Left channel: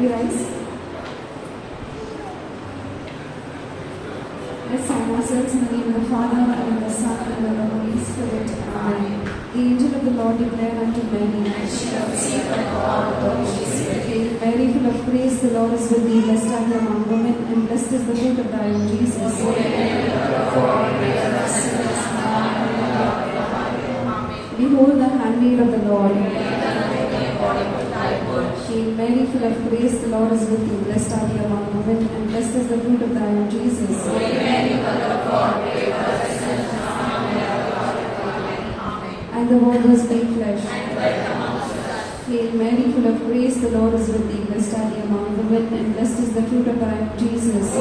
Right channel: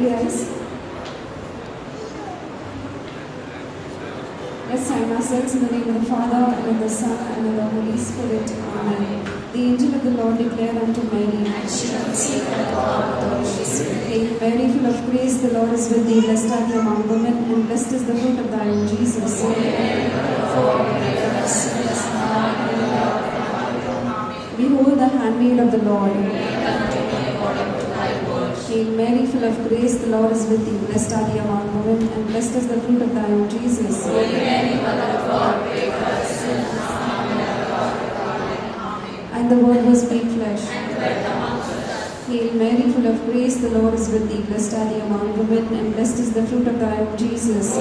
Yes. Let's sign ourselves in the name of the Father, and of the Son, and of the Holy Spirit. Amen. The angel of the Lord declared unto Mary, and she conceived by the power of the Holy Spirit. Hail Mary, full of grace, the Lord is with thee. Blessed art thou among women, and blessed is the fruit of thy womb, Jesus. Behold the handmaid of the Lord. Hail Mary, full of grace, the Lord is with thee. Blessed art thou among women, and blessed is the fruit of thy womb, Jesus. And the Word was made flesh. Hail Mary, full of grace, the Lord is with thee. Blessed art thou among women, and blessed is the fruit of thy womb, Jesus.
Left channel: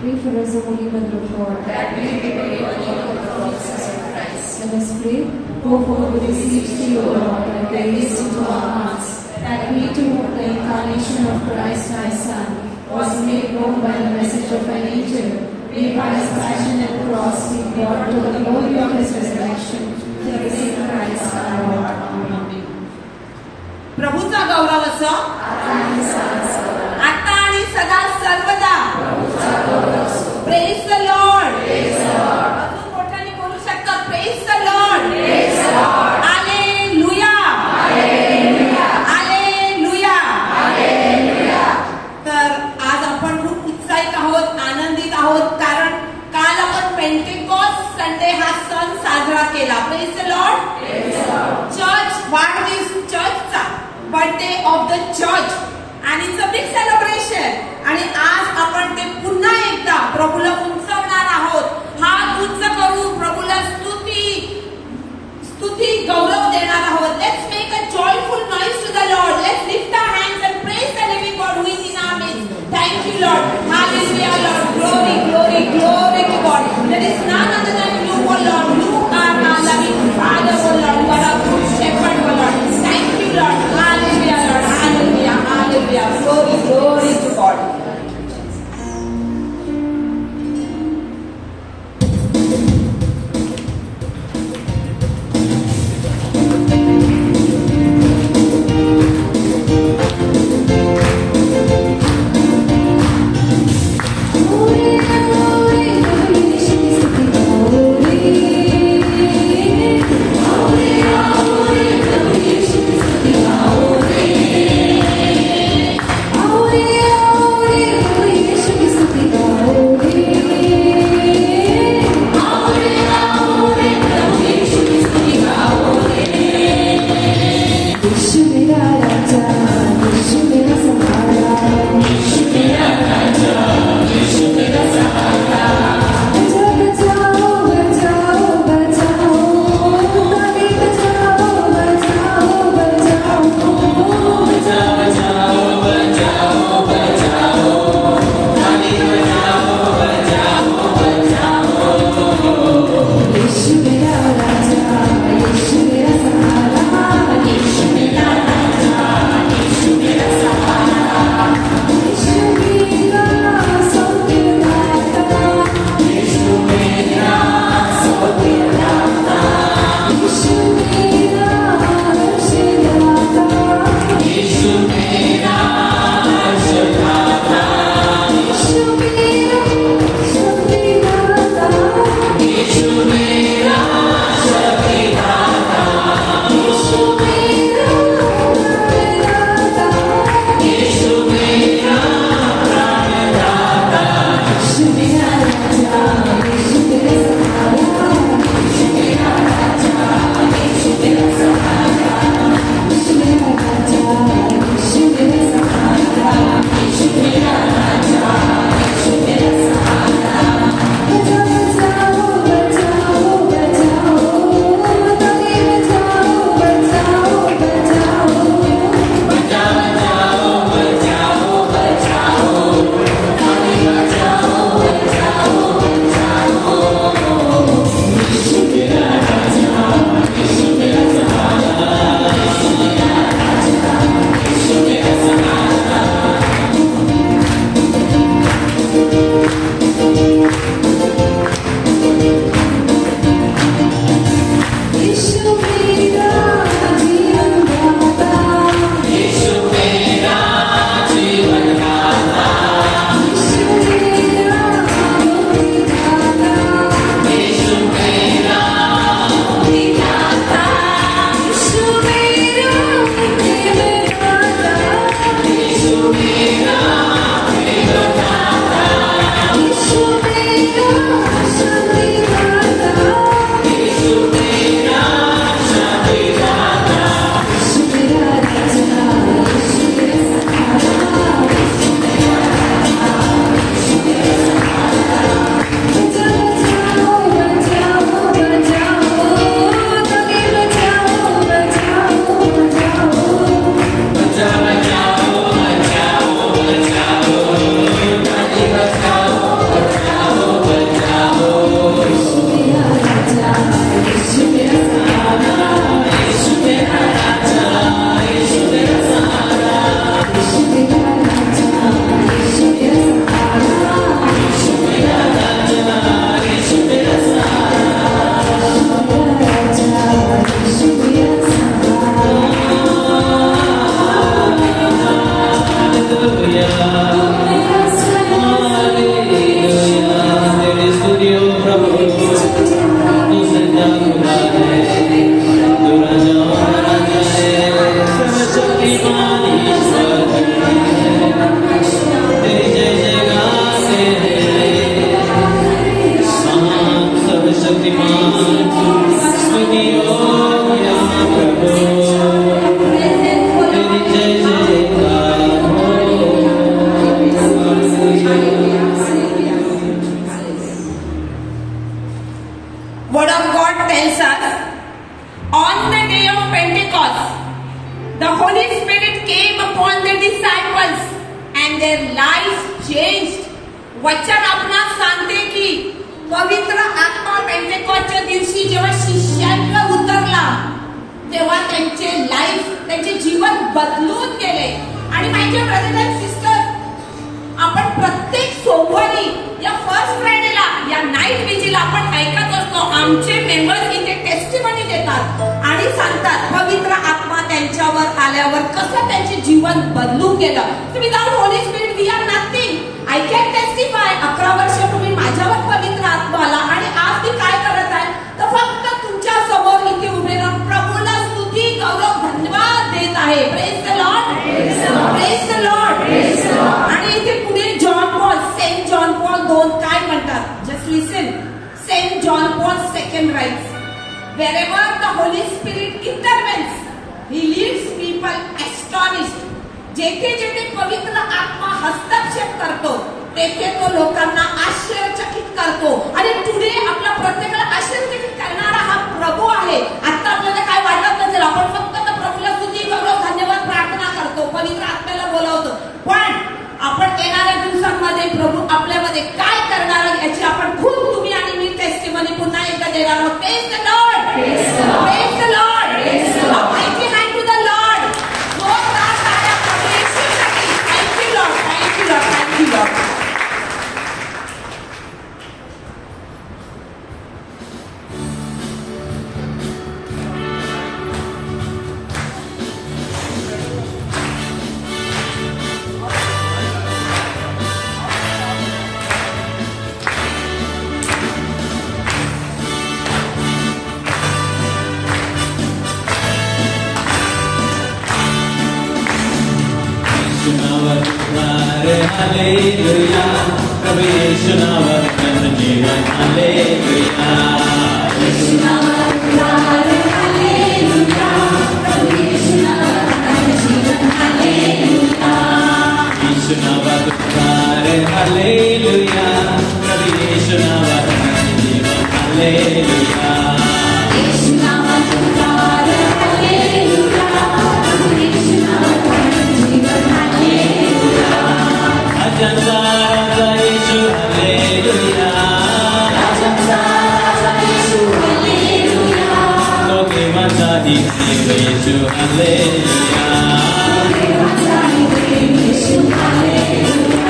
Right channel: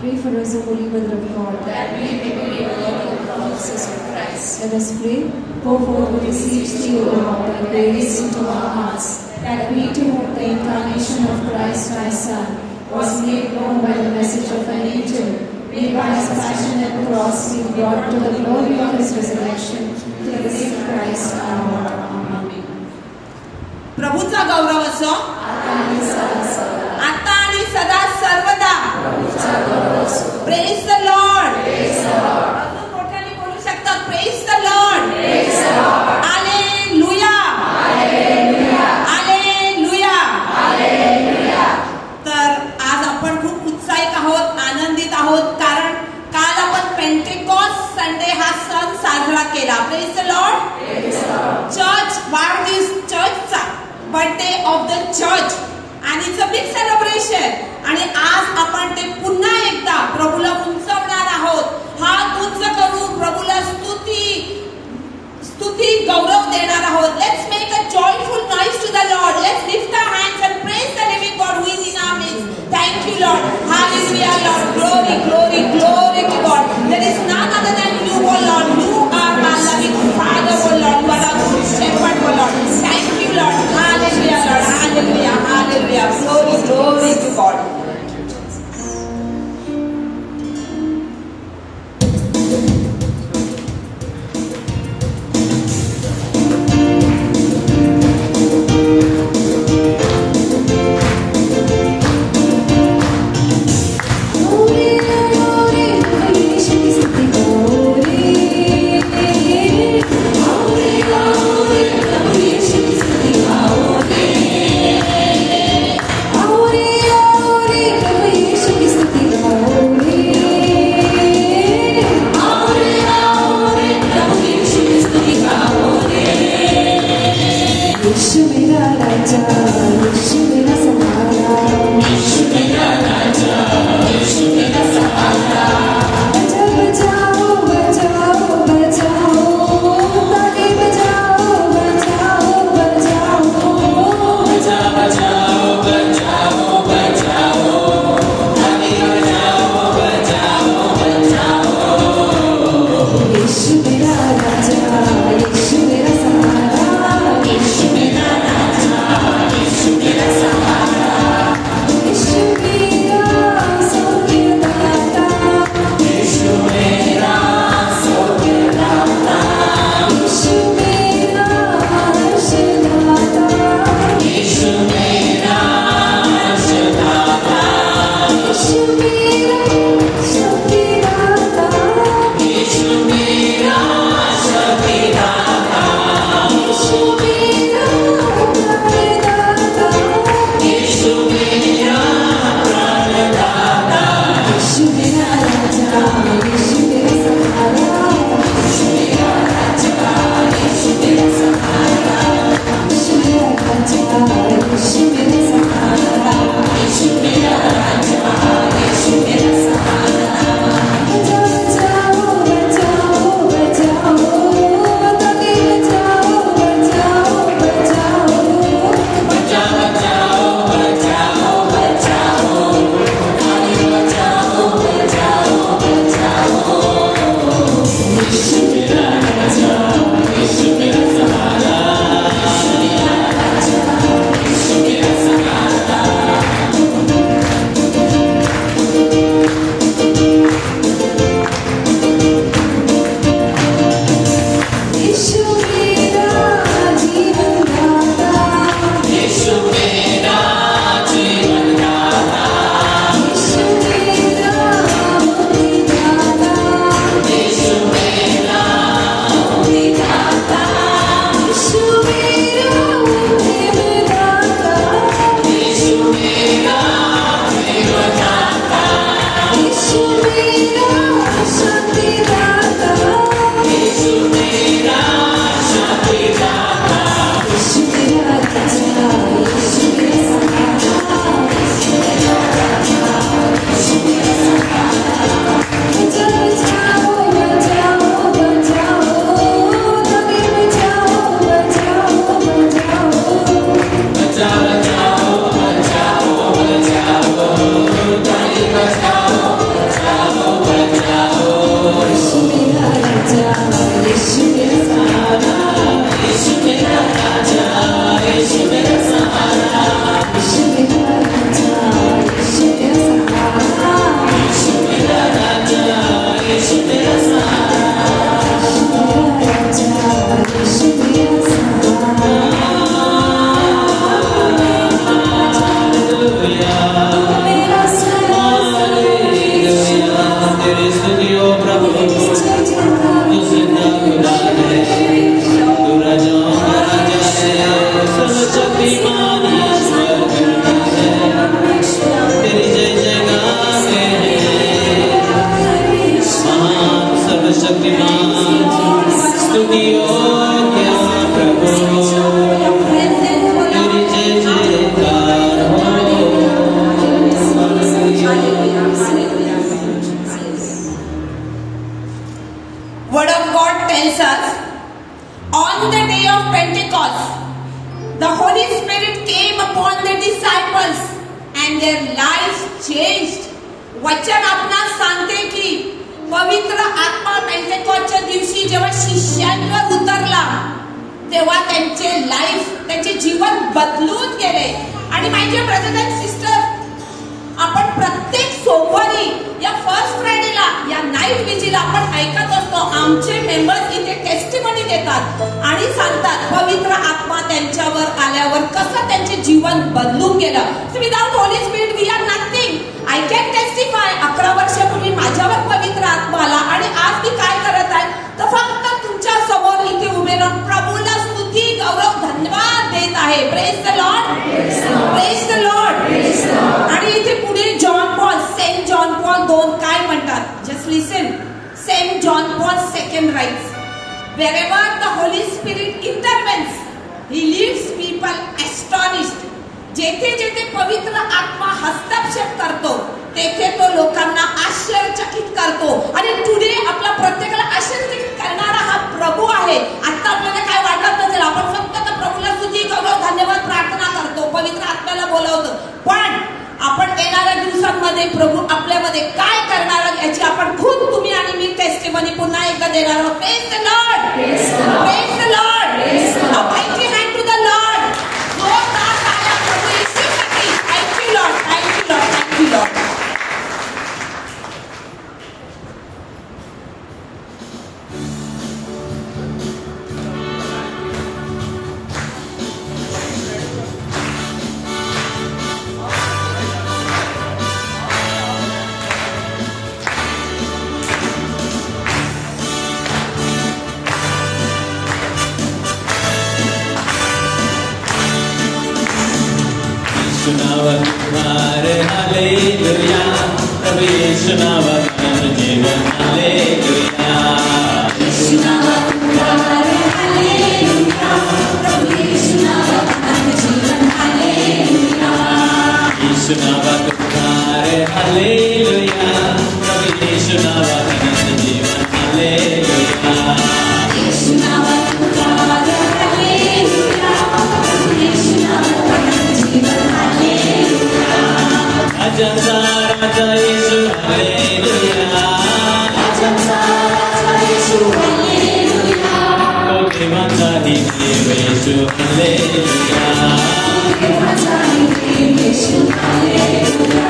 Pray for us, O Holy Mother of God, that we may be worthy of the promises of Christ. Let us pray. O Lord, we beseech thee, O Lord, thy grace into our hearts, that we too, the incarnation of Christ thy Son, was made known by the message of an angel, may by his passion and cross be brought to the glory of his resurrection, through the same Christ our Lord. Amen. प्रभूचा गौरव असो आता आणि सदा सर्वदा. Praise the Lord. अजून मोठ्याने बोलू शकता. Praise the Lord. Hallelujah. Hallelujah. तर आज आपण खूप उत्साहित आहोत, आनंदित आहोत, कारण काल आपण पेंटेकॉस्ट संडे हा सण साजरा केला. Praise the Lord. चर्च वाढदिवस, चर्चचा बर्थडे ऑफ द चर्च, आणि इट्स अ बिग सेलिब्रेशन. आणि आज आपण ते पुन्हा एकदा प्रभूला उंचवणार आहोत. हात उंच करू प्रभूला स्तुती गौरव देणार आहोत. Let's make a joyful noise to the Lord. Let's lift our hands and praise the living God who is in our midst. Thank you Lord. Hallelujah Lord. Glory glory glory to God. There is none other than you O Lord. You are our loving father O Lord. You are our good shepherd O Lord. Thank you Lord. Hallelujah Lord. Hallelujah. Hallelujah. Glory glory to God. Pentecost, the Holy Spirit came upon the disciples and their lives changed. वचन आपणास सांगते की पवित्र आत्मा पेंटेकॉस्टच्या दिवशी जेव्हा शिष्यांवर उतरला तेव्हा त्यांचे जीवन बदलून गेले. आणि माझे ब्रदर्स अँड सिस्टर, आपण प्रत्येक सोमवारी या फर्स्ट फ्रायडेला या नाईट विजीला आपण ऐकत असतो. आमचे मेंबर्स इथे टेस्टिमनी देतात आणि सांगतात पवित्र आत्मा त्यांच्यावर आल्यावर कसं त्यांचे जीवन बदलून गेलं. So without holy spirit we are nothing. I can testify. 11 वर्षापूर्वी माझ्यावर पवित्र आत्मा आला आणि आज मी काय करत आहे तर फक्त तुमच्या समोर इथे उभे राहून प्रभूला स्तुती गौरव धन्यवाद देत आहे. Praise the Lord, praise the Lord. आणि इथे पुढे सेंट जॉन पॉल 2 काय म्हणतात. Just listen. Saint John Paul II writes, wherever the Holy Spirit intervenes, he leaves people astonished. जेथे जेथे पवित्र आत्मा हस्तक्षेप करतो तेथे तो लोकांना आश्चर्यचकित करतो. आणि टुडे आपल्या प्रत्येकाला आश्चर्यचकित करणारा हा प्रभू आहे. आता आपल्याला काय वाटत नसेल, आपण फक्त त्या प्रभूला स्तुती गौरव धन्यवाद प्रार्थना करतो, पवित्र आत्म्याला बोलावतो. पण आपण येणाऱ्या दिवसांमध्ये प्रभू आपल्यामध्ये काय करणार याची आपण खूप तुम्ही आणि मी टेस्टिमनी पुन्हा एकदा देणार आहोत. Praise the Lord, praise the Lord. A mighty hand to the Lord. जोरदार ताल्या प्रभू येशूसाठी. Thank you Lord, thank you Lord, thank you Lord. Hallelujah, प्रभु यीशु नावात जीवन हालेलुया. यीशु नावात हालेलुया, प्रभु यीशु नावात जीवन हालेलुया. यीशु नावात हालेलुया, प्रभु यीशु नावात जीवन हालेलुया. यीशु नावात हालेलुया, प्रभु यीशु नावात जीवन hallelujah. Raja Yesu Hallelujah, Raja Yesu Hallelujah, Loke Matadi Yesu Hallelujah, Loke Matadi Yesu Hallelujah.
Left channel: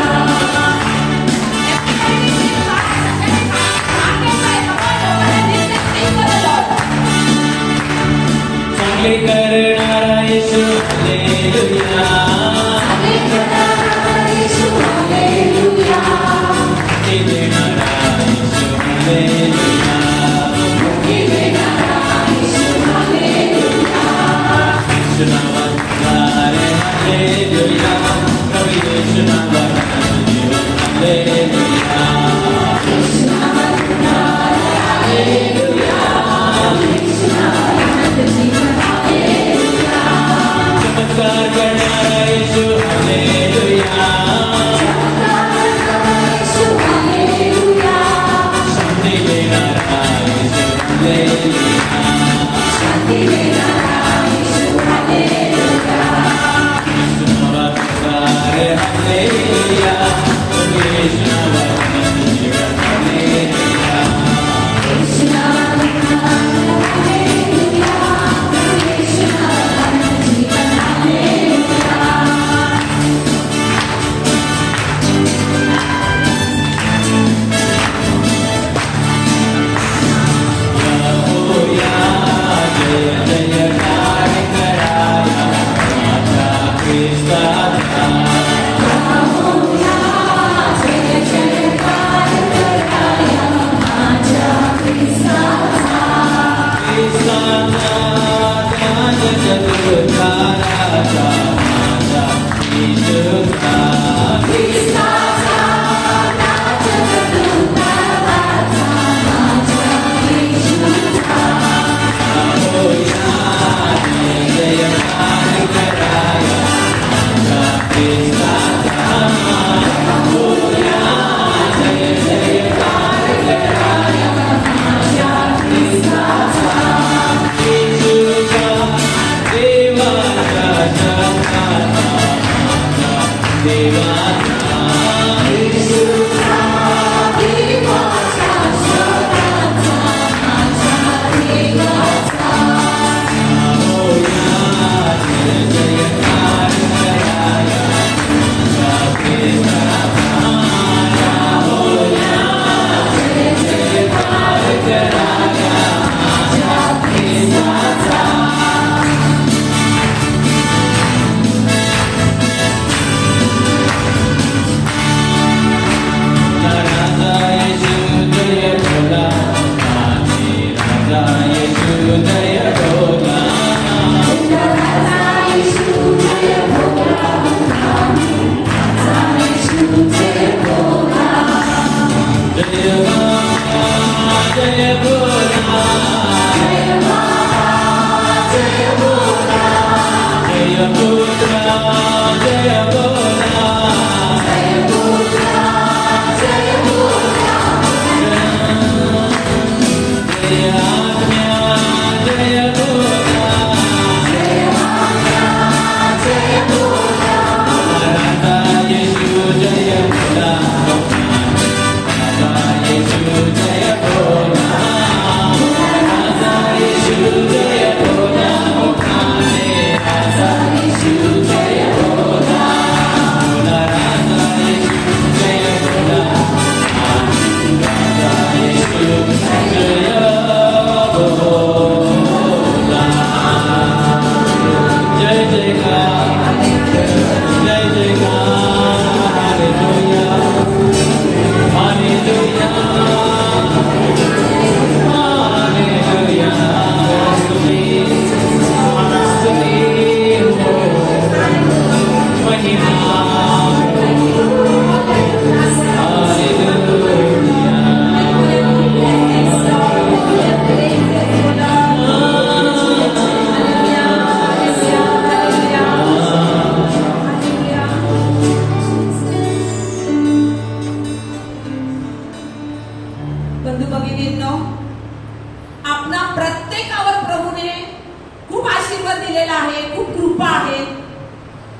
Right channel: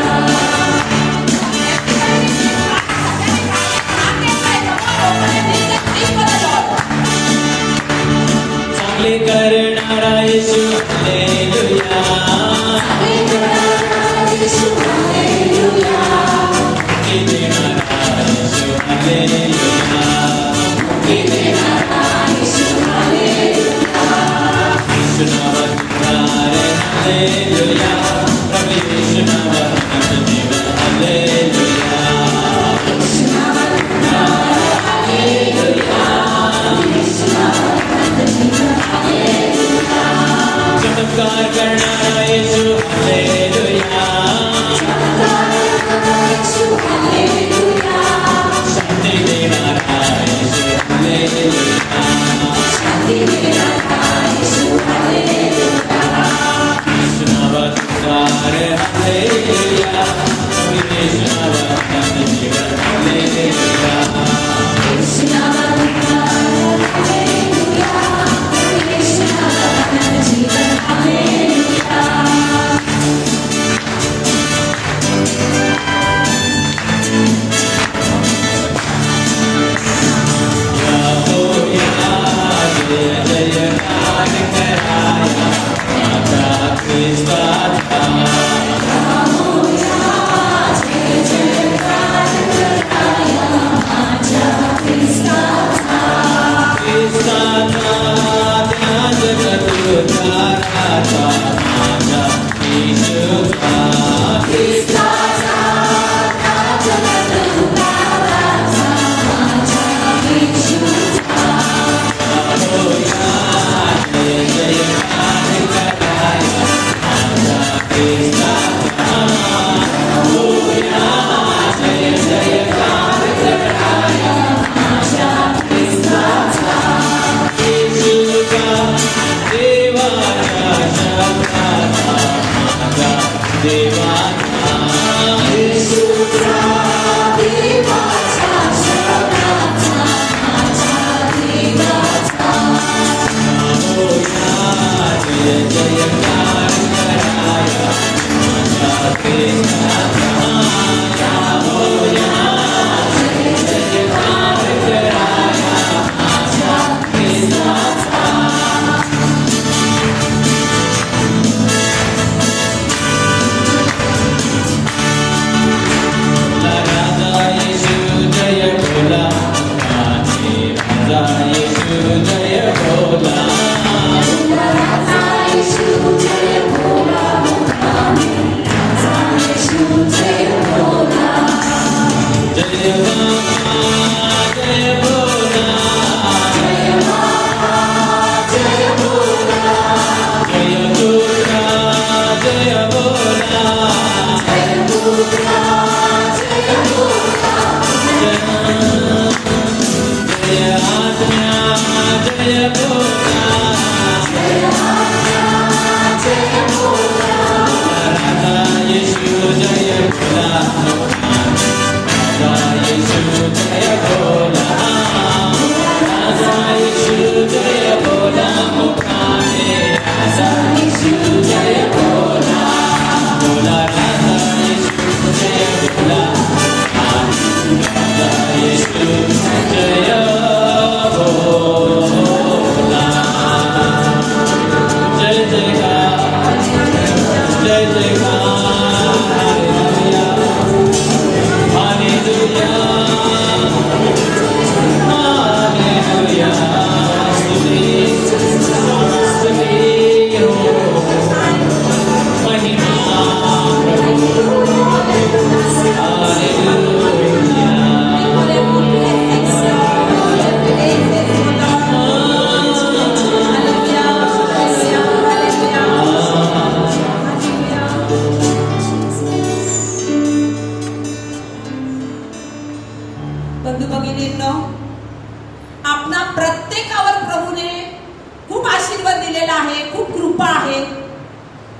Sangle karnara Yesu Hallelujah. Oh, yeah.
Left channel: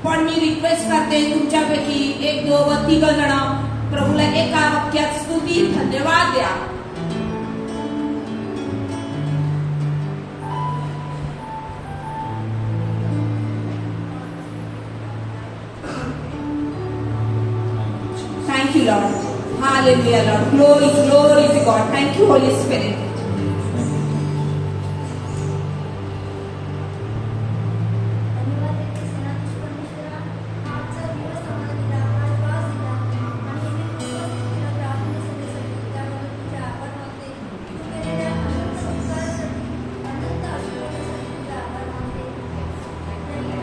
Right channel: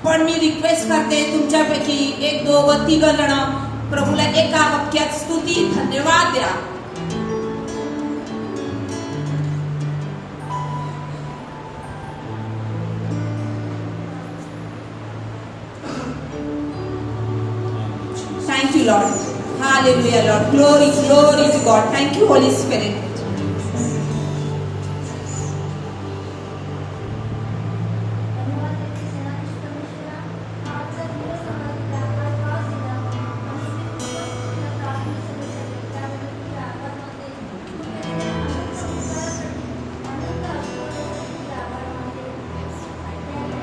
पण मी रिक्वेस्ट करते तुमच्यापैकी एक दो व तिघ जण प्रभूला एका वाक्यात स्तुती धन्यवाद द्या. Thank you, Lord. Hallelujah, Lord. Glory, glory to God. Thank you, Holy Spirit.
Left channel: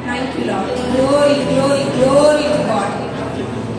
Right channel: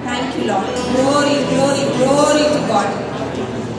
Thank you, Lord. Glory, glory, glory to God.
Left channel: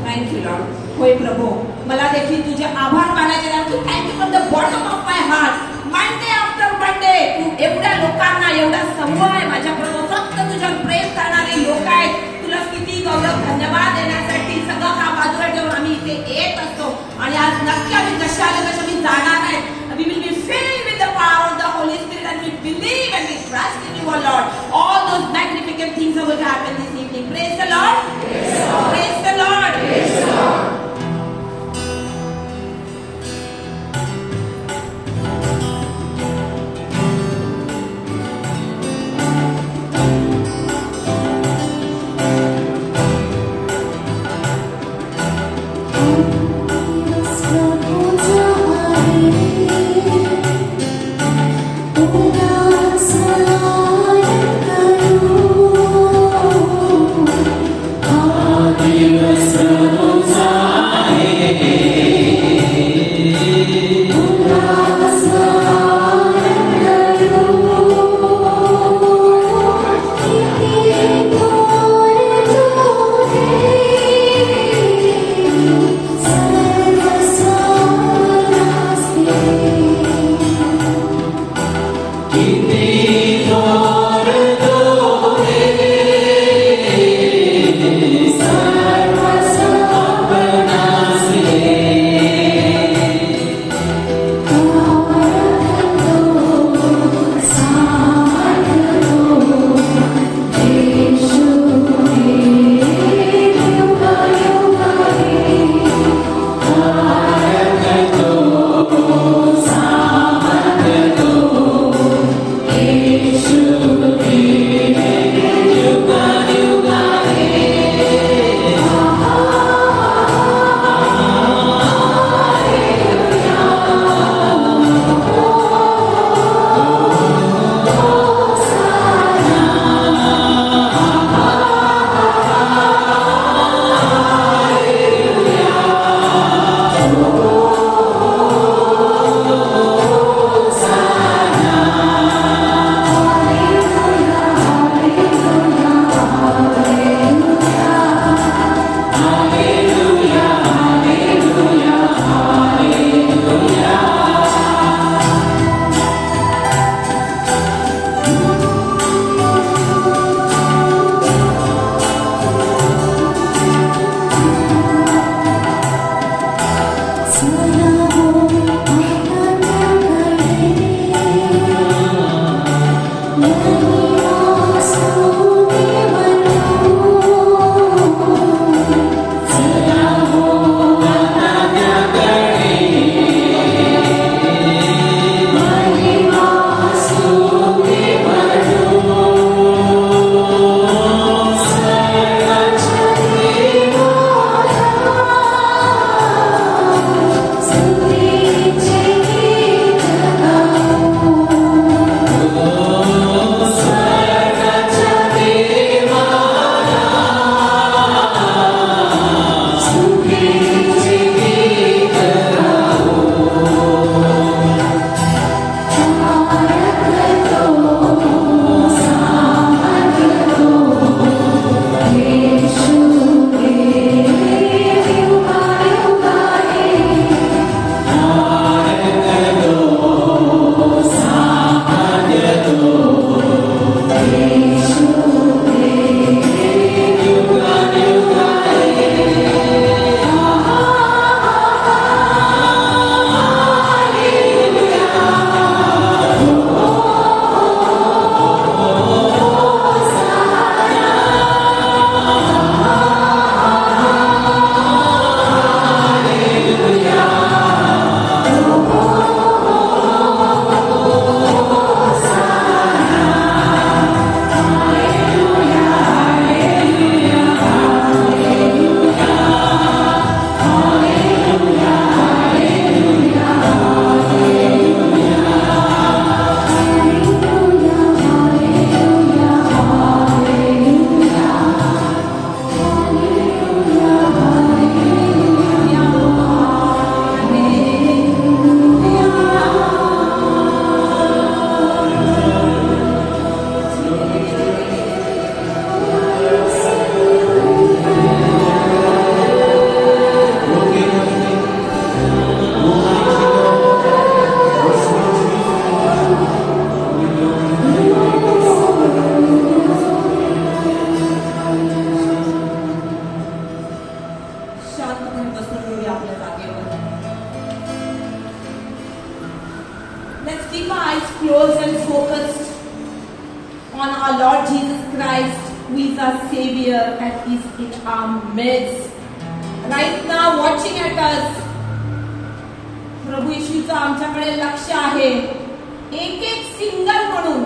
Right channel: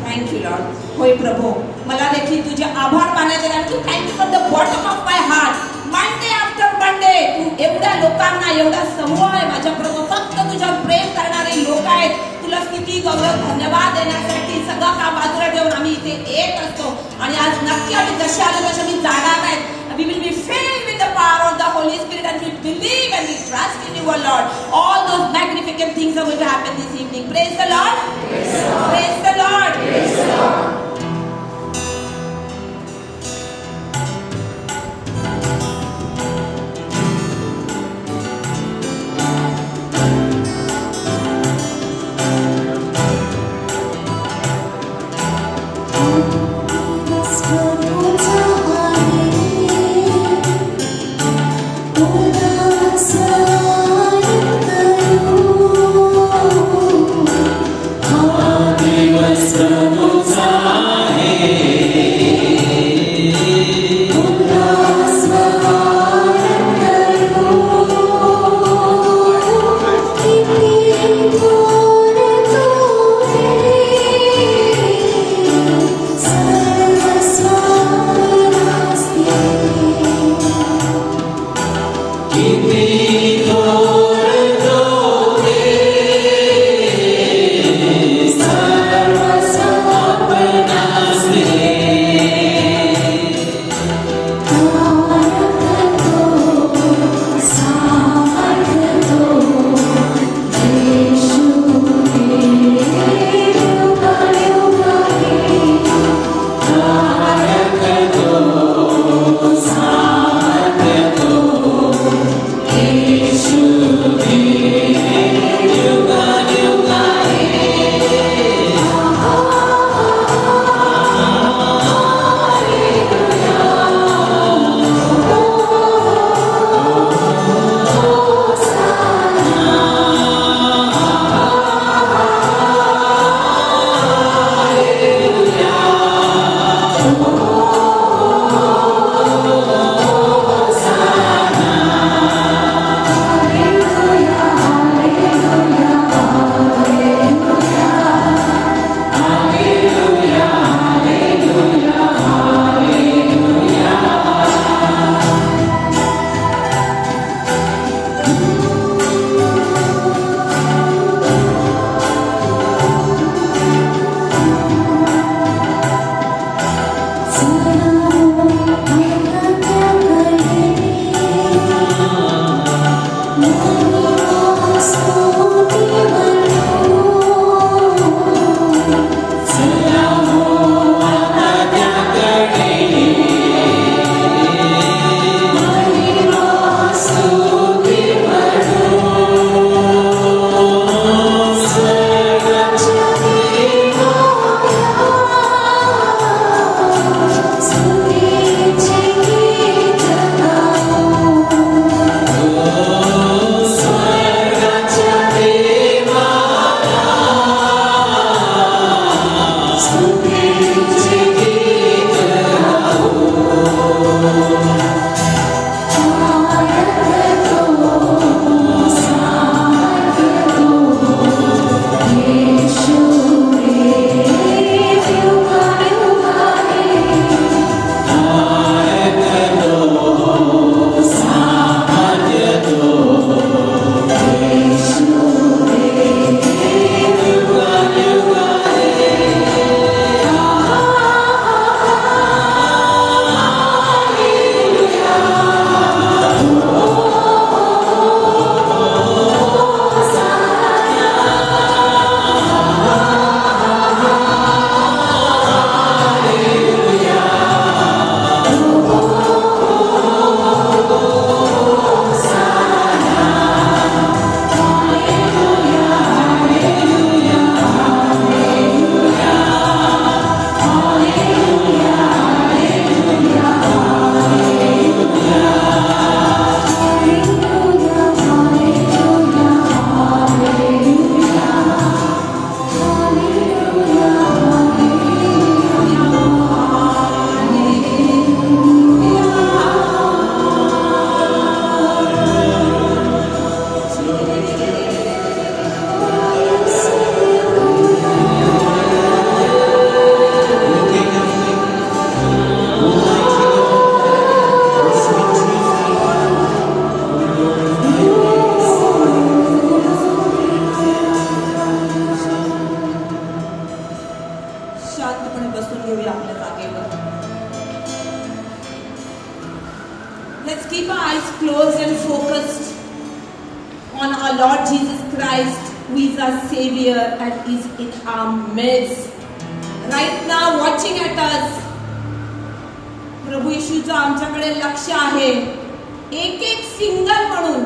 Thank you, Lord. होय प्रभू, मला देखील तुझे आभार मानायचे आहे. तू thank you from the bottom of my heart. Monday after Monday तू एवढ्या लोकांना, एवढा समूह आहे माझ्याकडे, फक्त तुझ्या प्रेम करणारे लोक आहेत. तुला स्तुती, गौरव, धन्यवाद देण्यासाठी सगळं काम बाजूला ठेवून आम्ही इथे येत असतो. आणि आज नक्की आम्ही जसे आले तसे मी जाणार नाही. We will be filled with the power of the Holy Spirit and we believe and we trust in you, Lord. All those magnificent things are going to happen this evening. Praise the Lord. Praise the Lord. Praise the Lord. Oh, keep our eyes closed and focused on our Lord Jesus Christ, who is our Savior and is in our midst. Right now, watching at us, प्रभू येशूचं आमच्याकडे लक्ष आहे. एक एक सिंगल म्हणून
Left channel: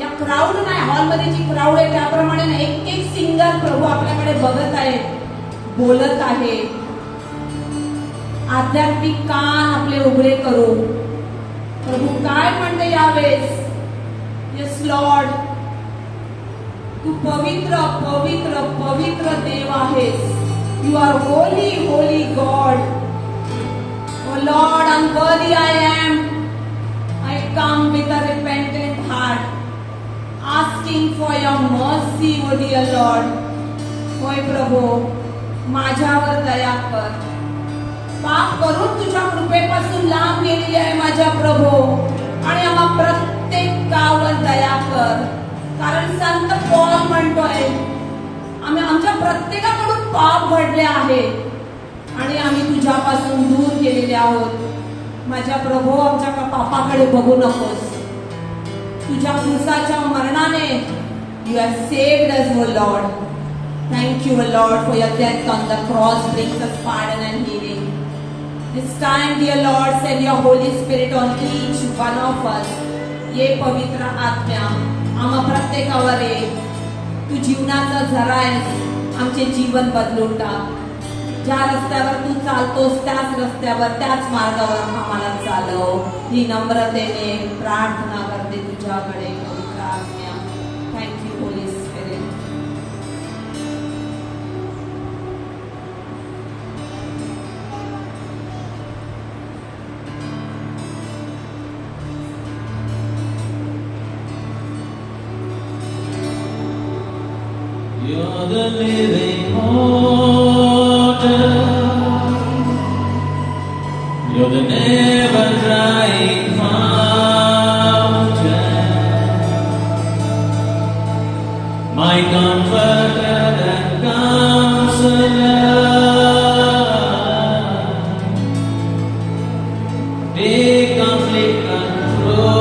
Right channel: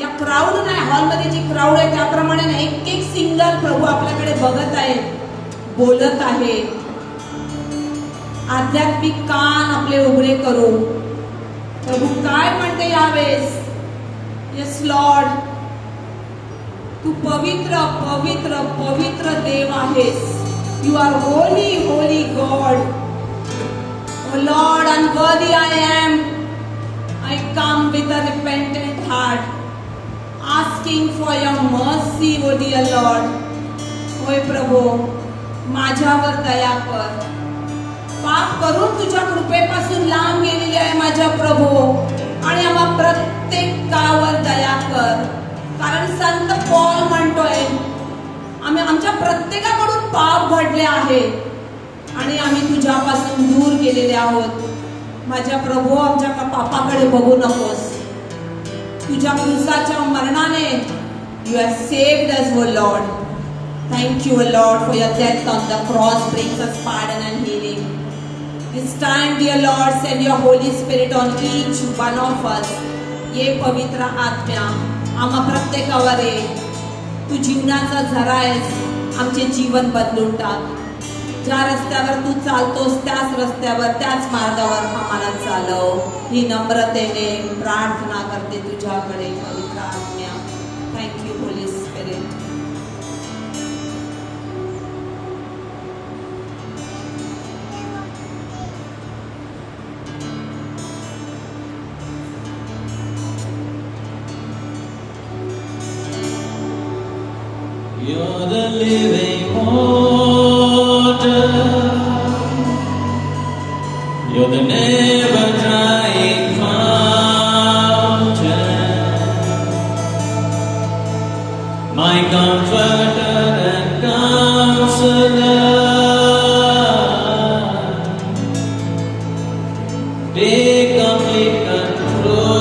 या क्राऊड नाही, हॉलमध्ये जी क्राऊड आहे त्याप्रमाणे नाही, एक एक सिंगल प्रभू आपल्याकडे बघत आहे, बोलत आहे. आध्यात्मिक कान आपले उघडे करू. प्रभू काय म्हणते यावेळेस? येस लॉर्ड, तू पवित्र पवित्र पवित्र देव आहेस. You are holy holy God. Oh Lord, unworthy I am. I come with a repentant heart, asking for your mercy, O dear Lord. होय प्रभू, माझ्यावर दया कर. पाप करून तुझ्या कृपेपासून लांब गेलेली आहे माझ्या प्रभू, आणि आम्हा प्रत्येकावर दया कर. कारण संत पौल म्हणतोय, आम्ही आमच्या प्रत्येकाकडून पाप घडले आहे आणि आम्ही तुझ्यापासून दूर गेलेले आहोत. माझ्या प्रभू, आमच्या पापाकडे बघू नकोस. तुझ्या क्रूसाच्या मरणाने you have saved us, O Lord. Thank you, O lord, for your death on the cross brings us pardon and healing. This time, dear Lord, send your Holy Spirit on each one of us. ये पवित्र आत्म्या आम्हा प्रत्येकावर ये. तू जीवनाचा झरा आहेस, आमचे जीवन बदलून टाक. ज्या रस्त्यावर तू चालतोस त्याच रस्त्यावर, त्याच मार्गावर आम्हाला चालव. ही नम्रतेने प्रार्थना करते तुझ्याकडे, पवित्र आज्ञा. Thank you, Holi spirit. You're the living water. You're the never drying fountain. My comforter and counselor. Take complete control.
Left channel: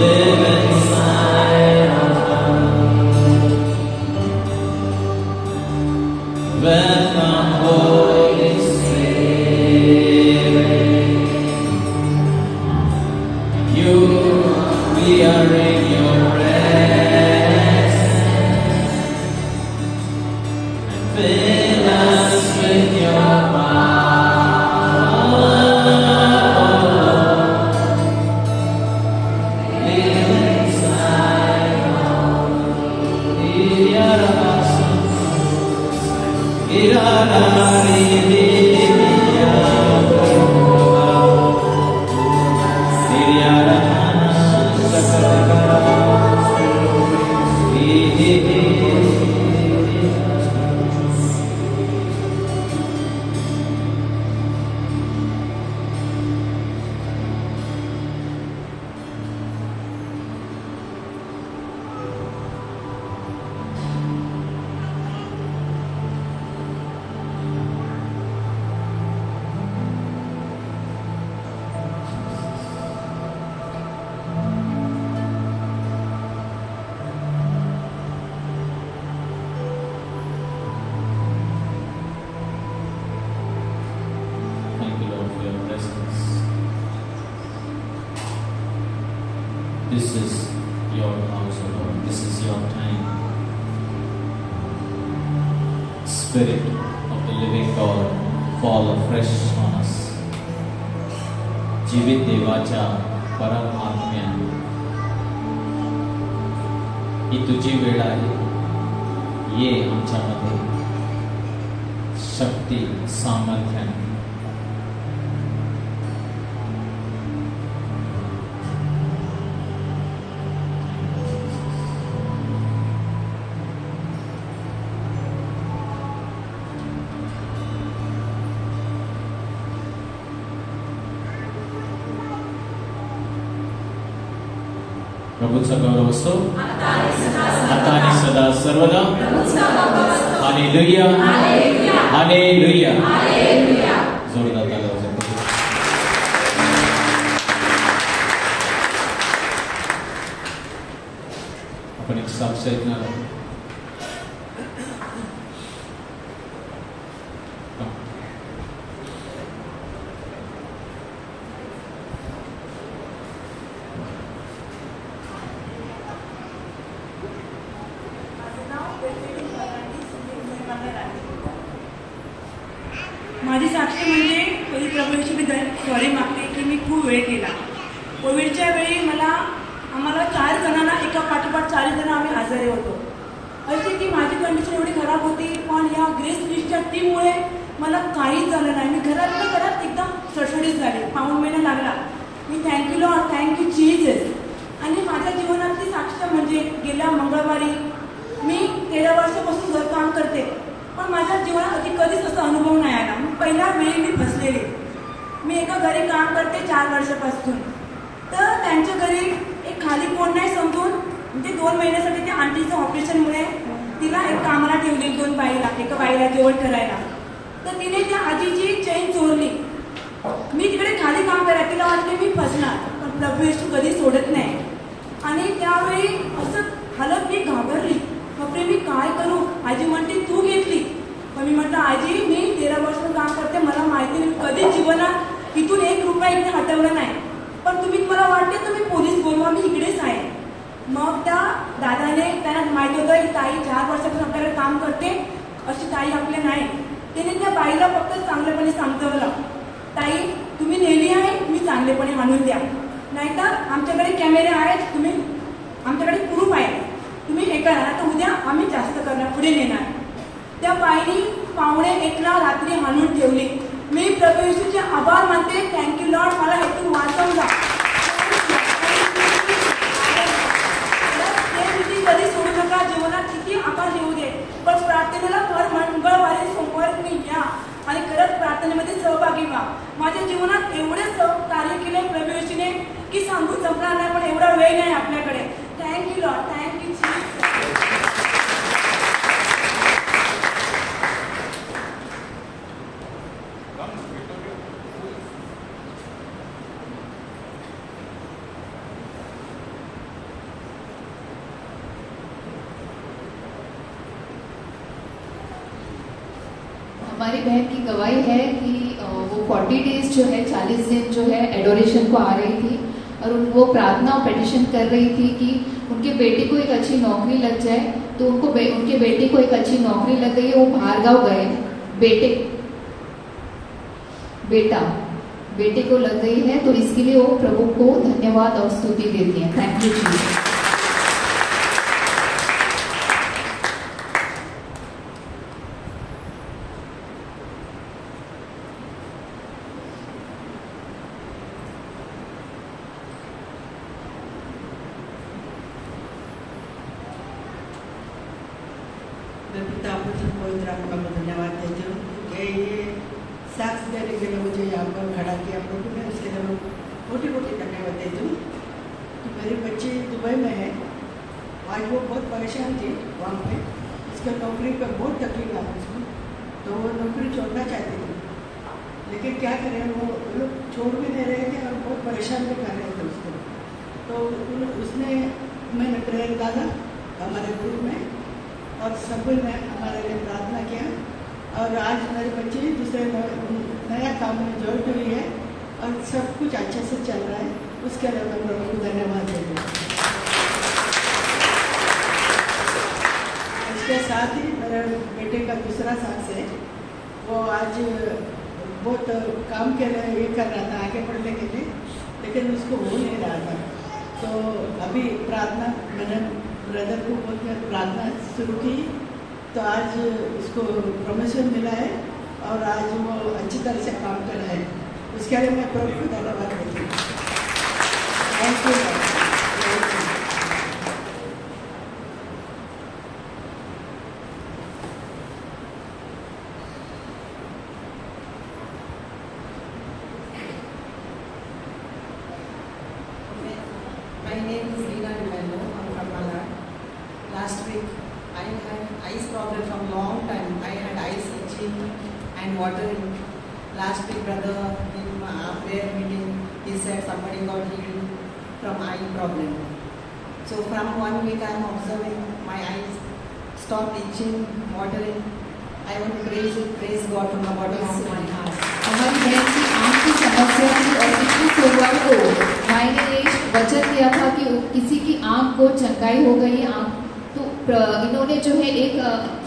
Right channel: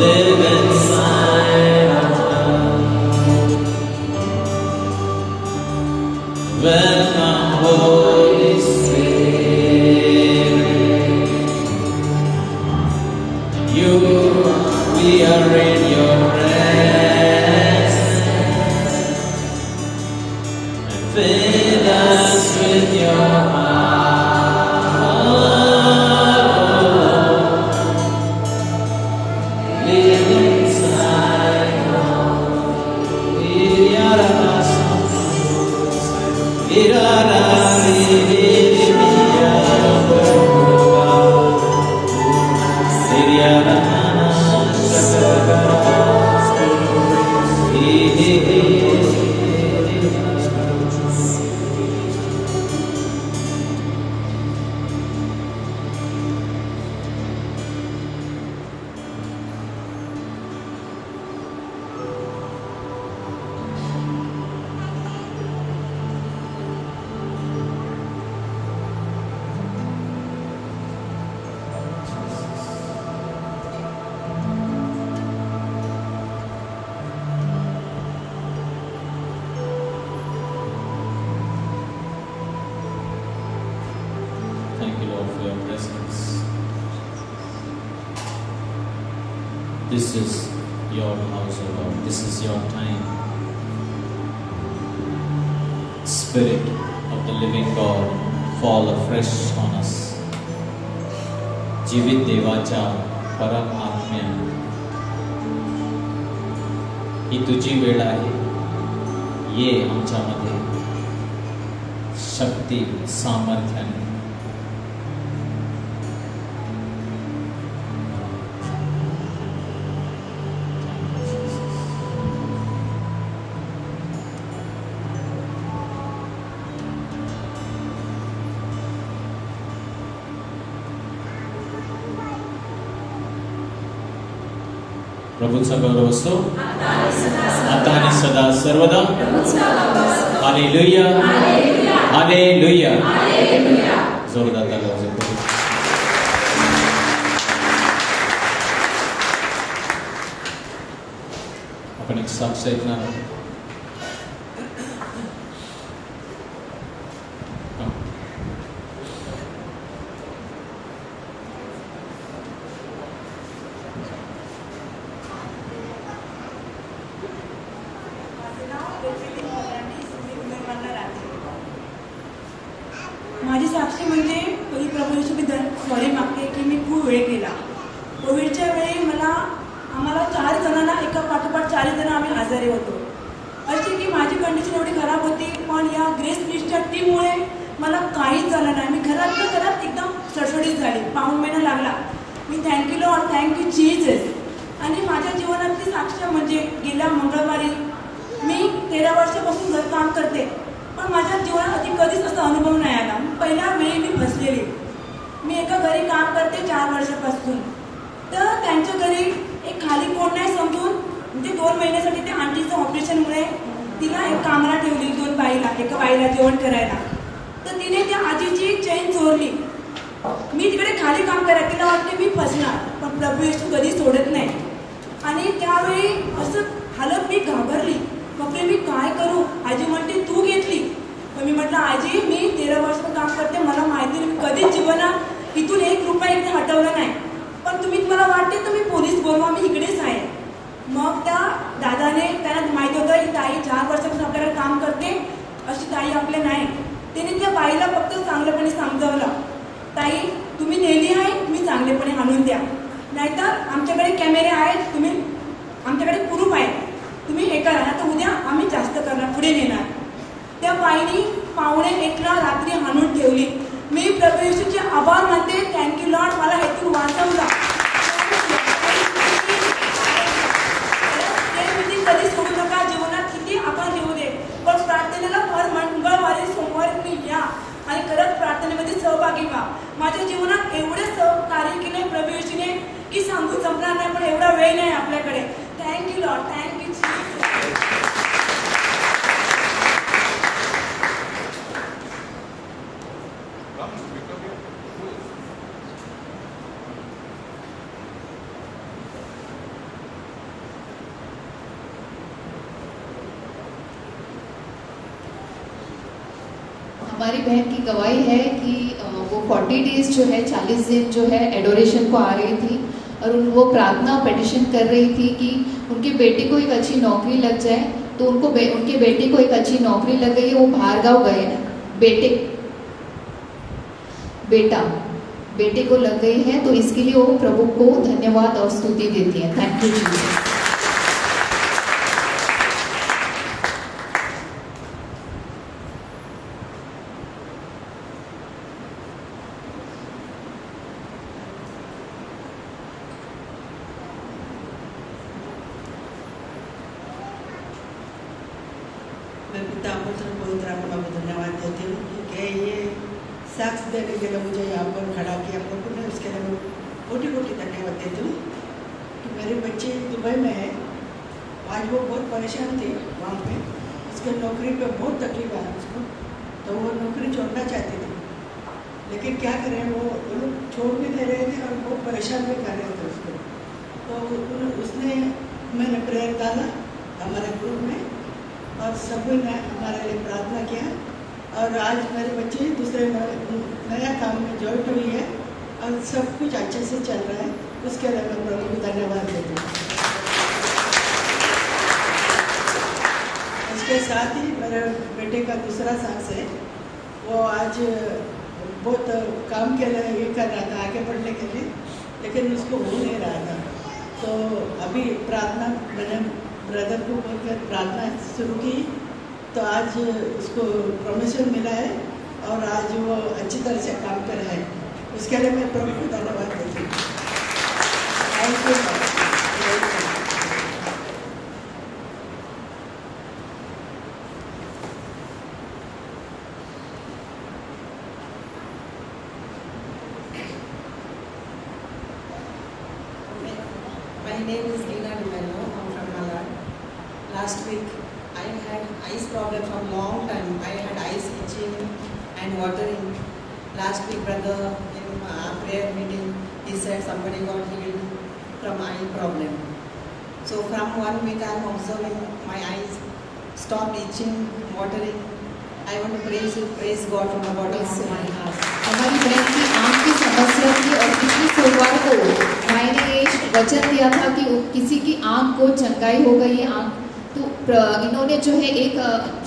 live inside of her. Welcome, Holy Spirit. We are in your presence. Fill us with your power. Live inside of This is your house, O Lord. This is your time. Spirit of the living God, fall afresh on us. जीवित देवाच्या परम आत्म्या, ही तुझी वेळ आहे. ये आमच्यामध्ये शक्ती सामर्थ्याने. प्रभूचा गौरव असतो आता आणि सदा सर्वदा. Hallelujah, hallelujah. जोरदार ताली वाजवा. आपण एक साक्ष ऐकणार आहोत. माझी साक्षी म्हणजे मी प्रभू येशूबद्दल सॉरी मागते की मी खूप वेळ केला. कोविडच्या वेळी आम्हाला 4 जणांना एका पाठोपाठ 4 जण आम्ही आजारी होतो. अशी की माझी कंडिशन एवढी खराब होती, पण या ग्रेस लिस्टच्या टीममुळे मला काहीच झालं नाही. मी घरात एकदम सडसडीत झाले. पाऊण महिना लागला. मी थँक्यू लॉर्ड, थँक्यू जीसस. आणि माझ्या जीवनातली साक्ष म्हणजे गेल्या मंगळवारी मी 13 वर्षापासून घरकाम करते, पण माझ्या जीवनात कधीच असा अनुभव नाही आला. पहिल्या वेळी मी फसलेली. मी एका घरी काम करते 4 वर्षापासून. तर त्यांच्या घरी एक खाली कोण नाही समजून म्हणजे 2 महिन्यासाठी त्या आंटीचं ऑपरेशनमुळे तिला एक कामाला ठेवली. 2 बाईला, एका बाईला जेवण करायला. तर तिने त्या आजीची चेन चोरली. मी तिकडे खाली काम करायला, तिला वाटते मी फसणार, पण प्रभू येशू कधी सोडत नाही. आणि त्यावेळी असं हालत मी घाबरली. मग मी काय करू? आजी म्हणते तू घेतली. मग मी म्हटलं आजी मी 13 वर्ष काम करते, मला माहिती नाही, कधीच जीवनात इथून 1 रुपया इथे हटवलं नाही. पण तुम्हाला वाटते तुम्ही पोलीस बोलवा, मी इकडेच आहे. मग त्या दादाने त्यांना माहित होतं ही ताई 4 वर्षापासून आपल्याला काम करते, अशी ताई आपले नाही. त्याने त्या बाईला फक्त चांगल्यापणे समजावलं, ताई तुम्ही नेली आहे, मी चांगलेपणे आणून द्या, नाहीतर आमच्याकडे कॅमेरे आहेत, तुम्ही आमच्याकडे प्रूफ आहे, तुम्ही हे करा, तर उद्या आम्ही जास्त करणार, पुढे नेणार. त्या बाईनी 1:45 रात्री आणून ठेवली. मी प्रभू येशूचे आभार मानते. थँक्यू लॉर्ड, मला हेतून वाचवला. कधी सोडू नका. जीवनात किती आपण येऊ दे, पण प्रार्थनेला हर मंगळवारी सोमवारी तुम्ही या आणि खरंच प्रार्थनेमध्ये सहभागी व्हा. माझ्या जीवनात एवढे कार्य केले प्रभू येशूने की सांगून संपणार नाही, पण एवढा वेळ नाही आपल्याकडे. Thank you Lord, thank you. हमारी बहन की गवाही है कि वो 40 डेज जो है 40 दिन जो है एडोरेशन को आ रही थी और वो प्रार्थना और पेटिशन कर रही थी कि उनके बेटे को एक अच्छी नौकरी लग जाए। तो उनके बेटे को एक अच्छी नौकरी लग गई, वो बाहर गाँव गए, बेटे को लग गई है, तो इसके लिए वो प्रभु को धन्यवाद और स्तुति देती है। Thank you Jesus. मैं पिता पुत्र पवित्र आत्मा को धन्यवाद देती हूँ क्योंकि ये साक्ष देने के लिए मुझे यहाँ पर खड़ा किया प्रभु ने, उसके लिए मैं कोटि कोटि धन्यवाद देती हूँ कि मेरी बच्ची दुबई में है। आज वो बहुत परेशान थी वहाँ पे, उसके नौकरी पे बहुत तकलीफ आ रही उसको, तो वो नौकरी छोड़ना चाहती थी, लेकिन क्या करें वो लोग छोड़ भी दे रहे थे और बहुत परेशान भी कर रहे थे उसको। तो उसने मैंने प्रेयर डाला हमारे ग्रुप में और सभी ने हमारे लिए प्रार्थना किया और आज मेरे बच्चे दूसरे नया काम में ज्वाइन हुई है और सब कुछ अच्छे से चल रहा है। उसके लिए मैं प्रभु को धन्यवाद देती हूँ। उसके साथ ही मेरे बेटे का दूसरा सास है, वो आज बहुत काम के लिए ये कर रहा था आगे बढ़ने के लिए, लेकिन उसको हो नहीं रहा था। तो अभी प्रार्थना ब्रदर को बोलकर प्रार्थना शुरू की, तो आज उसको प्रमोशन मिला है और आज वो अच्छी तरह से काम कर रहे हैं। उसके लिए मैं प्रभु को धन्यवाद देती हूँ। My name is Lina Dumello. I'm from Malad. Last week, I had eyes problem from long time. I had eyes itching and watering. Last week, brother, in our prayer meeting, he said somebody got healed from eye problem. So from 1 week, I am observing my eyes stopped itching, watering. I want to praise God from the bottom of my heart. हमारी बहन की आँख की समस्या थी और पिछली सोमवार को मैंने वचन दिया था कि किसी की आँख को चंगाई हो गई है आँख, तो इन्होंने जो है एक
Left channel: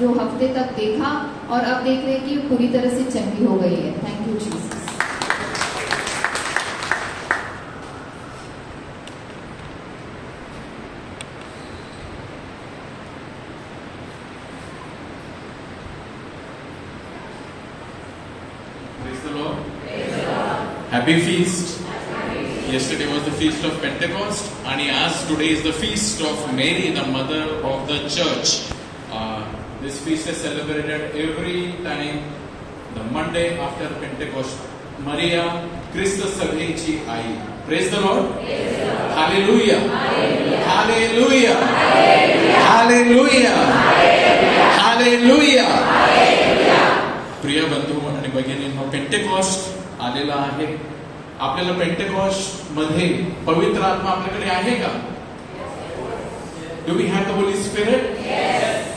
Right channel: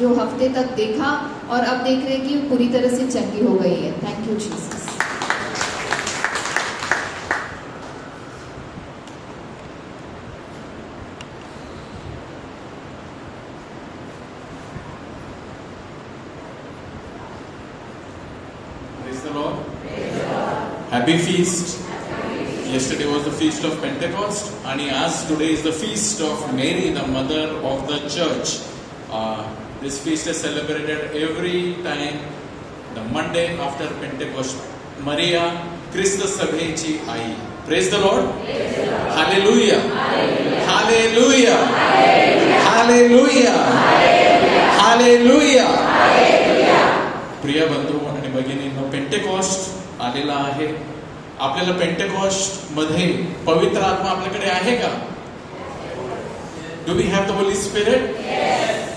जो हफ्ते तक देखा और अब देख रहे हैं कि पूरी तरह से चंगी हो गई है। Thank you Jesus. Praise the Lord. Happy feast. Yesterday was the feast of Pentecost, and as today is the feast of Mary, the mother of the church. This feast is celebrated every time the Monday after Pentecost. Maria Christus Saveci I. Praise the Lord. Hallelujah. Hallelujah. Hallelujah. Hallelujah. प्रिय बंधू आणि भगिनींनो, पेंटेकॉस्ट आलेला आहे. आपल्याला पेंटेकॉस्ट मध्ये पवित्र आत्मा आपल्याकडे आहे का? Do we have the Holi Spirit?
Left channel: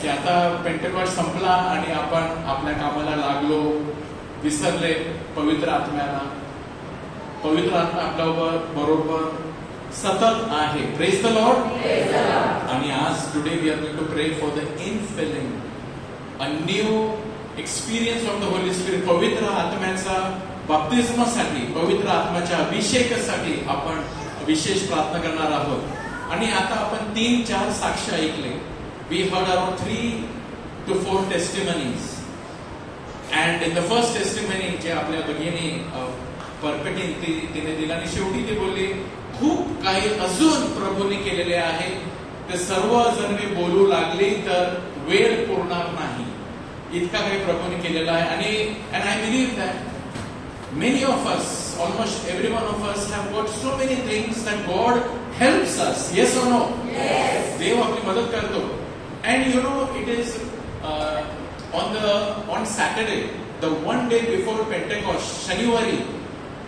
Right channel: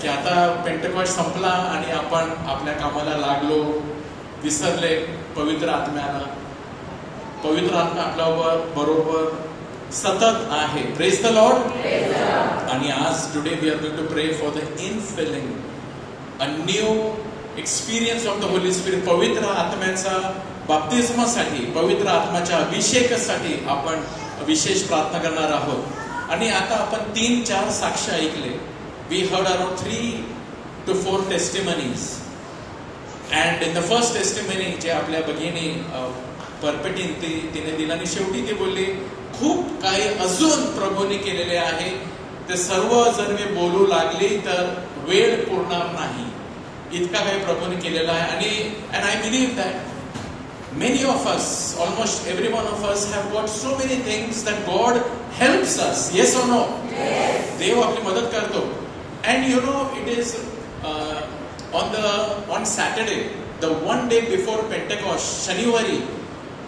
की आता पेंटेकॉस्ट संपला आणि आपण आपल्या कामाला लागलो, विसरले पवित्र आत्म्याला? पवित्र आत्मा आपल्या बरोबर सतत आहे. Praise the Lord. आणि आज today we are going to pray for the infilling, a new experience of the Holi spirit. पवित्र आत्म्याचा बाप्तिस्मासाठी, पवित्र आत्म्याच्या अभिषेकासाठी आपण विशेष प्रार्थना करणार आहोत. आणि आता आपण 3-4 साक्ष ऐकले. We heard around 3 to 4 testimonies. And in the first testimony जे आपल्या भगिनी परपेटीन तिने दिला आणि शेवटी ती बोलली खूप काही अजून प्रभूने केलेले आहे, ते सर्व जर मी बोलू लागली तर वेळ पुरणार नाही, इतका काही प्रभूने केलेला आहे. आणि and I believe that many of us, almost every one of us have got so many things that God helps us. Yes or no? Yes. देव आपली मदत करतो. And you know, it is on Saturday, the one day before Pentecost, शनिवारी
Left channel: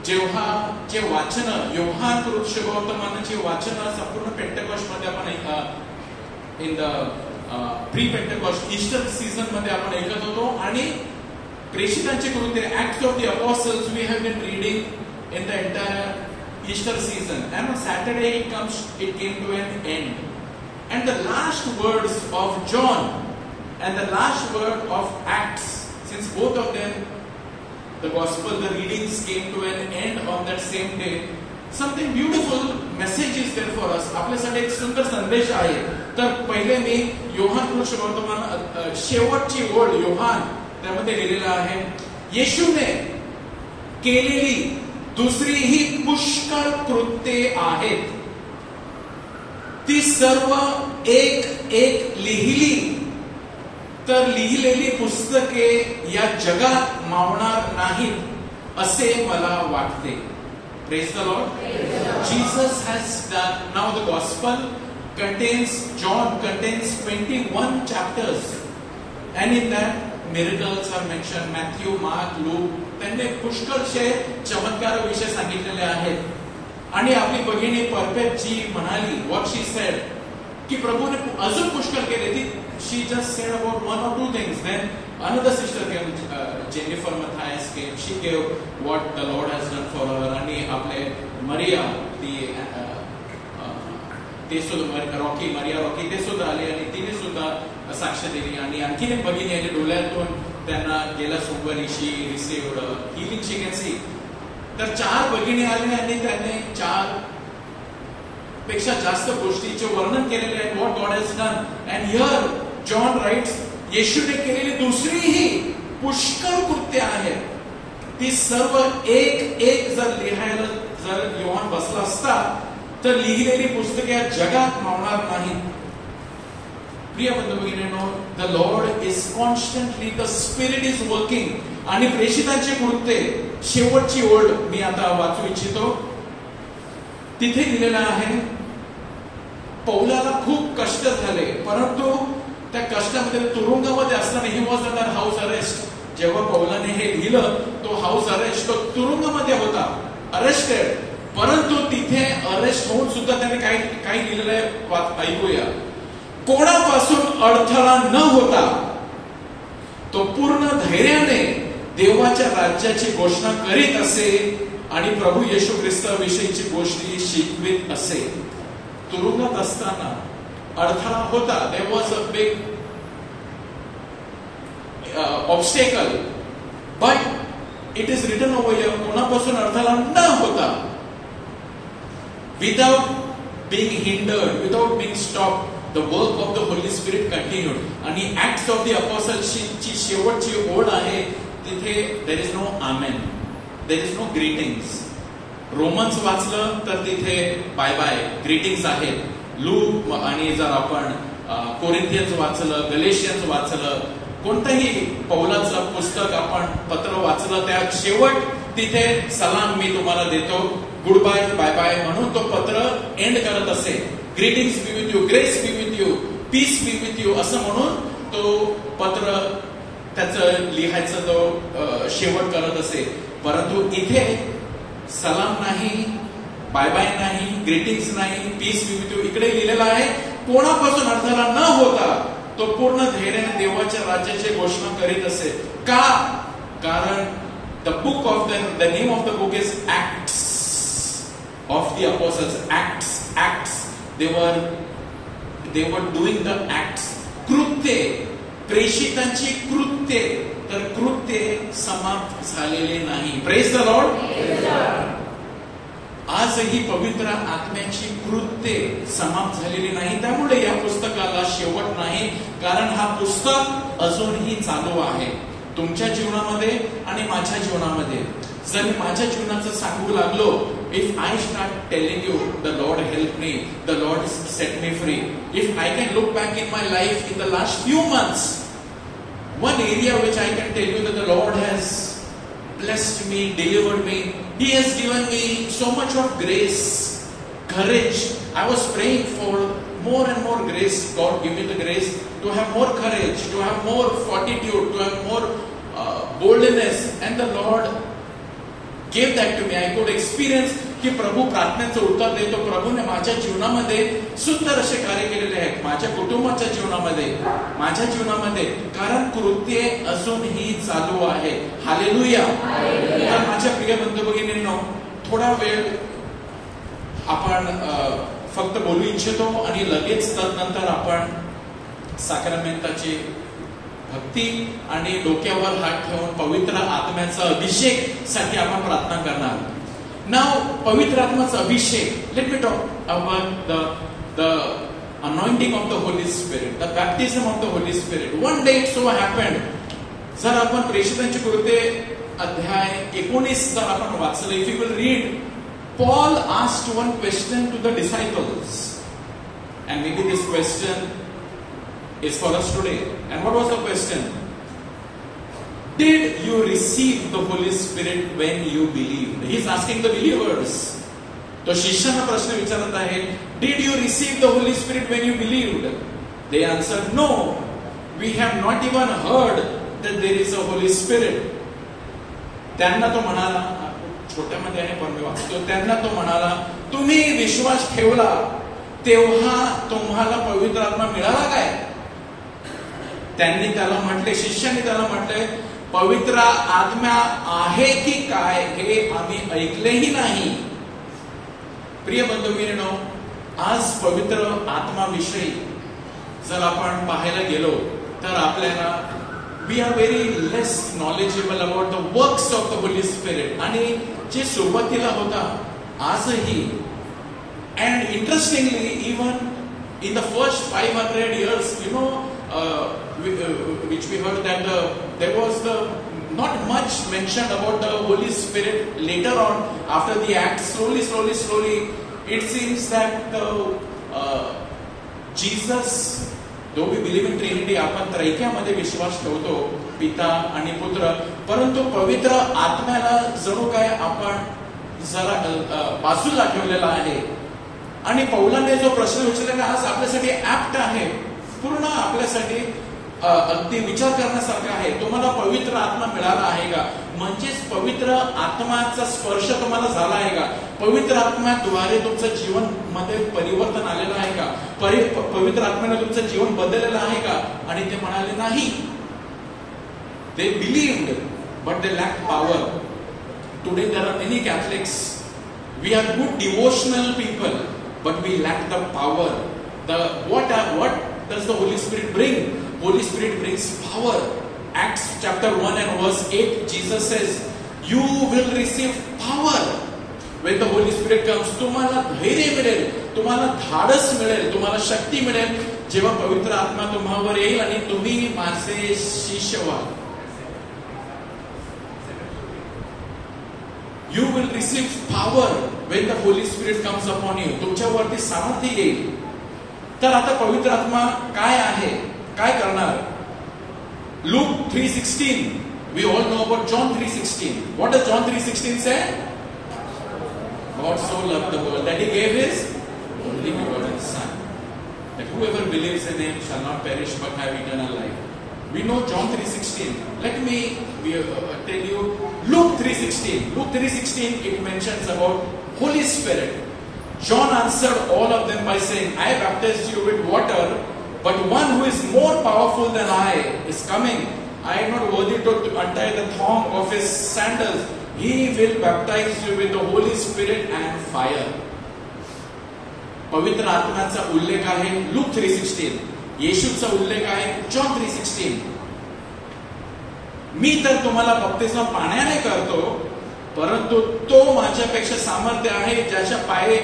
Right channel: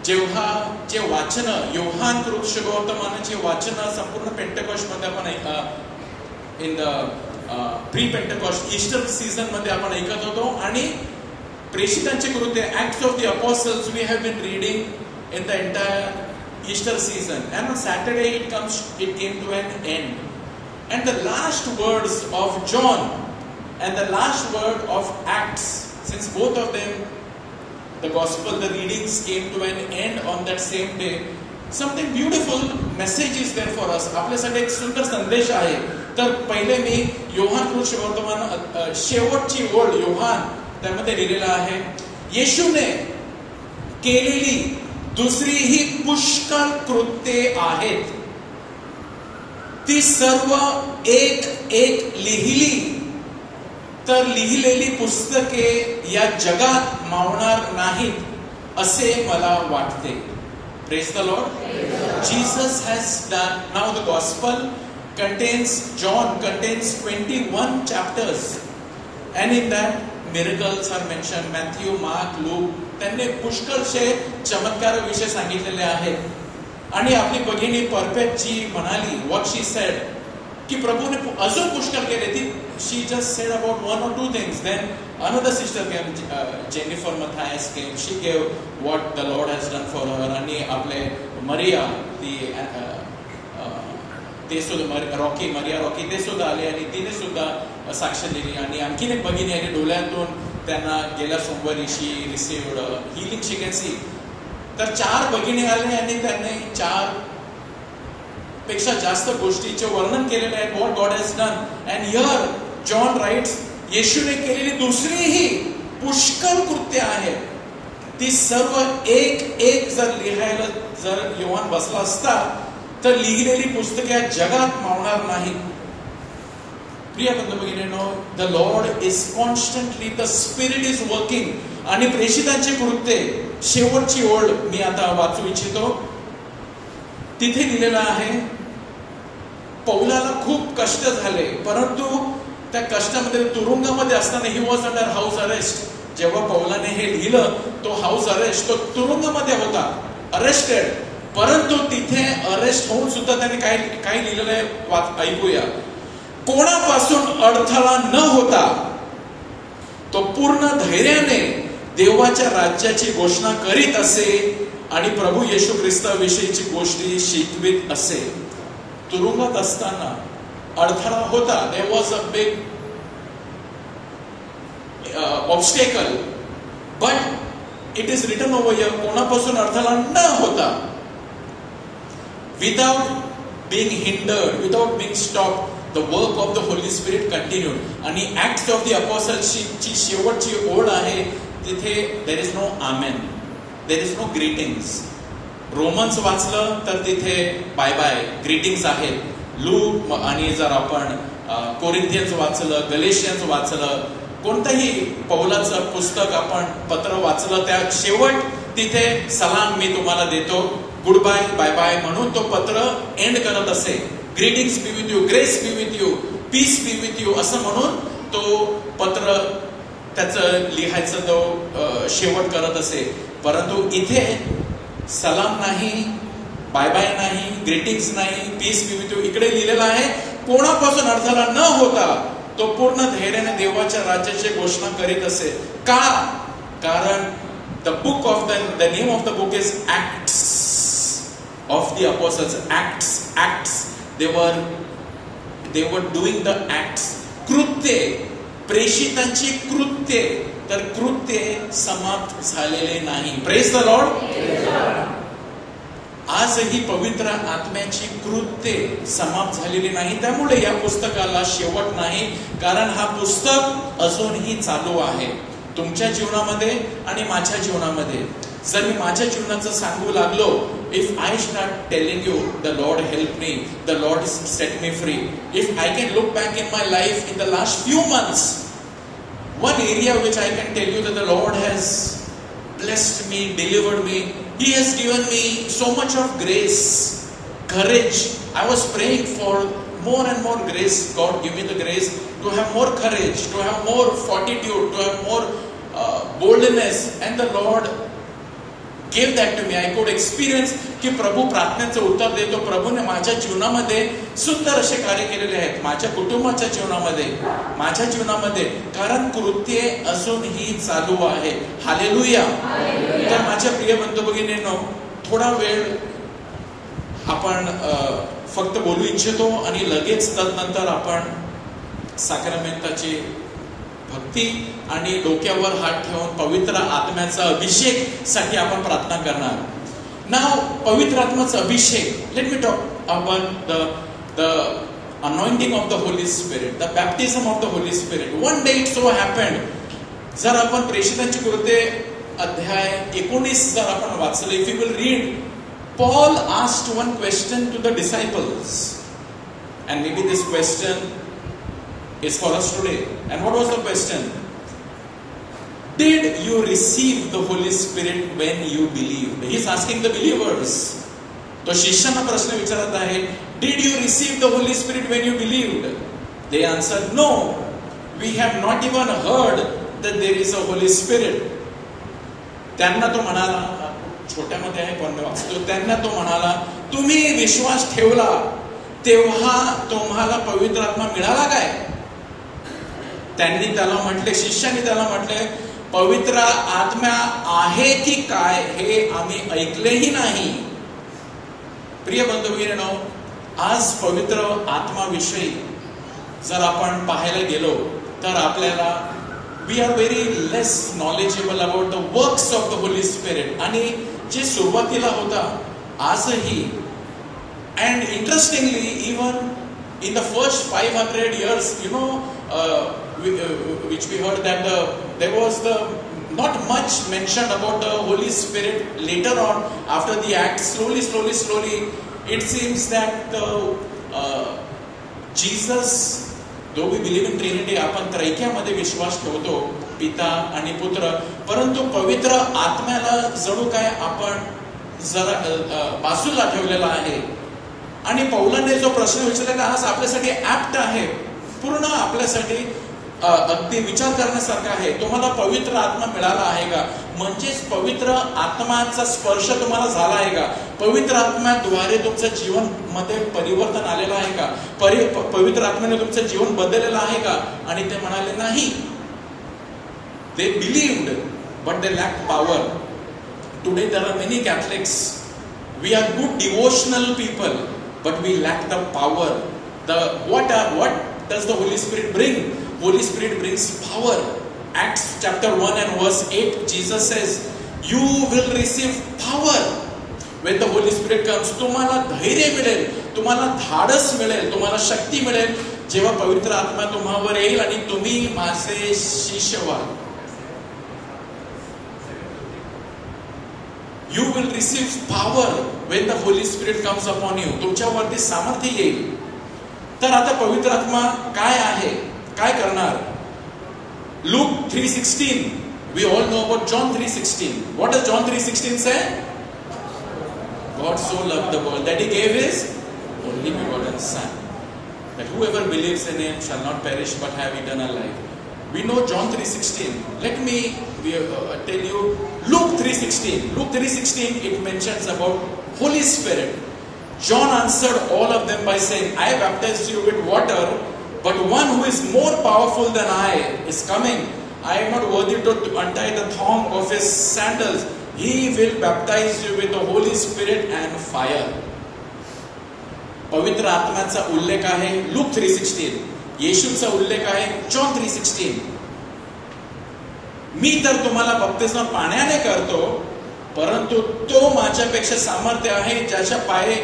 जेव्हा जे वाचन योहान कृष्ण गौतमानाचे वाचन संपूर्ण पेंटेकॉस्ट मध्ये आपण ऐका, in the pre Pentecost Easter season मध्ये आपण ऐकत होतो. आणि प्रेषितांची कृत्ये, Acts of the Apostles, we have been reading in the entire Easter season, and on Saturday it came to an end. And the last words of John and the last word of Acts, since both of them, the gospel, the readings came to an end on that same day, something beautiful message is there for us. आपल्यासाठी एक सुंदर संदेश आहे. तर पहिले मी योहान वर्तमान शेवटची ओळ योहान त्यामध्ये लिहिलेला आहे, येशूने केलेली दुसरीही पुष्कळ कृत्ये आहेत, ती सर्व एक एक लिहिली तर लिहिलेली पुस्तके या जगात मावणार नाहीत असे मला वाटते. Praise the Lord. Jesus has done. Now the gospel contains, John contains 21 chapters, and in that miracles are mentioned. Matthew, Mark, Luke, त्यांनी पुष्कळशे चमत्काराविषयी सांगितलेले आहेत. आणि आपली भगिनी परफेक्ट जी म्हणाली, what she said, की प्रभूने अजून पुष्कळ केले. ती she just said about one or two things. Then another sister came, Jennifer Matthias came. She gave what the Lord has done for her. आणि आपले मरिया ते सुद्धा मरिया रॉकी ते सुद्धा आले आणि तिने सुद्धा साक्ष दिली. आणि आणखीन एक भगिनी आहे डोळ्यातून त्यांना गेल्या सोमवारी she received healing she can see. तर 4 भगिनी आली आणि त्यांनी 4 पेक्षा जास्त गोष्टीचे वर्णन केलेले आहे. What God has done. And here John writes, येशूने केलेली दुसरीही पुष्कळ कृत्य आहेत, ती सर्व एक एक जर लिहायला जर योहान बसला असता तर लिहिलेली पुस्तके या जगात मावणार नाही. प्रिय बंधू भगिनींनो, the lord is constantly, the spirit is working. आणि प्रेषितांची कृत्ये शेवटची ओळ मी आता वाचू इच्छितो. तिथे दिलेलं आहे, पौलाला खूप कष्ट झाले, परंतु त्या कष्टामध्ये तुरुंगामध्ये असताना he was under house arrest. जेव्हा पौलाने हे लिहिलं तो हाऊस अरेस्ट, तो तुरुंगामध्ये होता, अरेस्टेड. परंतु तिथे अरेस्ट होऊन सुद्धा त्याने काय लिहिलेलं ऐकूया. कोणापासून अडथळा न होता तो पूर्ण धैर्याने देवाच्या राज्याची घोषणा करीत असे आणि प्रभू येशू ख्रिस्ताविषयीची गोष्टी शिकवित असे. तुरुंगात असताना अडथळा होता. There was a big obstacle, but it is written over here, कोणापासून अडथळा न होता, without being hindered, without being stop, the work of the Holi spirit continued. आणि ऍक्ट्स ऑफ द अपोस्टल्सची शेवटची ओळ आहे, तिथे there is no amen, there is no greetings. Romans वाचलं तर तिथे बाय बाय ग्रीटिंग्स आहेत. लूक आणि जर आपण कोरिंथियन्स वाचलं, गलेशियन्स वाचलं, कोणतंही पौलाचं पुस्तक आपण पत्र वाचलं, त्या शेवट तिथे सलाम मी तुम्हाला देतो, गुड बाय, बाय बाय म्हणून तो पत्र एंड करत असे. Greetings be with you, grace be with you, peace be with you असं म्हणून तो पत्र त्याचं लिहायचं तो शेवट करत असे. परंतु इथे सलाम नाही, बाय बाय नाही, ग्रीटिंग्स नाही, पीस बी विथ यू. इकडे लिहिलेलं आहे, कोणापासून अडथळा न होता तो पूर्ण धैर्याने देवाच्या राज्याची घोषणा करीत असे. का? कारण the book of the name of the book is Acts of the Apostles. Acts. They were doing the acts. कृत्ये, प्रेषितांची कृत्ये, तर कृत्ये समाप्त झालेले नाही. Praise the Lord. आजही पवित्र आत्म्याची कृत्ये समाप्त झालेली नाही. त्यामुळे या पुस्तकाला शेवट नाही, कारण हा पुस्तक अजूनही चालू आहे तुमच्या जीवनामध्ये आणि माझ्या जीवनामध्ये. जर मी माझ्या जीवनाचं सांगू लागलो, if I start telling you the Lord help me, the Lord set me free, if I can look back in my life in the last few months, one area which I can tell you that the Lord has blessed me, delivered me, He has given me so much of grace, courage. I was praying for more and more grace. God give me the grace to have more courage, to have more fortitude, to have more boldness, and the Lord gave that to me. I could experience की प्रभू प्रार्थनेचं उत्तर देतो. प्रभूने माझ्या जीवनामध्ये सुंदर असे कार्य केलेले आहेत, माझ्या कुटुंबाच्या जीवनामध्ये, माझ्या जीवनामध्ये, कारण कृत्ये असूनही चालू आहे. हालेलुया. तर माझ्या प्रिय बंधू भगिनींनो, थोडा वेळ आपण फक्त बोलू इच्छितो आणि लगेच तदनंतर आपण साक्रमेंटाची भक्ती आणि डोक्यावर हात ठेवून पवित्र आत्म्याचा अभिषेक साठी आपण प्रार्थना करणार. नाव पवित्र आत्म्याचा अभिषेक. Let me talk about the anointing of the Holy Spirit, the baptism of the Holy Spirit. One day it so happened, जर आपण प्रेषितांची कृत्ये अध्याय 19 जर आपण वाचले, if you will read, Paul asked one question to the disciples, and maybe this question is for us today. And what was the question? Did you receive the Holy Spirit when you believed? He is asking the believers. तो शिष्यांना प्रश्न विचारत आहे, Did you receive the Holy Spirit when you believed? They answered, No, we have not even heard that there is a Holy Spirit. त्यांना तो म्हणाला, छोट्यामध्ये आहे पण वाचतो, त्यांना तो म्हणाला, तुम्ही विश्वास ठेवला तेव्हा तुम्हाला पवित्र आत्मा मिळाला काय? त्यांनी त्याला म्हटले, शिष्यांनी त्याला म्हटले, पवित्र आत्मा आहे की काय हे आम्ही ऐकलेही नाही. प्रिय बंधू भगिनींनो, आज पवित्र आत्माविषयी जर आपण पाहायला गेलो तर आपल्याला we are very less knowledgeable about the works of the Holi Spirit. आणि जे सुरुवातीला होता आजही, and interestingly even in the first 500 years, which we heard that there was not much mentioned about the Holy Spirit. Later on, after the Acts, slowly, it seems that Jesus, though we believe in Trinity, आपण त्रैक्यामध्ये विश्वास ठेवतो, पिता आणि पुत्र, परंतु पवित्र आत्म्याला जणू काय आपण जरा बाजूला ठेवलेला आहे. आणि पौलाने जो प्रश्न विचारला आज आपल्यासाठी ऍप्ट आहे, पूर्ण आपल्यासाठी अगदी विचार करण्यासारखा आहे. तुम्हाला पवित्र आत्मा मिळाला आहे का? म्हणजेच पवित्र आत्माचा स्पर्श तुम्हाला झाला आहे का? पवित्र आत्म्याद्वारे तुमचं जीवन मध्ये परिवर्तन आलेलं आहे का? पवित्र आत्म्याने तुमचं जीवन बदललेलं आहे का? आणि ते म्हणाले नाही. They believed, but they lacked power. Today there are many Catholics. We are good devotional people, but we lack the power. What does the Holy Spirit bring? Holy Spirit brings power. Acts chapter 1 and verse 8, Jesus says, you will receive power when the Holy Spirit comes. तुम्हाला धैर्य मिळेल, तुम्हाला धाडस मिळेल, तुम्हाला शक्ती मिळेल जेव्हा पवित्र आत्मा तुम्हावर येईल आणि तुम्ही माझे शिष्य व्हाल. You will receive power when the Holy Spirit comes upon you. तुमच्यावरती सामर्थ्य येईल. तर आता पवित्र आत्मा काय आहे, काय करणार? Luke 3:16. We all know about John 3:16. What does John 3:16 say? God so loved the world that He gave His only begotten Son, that whoever believes in Him shall not perish but have eternal life. We know John 3:16. Let me tell you Luke 3:16. Luke 3:16, it mentions about Holy Spirit. John answered all of them by saying, I baptize you with water, but one who is more powerful than I is coming. I am not worthy to untie the thong of his sandals. He will baptize you with the Holy Spirit and fire. पवित्र आत्म्याचा उल्लेख आहे Luke 3:16. येशूचा उल्लेख आहे John 3:16. मी तर तुम्हाला बप्तिस्मा पाण्याने करतो, परंतु तो माझ्यापेक्षा सामर्थ्य आहे, ज्याच्या पाये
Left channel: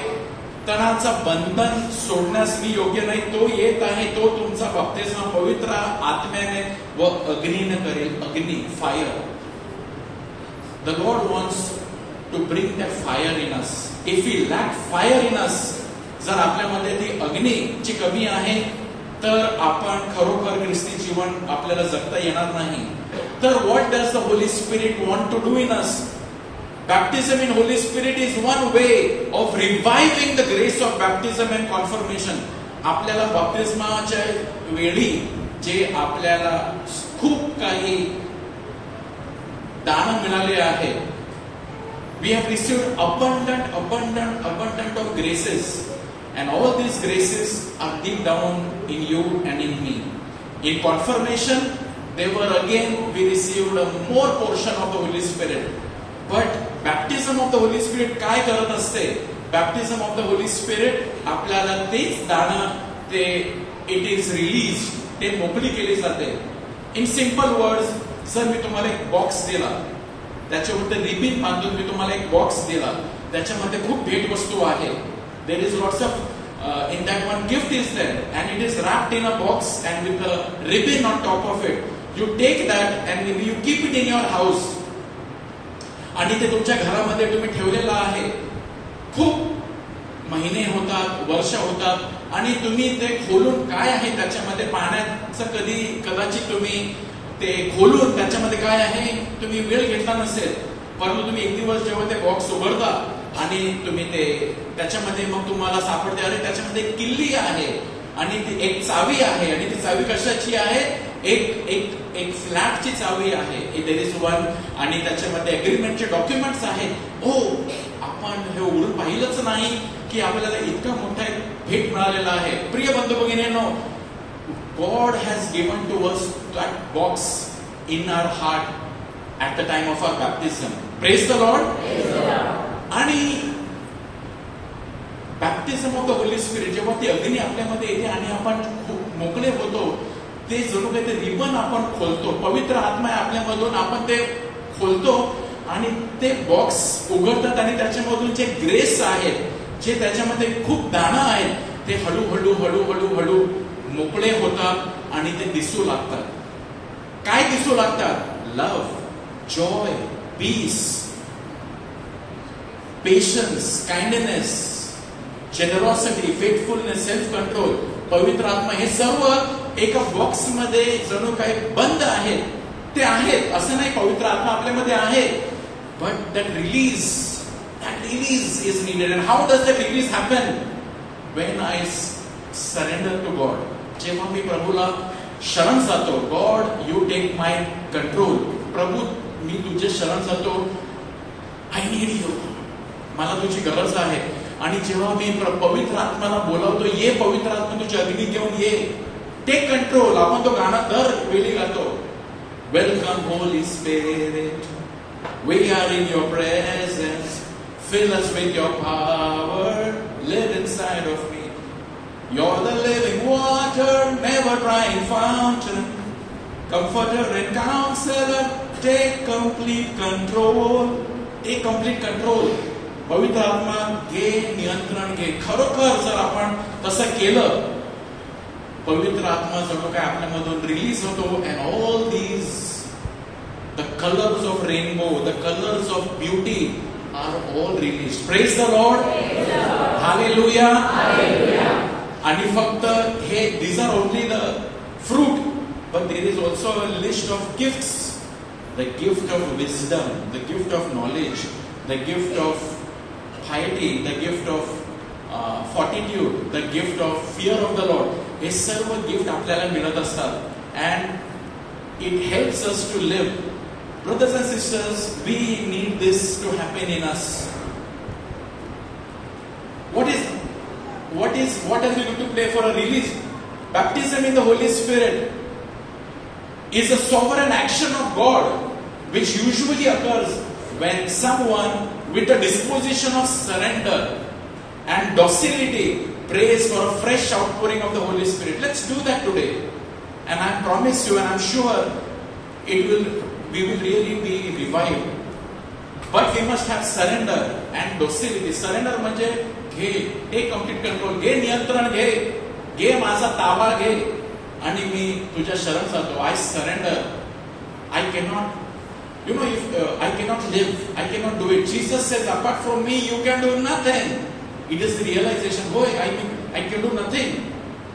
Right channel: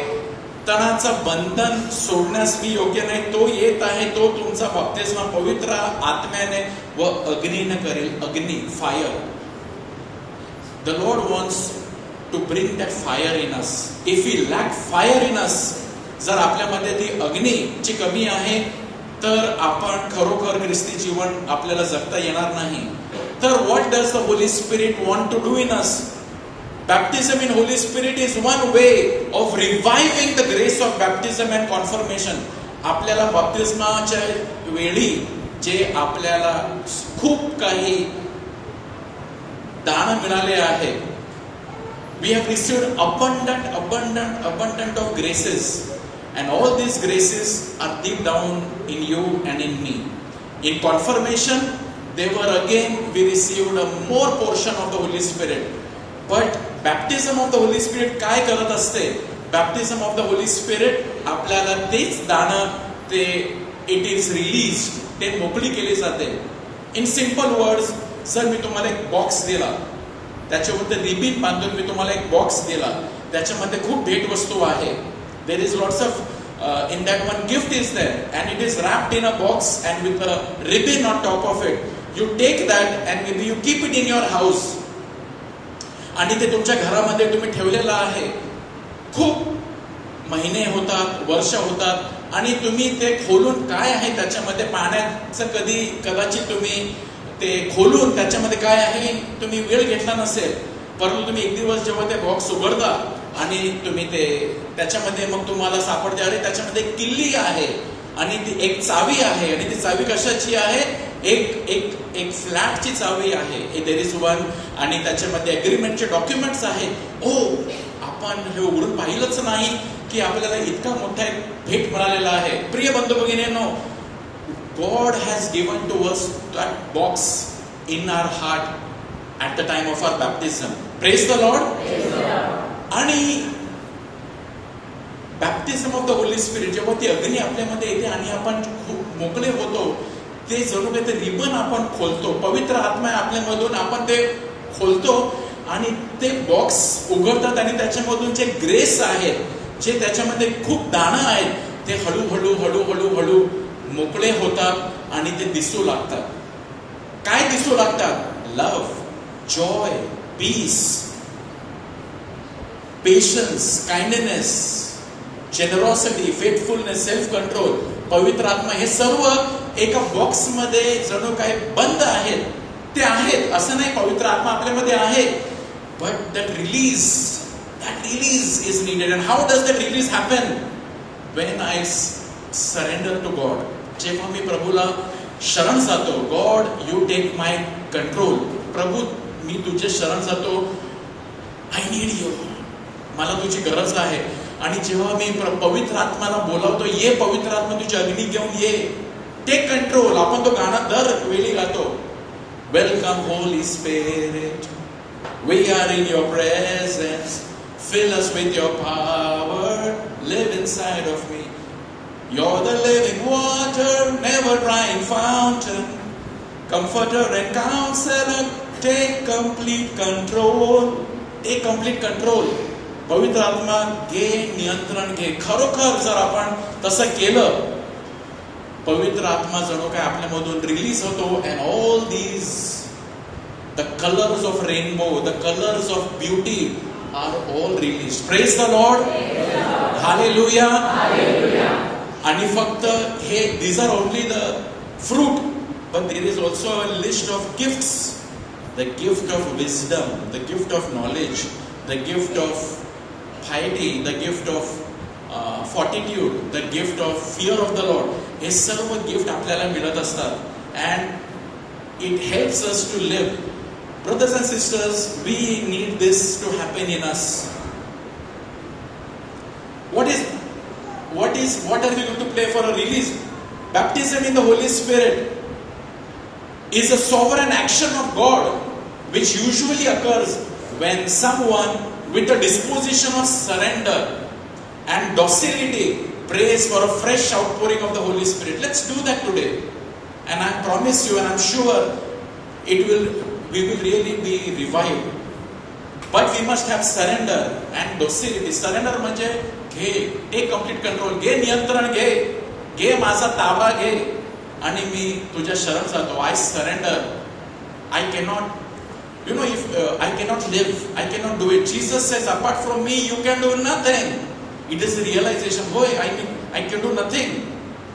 तणाचं बंधन सोडण्यास मी योग्य नाही. तो येत आहे, तो तुमचा बप्तिस्मा पवित्र आत्म्याने व अग्नीने करेल. अग्नी, fire. The Lord wants to bring that fire in us. If we lack fire in us, जर आपल्यामध्ये ती अग्नीची कमी आहे तर आपण खरोखर ख्रिस्ती जीवन आपल्याला जगता येणार नाही. तर what does the Holy Spirit want to do in us? Baptism in Holy Spirit is one way of reviving the grace of baptism and confirmation. आपल्याला बप्तिस्माच्या वेळी जे आपल्याला खूप काही दान मिळाले आहे, We have received abundant of graces, and all these graces are deep down in you and in me. In confirmation, we received a more portion of the Holy Spirit. But baptism of the Holy Spirit काय करत असते? Baptism of the Holy Spirit आपल्याला तेच दान ते it is released, ते मोकळी केली जाते. In simple words, सर मी तुम्हाला एक बॉक्स दिला, त्याच्यावर रिबीन बांधून मी तुम्हाला एक बॉक्स दिला, त्याच्यामध्ये खूप भेट वस्तू आहे. There is lots of in that one gift is there, and it is wrapped in a box and with a ribbon on top of it. You take that and maybe you keep it in your house. आणि ते तुमच्या घरामध्ये तुम्ही ठेवलेलं आहे. खूप महिने होतात, वर्ष होतात, आणि तुम्ही ते खोलून काय आहे त्याच्यामध्ये पाहण्याचं कदाचित तुम्ही ते खोलून त्याच्यामध्ये काय आहे तुम्ही वेळ घेतला नसेल. परंतु तुम्ही एक दिवस जेव्हा ते बॉक्स उघडता आणि तुम्ही ते त्याच्यामध्ये मग तुम्हाला सापडते, अरे त्याच्यामध्ये एक किल्ली आहे आणि ती एक चावी आहे, आणि ती चावी कशाची आहे? एक फ्लॅटची चावी आहे. देयर इज वन, आणि त्याच्यामध्ये अग्रीमेंटचे डॉक्युमेंट्स आहेत. आपण हे उघडून पाहिलंच नाही की आपल्याला इतका मोठा एक भेट मिळालेला आहे. प्रिय बंधू भगिनींनो, God has given to us that box in our heart at the time of our baptism. Praise the Lord. आणि बॅप्टिझम ऑफ द होली स्पिरिट जेव्हा ती अग्नी आपल्यामध्ये येते आणि आपण खूप मोकळे होतो, ते जणू काही ते रिबन आपण खोलतो. पवित्र आत्मा आपल्यामधून आपण ते खोलतो आणि ते बॉक्स उघडतात, आणि त्याच्यामधून जे ग्रेस आहेत, जे त्याच्यामध्ये खूप दाणं आहेत, ते हळूहळू मोकळे होतात आणि ते दिसू लागतात. काय दिसू लागतात? Love, joy, peace, patience, kindness, generosity, faithfulness, self control. पवित्र आत्मा हे सर्व एका बॉक्स मध्ये जणू काही बंद आहेत. ते आहेत असं नाही, पवित्र आत्मा आपल्यामध्ये आहे, but that release is needed. And how does that release happen? When I surrender to God. जेव्हा मी प्रभूला शरण जातो, God you take my control. प्रभू मी तुझे शरण जातो, आय नीड यू, मला तुझी गरज आहे. आणि जेव्हा मी पवित्र आत्म्याला बोलावतो, ये पवित्र आत्मा तुझी अग्नी घेऊन ये, टेक कंट्रोल. आपण तो गाणं दर वेळी गातो, welcome Holy spirit, we are in your presence, fill us with your power, live inside of me. You're the living water, never drying fountain, comforter and counselor, take complete control. Take complete control. पवित्र आत्मा घे, नियंत्रण घे. खरोखर जर आपण तसं केलं, पवित्र आत्मा जणू काय आपल्यामधून रिलीज होतो, and all these the colors of rainbow, the colors of beauty are all released. Praise the Lord. Hallelujah. आणि फक्त हे, these are only the fruit, but there is also a list of gifts. The gift of wisdom, the gift of knowledge, the gift of piety, the gift of fortitude, the gift of fear of the Lord. हे सर्व gift आपल्याला मिळत असतात, and it helps us to live. Brothers and sisters, we need this to happen in us. What are we going to play for a release? Baptism in the Holy Spirit is a sovereign action of God, which usually occurs when someone with a disposition of surrender and docility prays for a fresh outpouring of the Holy Spirit. Let's do that today. And I promise you, and I'm sure we will really be revived. But we must have surrender and docility. Surrender म्हणजे घे, take complete control, घे नियंत्रण, घे माझा ताबा घे, आणि मी तुझ्या शरण जातो. I surrender. I cannot, if I cannot live, I cannot do it. Jesus says, apart from me, you can do nothing. It is the realization, boy, I can do nothing.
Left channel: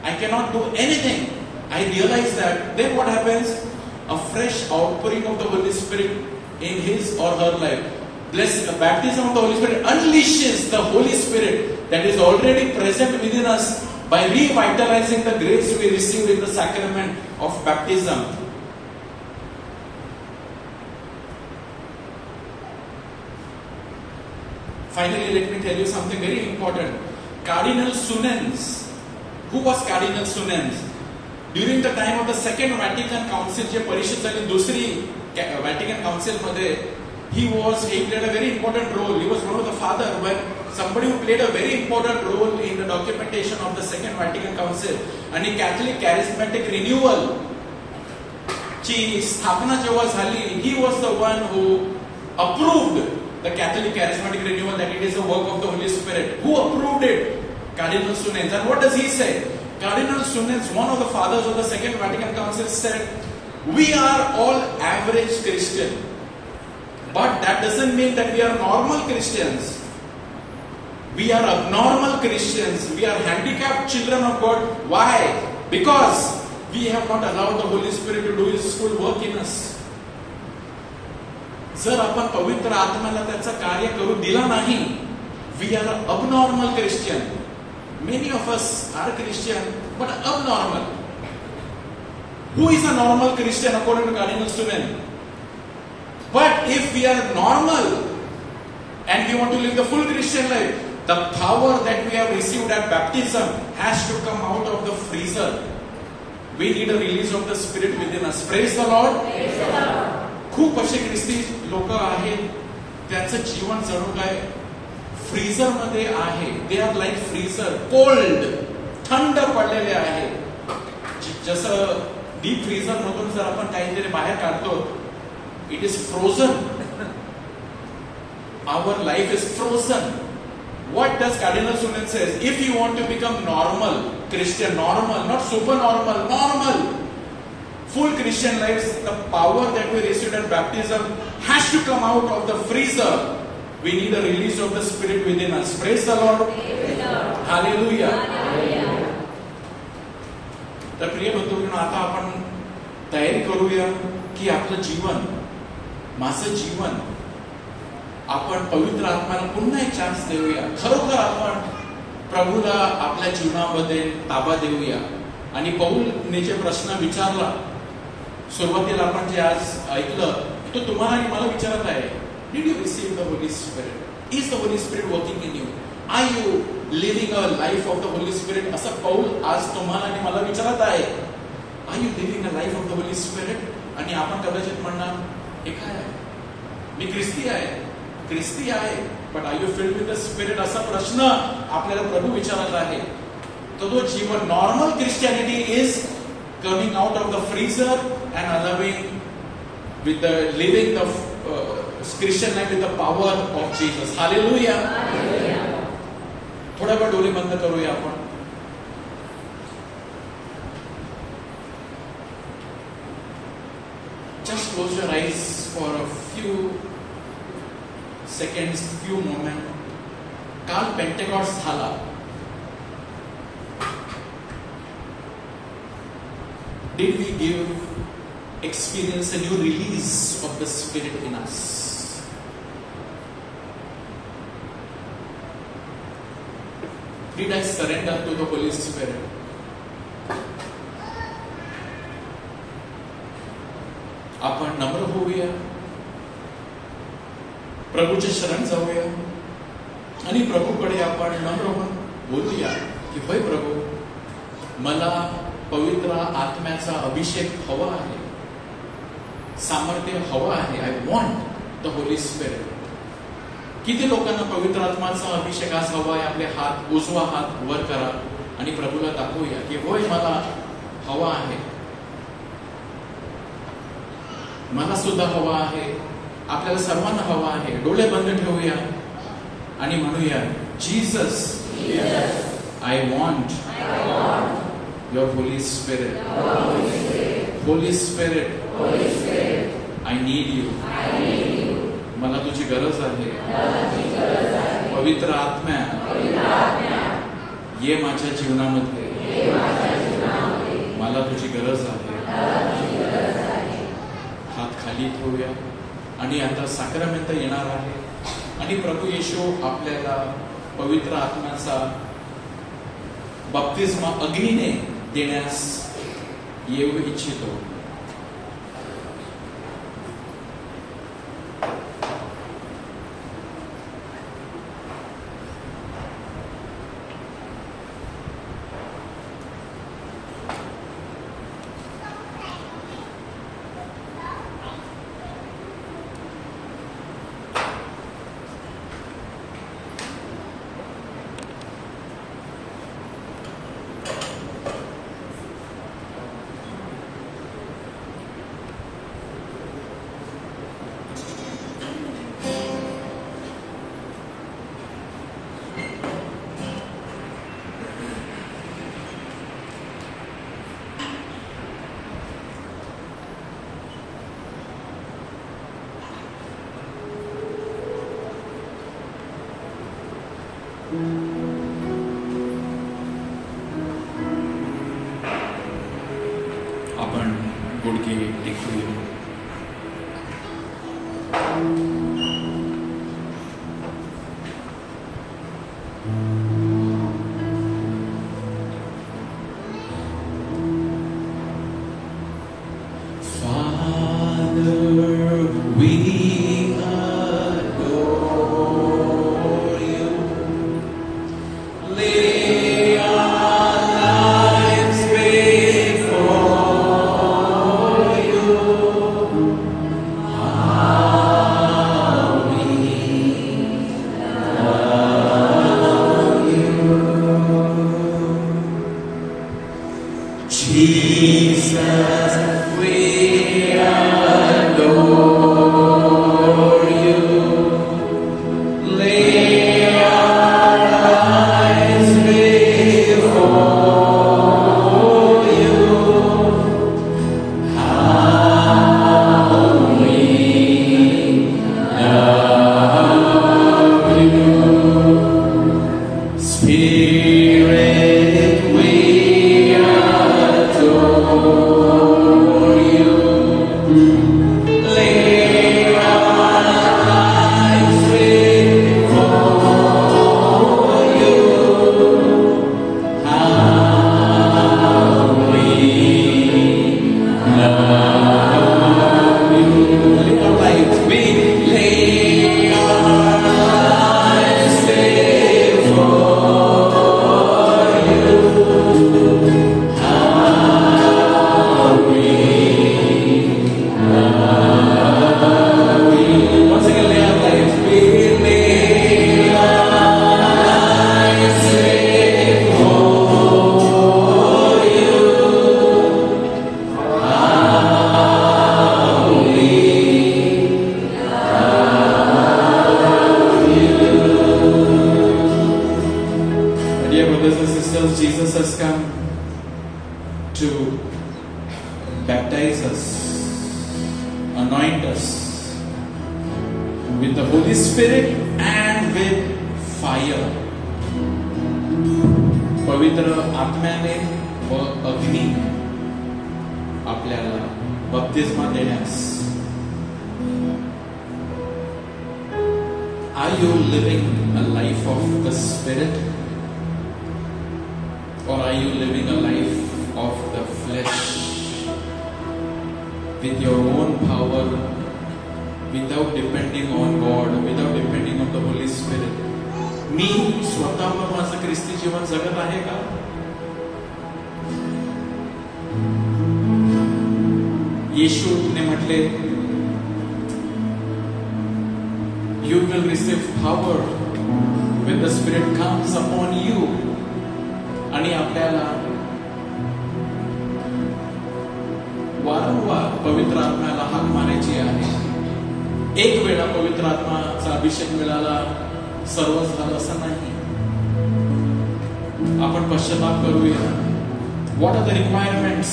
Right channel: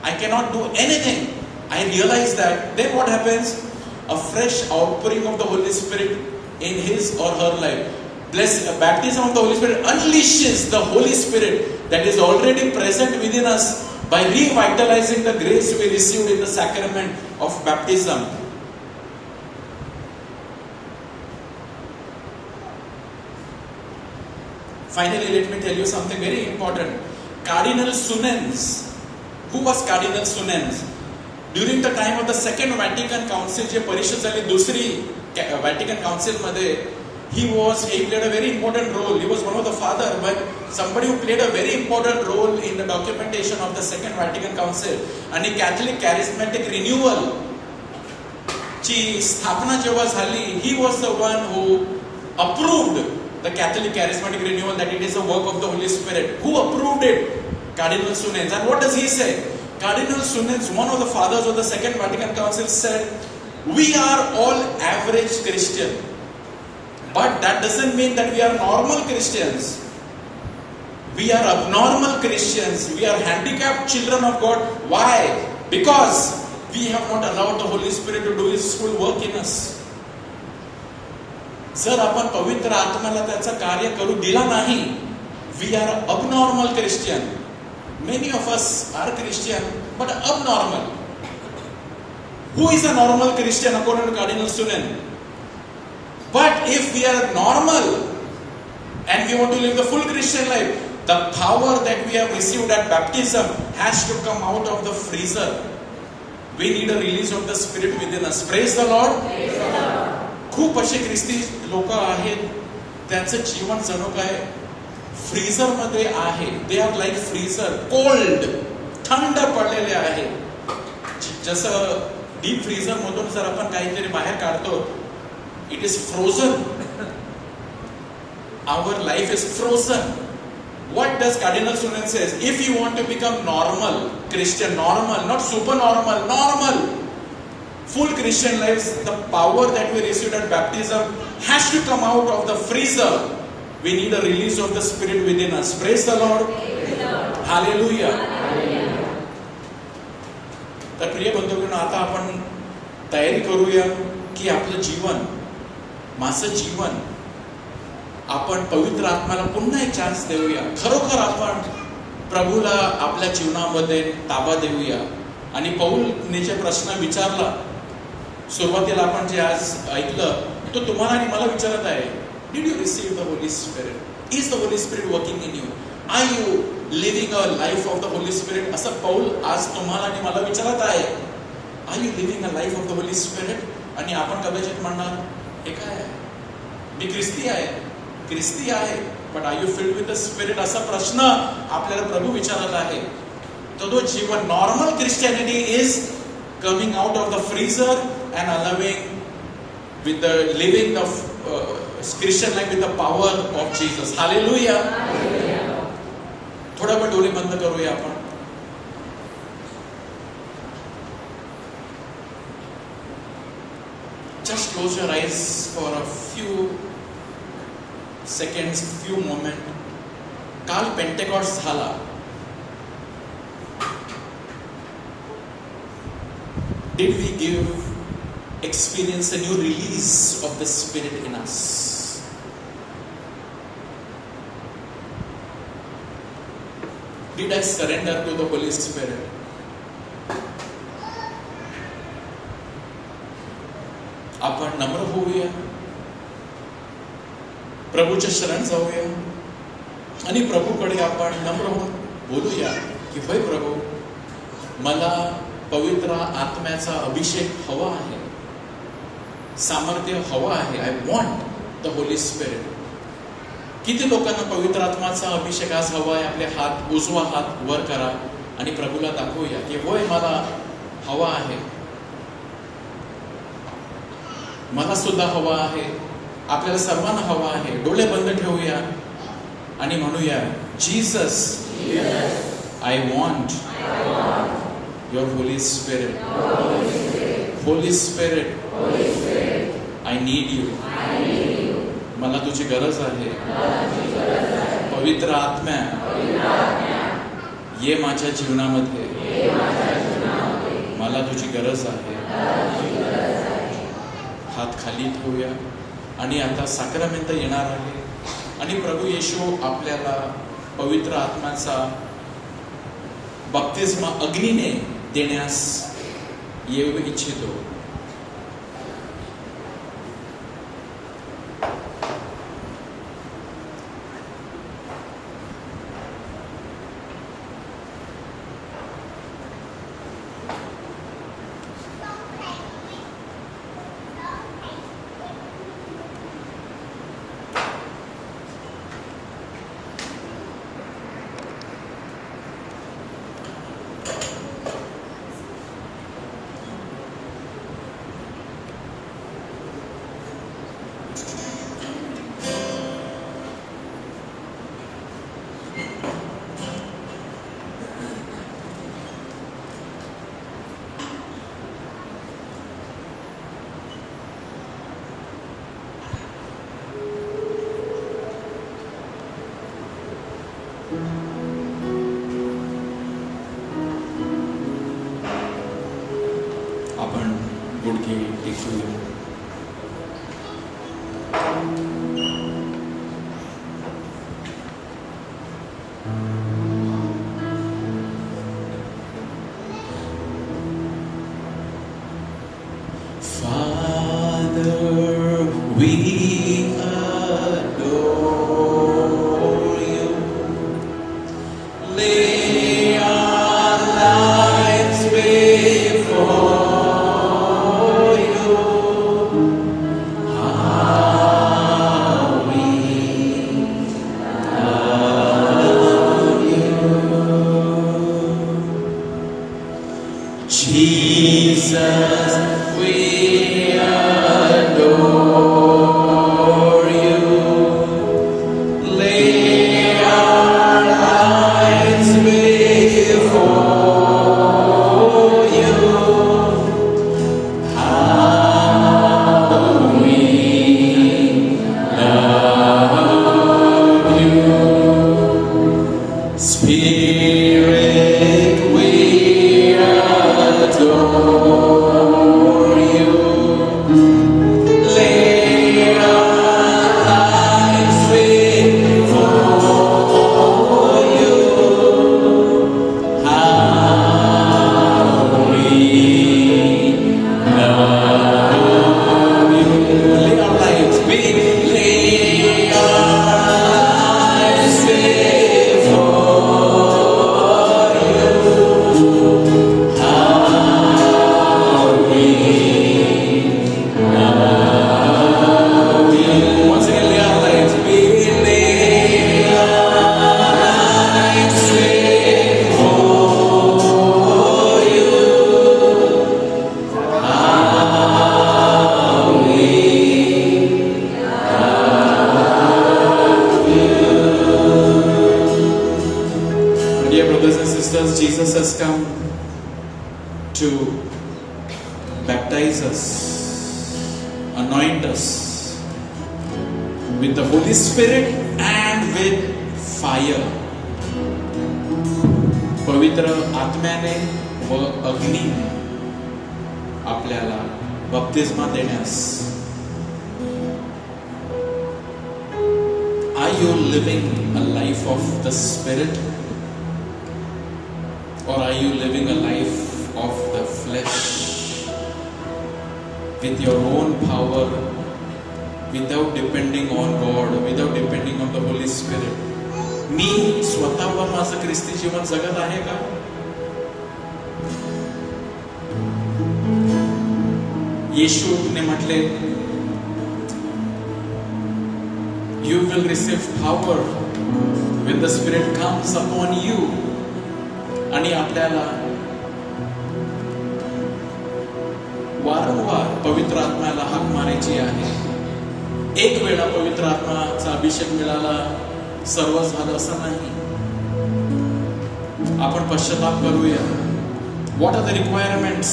I cannot do anything. I realize that. Then what happens? A fresh outpouring of the Holy Spirit in his or her life. Baptism of the Holy Spirit unleashes the Holy Spirit that is already present within us by revitalizing the grace we received in the sacrament of baptism. Finally, let me tell you something very important. Cardinal Sunens. Who was Cardinal Sunens? During the time of the Second Vatican Council, जे परिषद झाली दुसरी Vatican Council मध्ये, he played a very important role. He was one of the father, but somebody who played a very important role in the documentation of the Second Vatican Council. आणि Catholic Charismatic Renewal ची स्थापना जेव्हा झाली, he was the one who approved the Catholic Charismatic Renewal, that it is a work of the Holy Spirit. Who approved it? Cardinal Sunens. And what does he say? Cardinal Sunens, one of the fathers of the Second Vatican Council, said, we are all average Christian, but that doesn't mean that we are normal Christians. We are abnormal Christians. We are handicapped children of God. Why? Because we have not allowed the Holy Spirit to do His full work in us. जर आपण पवित्र आत्म्याला त्याचं कार्य करू दिला नाही, we are abnormal Christian. Many of us are Christian, but abnormal. Who is a normal Christian according to Cardinal Sunens? But if we are normal and we want to live the full Christian life, the power that we have received at baptism has to come out of the freezer. We need a release of the Spirit within us. Praise the Lord. Praise the Lord. खूप असे ख्रिस्ती लोक आहेत, त्यांचं जीवन जणू काय freezer मध्ये आहे. They are like freezer, cold, थंड पडलेले आहे. जसं डीप फ्रीझर मधून जर आपण काहीतरी बाहेर काढतो, it is frozen. Our life is frozen. What does Cardinal Sunens says? If you want to become normal Christian, normal, not super normal, normal, full Christian lives, the power that we received at baptism has to come out of the freezer. We need a release of the Spirit within us. Praise the Lord. Hallelujah. तर प्रिय बंधूंनो, आता आपण तयारी करूया की आपलं जीवन, माझं जीवन, आपण पवित्र आत्म्याला पुन्हा एक चान्स देऊया. खरोखर आपण प्रभूला आपल्या जीवनामध्ये ताबा देऊया. आणि पौलने जे प्रश्न विचारला सुरुवातीला, आपण जे आज ऐकलं, तो तुम्हाला आणि मला विचारत आहे, did you receive the Holi Spirit? Is the Holi Spirit working in you? Are you living a life of the Holi Spirit? असं पौल आज तुम्हाला आणि मला विचारत आहे. Are you living a life of the Holi Spirit? आणि आपण कदाचित म्हणणार, हे काय आहे, मी ख्रिस्ती आहे, ख्रिस्ती आहे, but are you filled with the spirit? असा प्रश्न आपल्याला प्रभू विचारत आहे. तो जीवन, normal Christianity is coming out of the freezer and allowing with the living of Christian life with the power of Jesus. Hallelujah. थोड़ा बहुत डोली बंद करूया आपण. Just close your eyes for a few seconds, few moments. काल पेंटेकॉस्ट झाला. Did we experience a new release of the Spirit in us? Did I surrender to the Holy Spirit? आपण नम्र होऊया, प्रभूच्या शरण जाऊया आणि प्रभूकडे आपण नम्र होऊन बोलूया की होय प्रभू, मला पवित्र आत्म्याचा अभिषेक हवा आहे, सामर्थ्य हवा आहे. आय वॉन्ट द होली स्पिरिट. किती लोकांना पवित्र आत्म्याचा अभिषेक आज हवा आहे? आपले हात, उजवा हात वर करा आणि प्रभूला दाखवूया की होय, मला हवा आहे, मला सुद्धा हवा आहे, आपल्याला सर्वांना हवा आहे. डोळे बंद ठेवूया आणि म्हणूया, Jesus, I want your Holy Spirit. Holy Spirit, I need you. मला तुझी गरज आहे. पवित्र आत्म्या, ये माझ्या जीवनामध्ये, मला तुझी गरज आहे. हात खाली ठेवूया आणि आता साक्रमेंट येणार आहे आणि प्रभू येशू आपल्याला पवित्र आत्म्याचा बप्तिस्मा अग्नीने देण्यास येऊ इच्छितो. आपण गुडघे टेकूया. येशूने म्हटले, you will receive power when the Spirit comes upon you. आणि आपल्याला वारंवार पवित्र आत्म्याला हाक मारायची आहे. एक वेळा पवित्र आत्म्याचा अभिषेक मिळाला सर्व झालं असं नाही. आपण पश्चाताप करूया. What are the requirements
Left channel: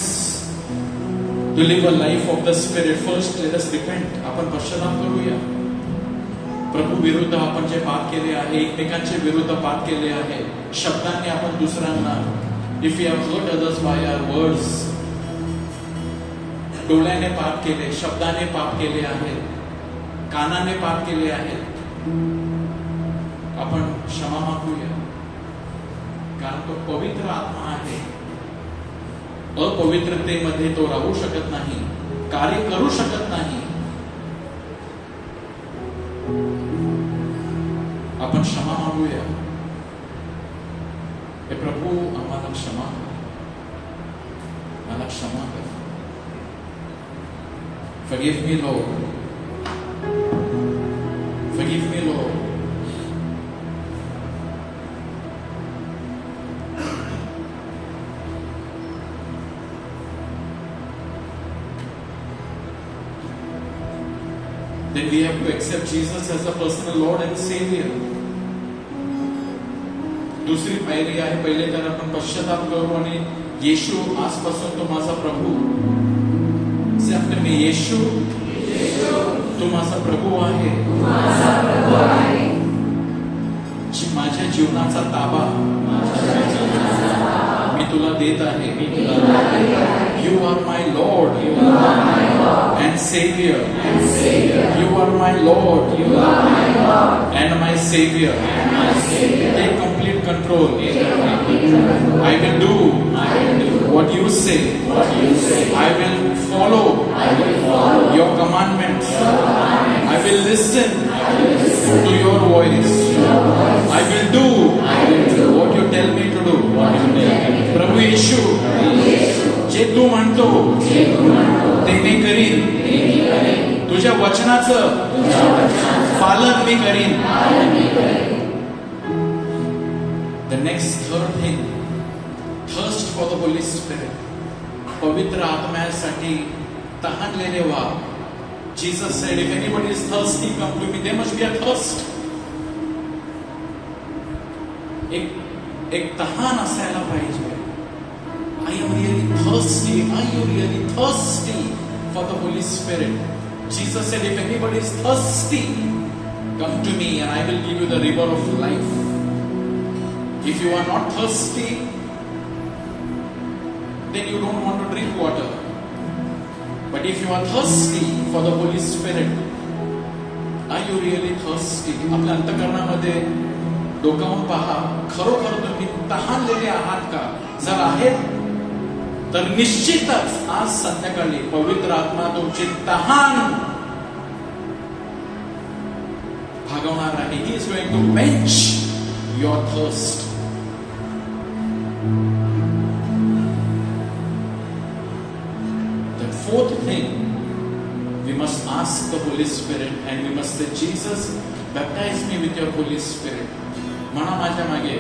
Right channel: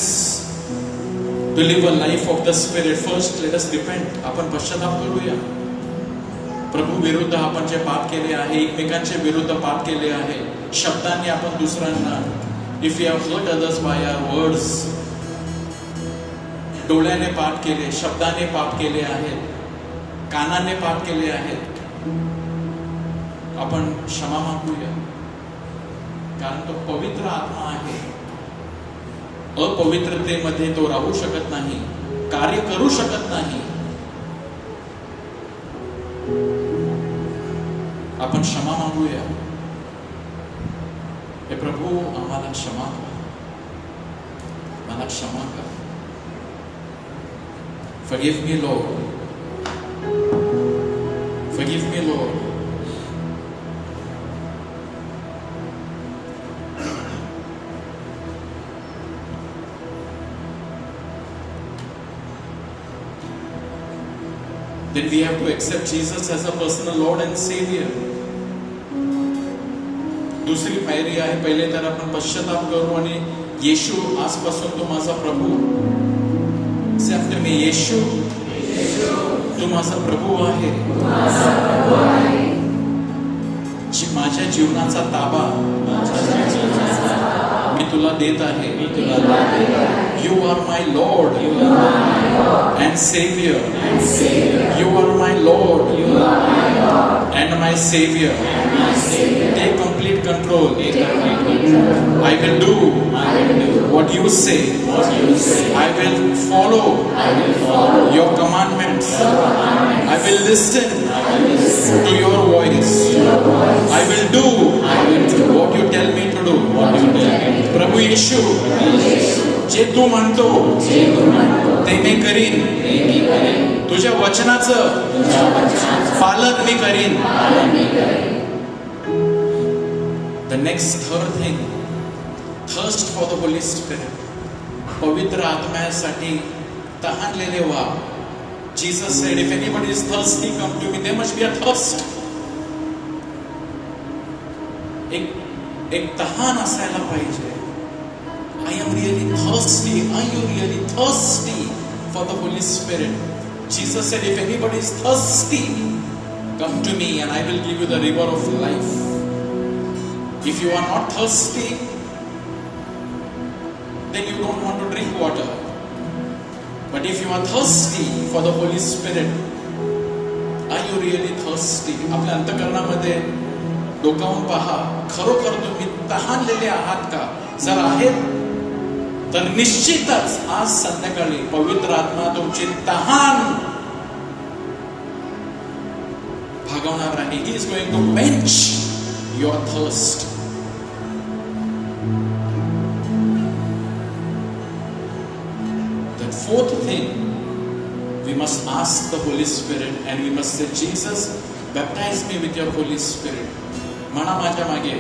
to live a life of the Spirit? First, let us repent. आपण पश्चाताप करूया. प्रभू विरुद्ध आपण जे पाप केले आहे, एकमेकांच्या विरुद्ध पाप केले आहे, शब्दांनी आपण दुसऱ्यांना, if we have hurt others by our words, डोळ्याने पाप केले, शब्दाने पाप केले आहेत, कानाने पाप केले आहेत, आपण क्षमा मागूया. कारण तो पवित्र आत्मा आहे. अपवित्रतेमध्ये तो राहू शकत नाही, कार्य करू शकत नाही. आपण क्षमा मागूया. हे प्रभू आम्हाला क्षमा कर, मला क्षमा कर. Forgive me, Lord. Forgive me, Lord. Then we have to accept Jesus as a personal Lord and Savior. दुसरी पायरी आहे, पहिले तर आपण पश्चाताप करू आणि येशू आजपासून तू माझा प्रभू. Say after me, येशू तू माझा प्रभू आहे. माझ्या जीवनाचा ताबा मी तुला देत आहे. You are my Lord and Savior. You are my Lord and my Savior. Take complete control. I will do what you say. I will follow your commandments. I will listen to your voice. I will do what you tell me to do. प्रभू येशू, जे तू म्हणतो ते मी करीन. तुझ्या वचनाचं पालन मी करीन. The next third thing, thirst for the Holy Spirit. पवित्र आत्म्यासाठी तहानलेले व्हा. Jesus said, if anybody is thirsty, come to me. There must be a thirst. एक तहान असायला पाहिजे. I am really thirsty. Are you really thirsty for the Holy Spirit? Jesus said, if anybody is thirsty, come to me and I will give you the river of life. If you are not thirsty, then you don't want to drink water. But if you are thirsty for the Holy Spirit, are you really thirsty? आपल्या अंतःकरणामध्ये डोकावून पहा, खरोखर तुम्ही तहानलेले आहात का? जर आहेत तर निश्चितच आज संध्याकाळी पवित्र आत्मा तुमची तहान भागवणार आहे. He is going to quench your thirst. The fourth thing, we must ask the Holy Spirit and we must say, Jesus, baptize me with your Holy Spirit. म्हणा माझ्या मागे,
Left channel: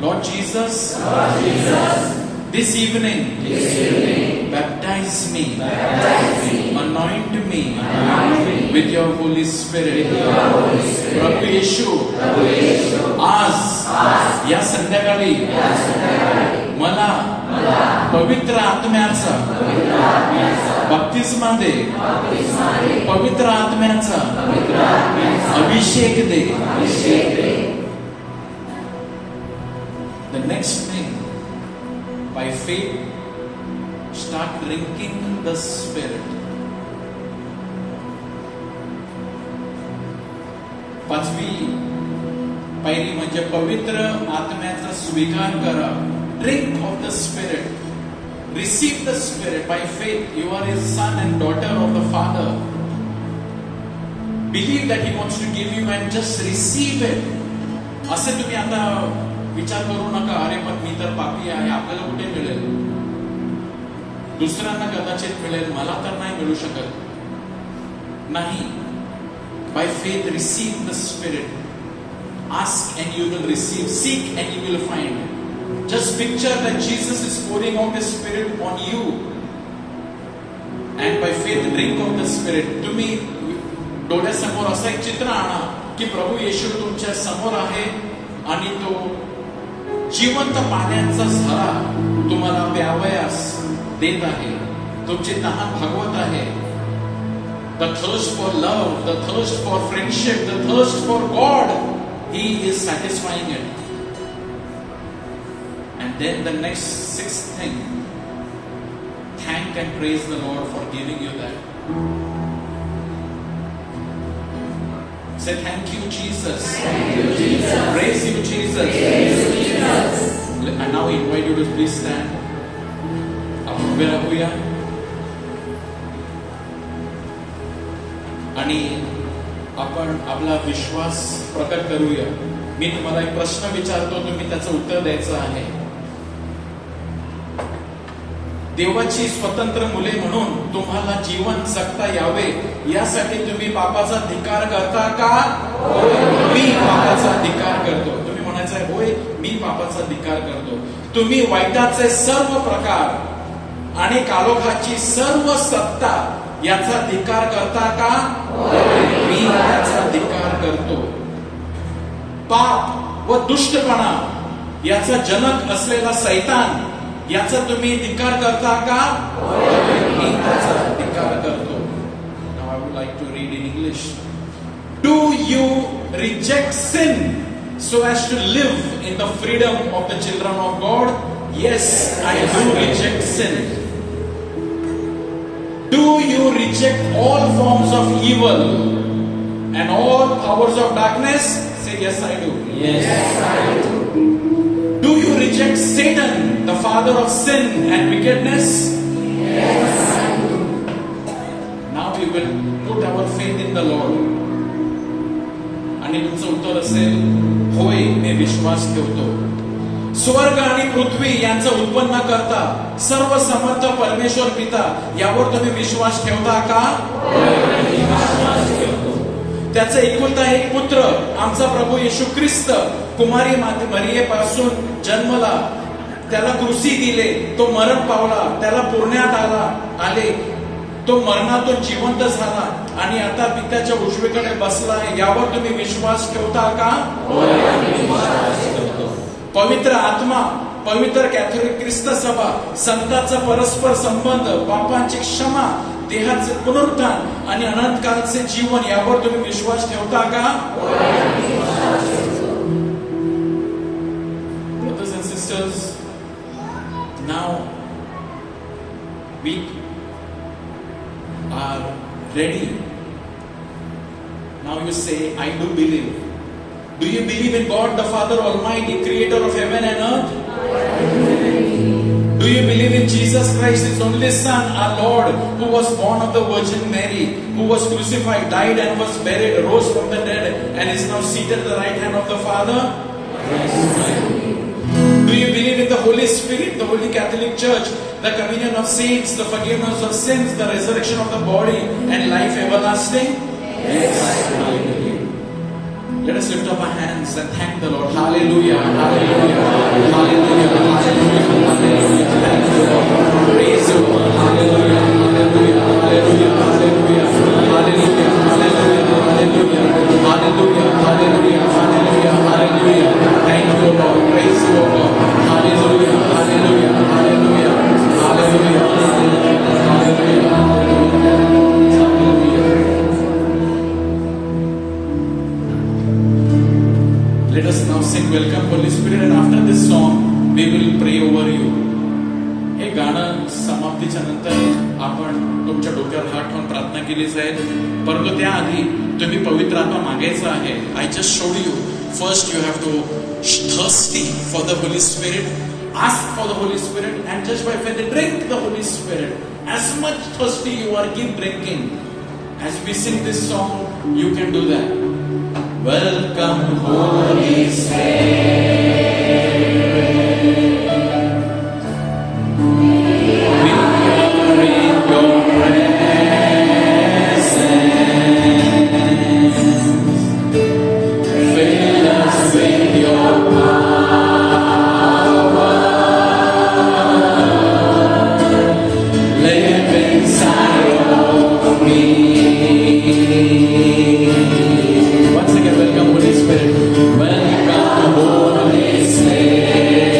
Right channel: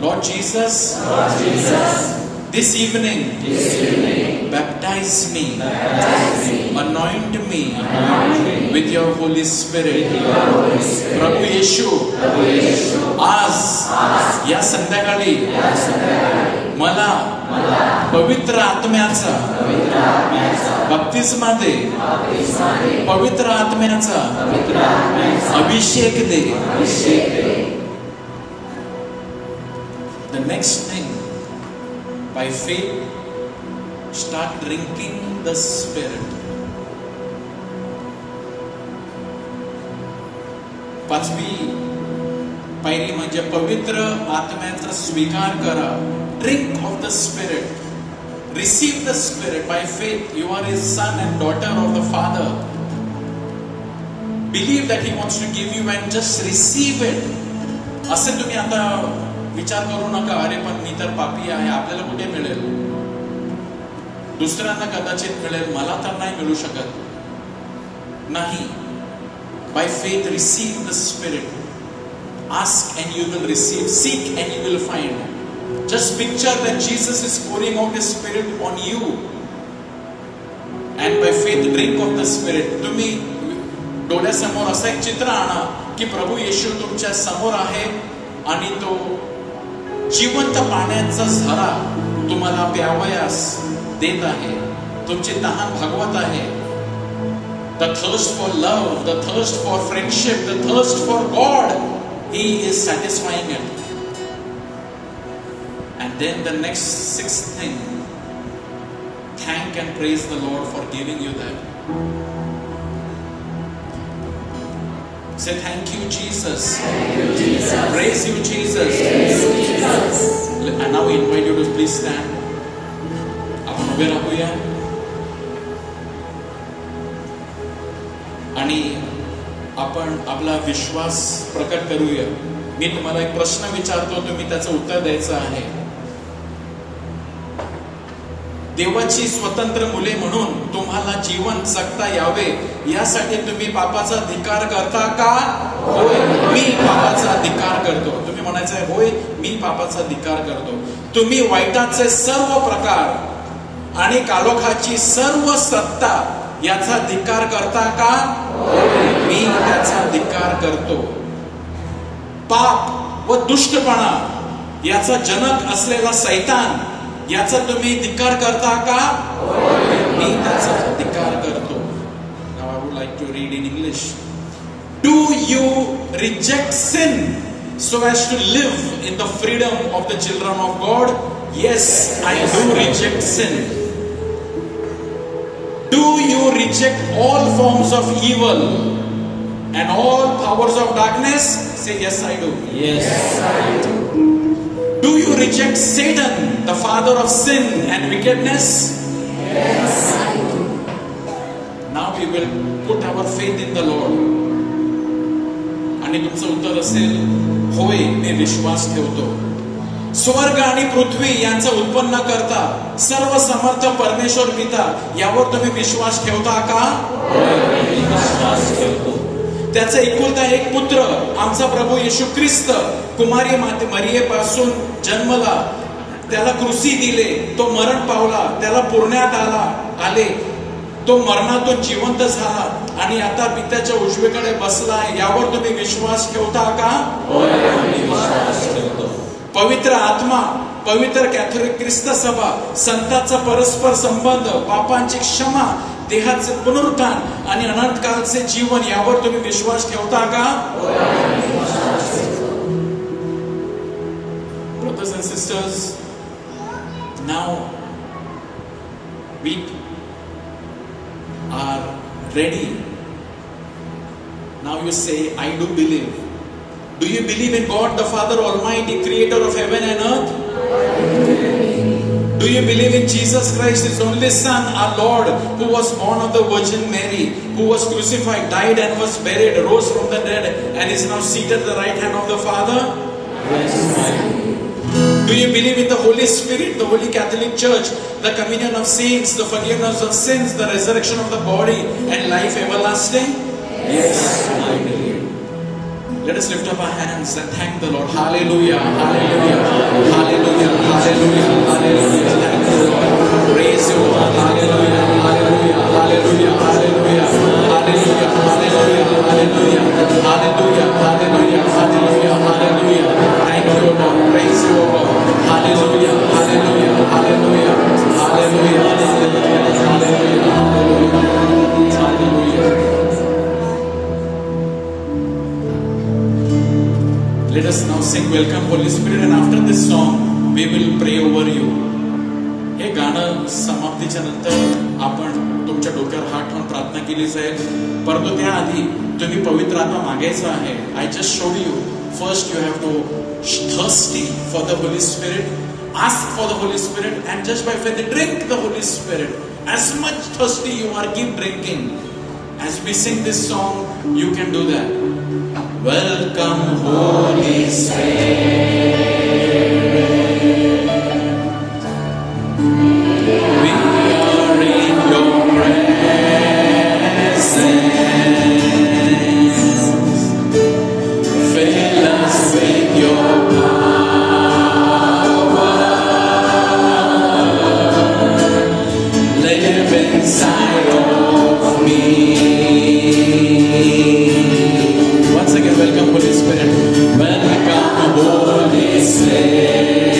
Lord Jesus, this evening, baptize me, anoint me with your Holy Spirit. प्रभू येशू, आज या संध्याकाळी मला पवित्र आत्म्याचा बप्तिस्मा दे, पवित्र आत्म्याचा अभिषेक दे. The next thing, by faith, start drinking the Spirit. पाचवी पायरी म्हणजे पवित्र आत्म्याचा स्वीकार करा. Drink of the Spirit. Receive the Spirit by faith. You are His son and daughter of the Father. Believe that He wants to give you and just receive it. असे तुम्ही आता विचार करू नका, अरे पण मी तर पापी आहे, आपल्याला कुठे मिळेल? दुसऱ्यांना कदाचित मिळेल, मला तर नाही मिळू शकत. नाही. By faith receive the Spirit. Ask and you will receive. Seek and you will find. Just picture that Jesus is pouring out His Spirit on you. And by faith drink of the Spirit. तुम्ही डोळ्यासमोर असं एक चित्र आणा की प्रभू येशू तुमच्या समोर आहे आणि तो जिवंत पाण्याचा झरा तुम्हाला प्यावयास देत आहे. तुमची तहान भागवत आहे. The thirst for love, the thirst for friendship, the thirst for God, He is satisfying it. And then the next sixth thing, thank and praise the Lord for giving you that. Say thank you, Jesus. Thank you, Jesus. Praise you, Jesus. Praise you, Jesus. And now we invite you to please stand. आपण उभे राहूया आणि आपण आपला विश्वास प्रकट करूया. मी तुम्हाला एक प्रश्न विचारतो, तुम्ही त्याचं उत्तर द्यायचं आहे. देवाची स्वतंत्र मुले म्हणून तुम्हाला जीवन जगता यावे यासाठी तुम्ही पापाचा धिक्कार करता का? मी पापाचा धिक्कार करतो. तुम्ही म्हणायचं आहे, होय मी पापाचा धिक्कार करतो. तुम्ही वाईटाचे सर्व प्रकार आणि कालोखाची सर्व सत्ता याचा धिक्कार करता का? मी याचा धिक्कार करतो. पाप व दुष्टपणा याचा जनक असलेला सैतान याचा तुम्ही धिक्कार करता का? मी त्याचा धिक्कार करतो. Now I would like to read in English. Do you reject sin so as to live in the freedom of the children of God? Yes, I do reject sin. reject all forms of evil and all powers of darkness? Say, yes, I do. Yes, I do. Do you reject Satan, the father of sin and wickedness? Yes, I do. Now we will put our faith in the Lord. आणि तुमचं उत्तर असेल, होय, मी विश्वास ठेवतो. स्वर्ग आणि पृथ्वी यांचं उत्पन्न करता सर्व समर्थ परमेश्वर पिता यावर तुम्ही विश्वास ठेवता का? त्याचा एकुलता एक पुत्र आमचा प्रभू येशू ख्रिस्त कुमारी माते मरियेपासून जन्मला, त्याला क्रूसी दिले, तो मरण पावला, त्याला पुरण्यात आले, तो मरणातून जिवंत झाला आणि आता पित्याच्या उजवीकडे बसलाय, यावर तुम्ही विश्वास ठेवता का? पवित्र आत्मा, पवित्र कॅथोलिक ख्रिस्त सभा, संतांचा परस्पर संबंध, पापांची क्षमा, देहाचे पुनरुत्थान आणि अनंत काळचे जीवन, यावर तुम्ही विश्वास ठेवता का? Brothers and sisters, now we are ready. Now you say, I do believe. Do you believe in God the Father Almighty, creator of heaven and earth? Do you believe in Jesus Christ, His only Son, our Lord, who was born of the Virgin Mary, who was crucified, died and was buried, rose from the dead, and is now seated at the right hand of the Father? Yes. Do you believe in the Holy Spirit, the Holy Catholic Church, the communion of saints, the forgiveness of sins, the resurrection of the body, and life everlasting? Yes, I believe. Let us lift up our hands and thank the Lord. Hallelujah, hallelujah, hallelujah, hallelujah, hallelujah. Praise the Lord. Hallelujah, hallelujah, hallelujah, hallelujah, hallelujah, hallelujah, hallelujah, hallelujah, hallelujah, hallelujah, hallelujah. Thank you, Lord. Praise you, Lord. Hallelujah, hallelujah, hallelujah, hallelujah, hallelujah, hallelujah. Let us now sing Welcome Holy Spirit, and after this song we will pray over you. हे गाणं समाप्तीच्या नंतर आपण तुमच्या डोक्यावर हात ठेवून प्रार्थना केली जाईल, परंतु त्याआधी तुम्ही पवित्र आत्मा मागायचा आहे. I just showed you. First you have to thirsty for the Holy Spirit, ask for the Holy Spirit, and just by faith drink the Holy Spirit. As much thirsty you are, keep drinking. As we sing this song, you can do that. Welcome, Holy Spirit. We are in your presence. Fill us with your power. Live inside of me. Once again, welcome Holy Spirit. Welcome Holy Spirit.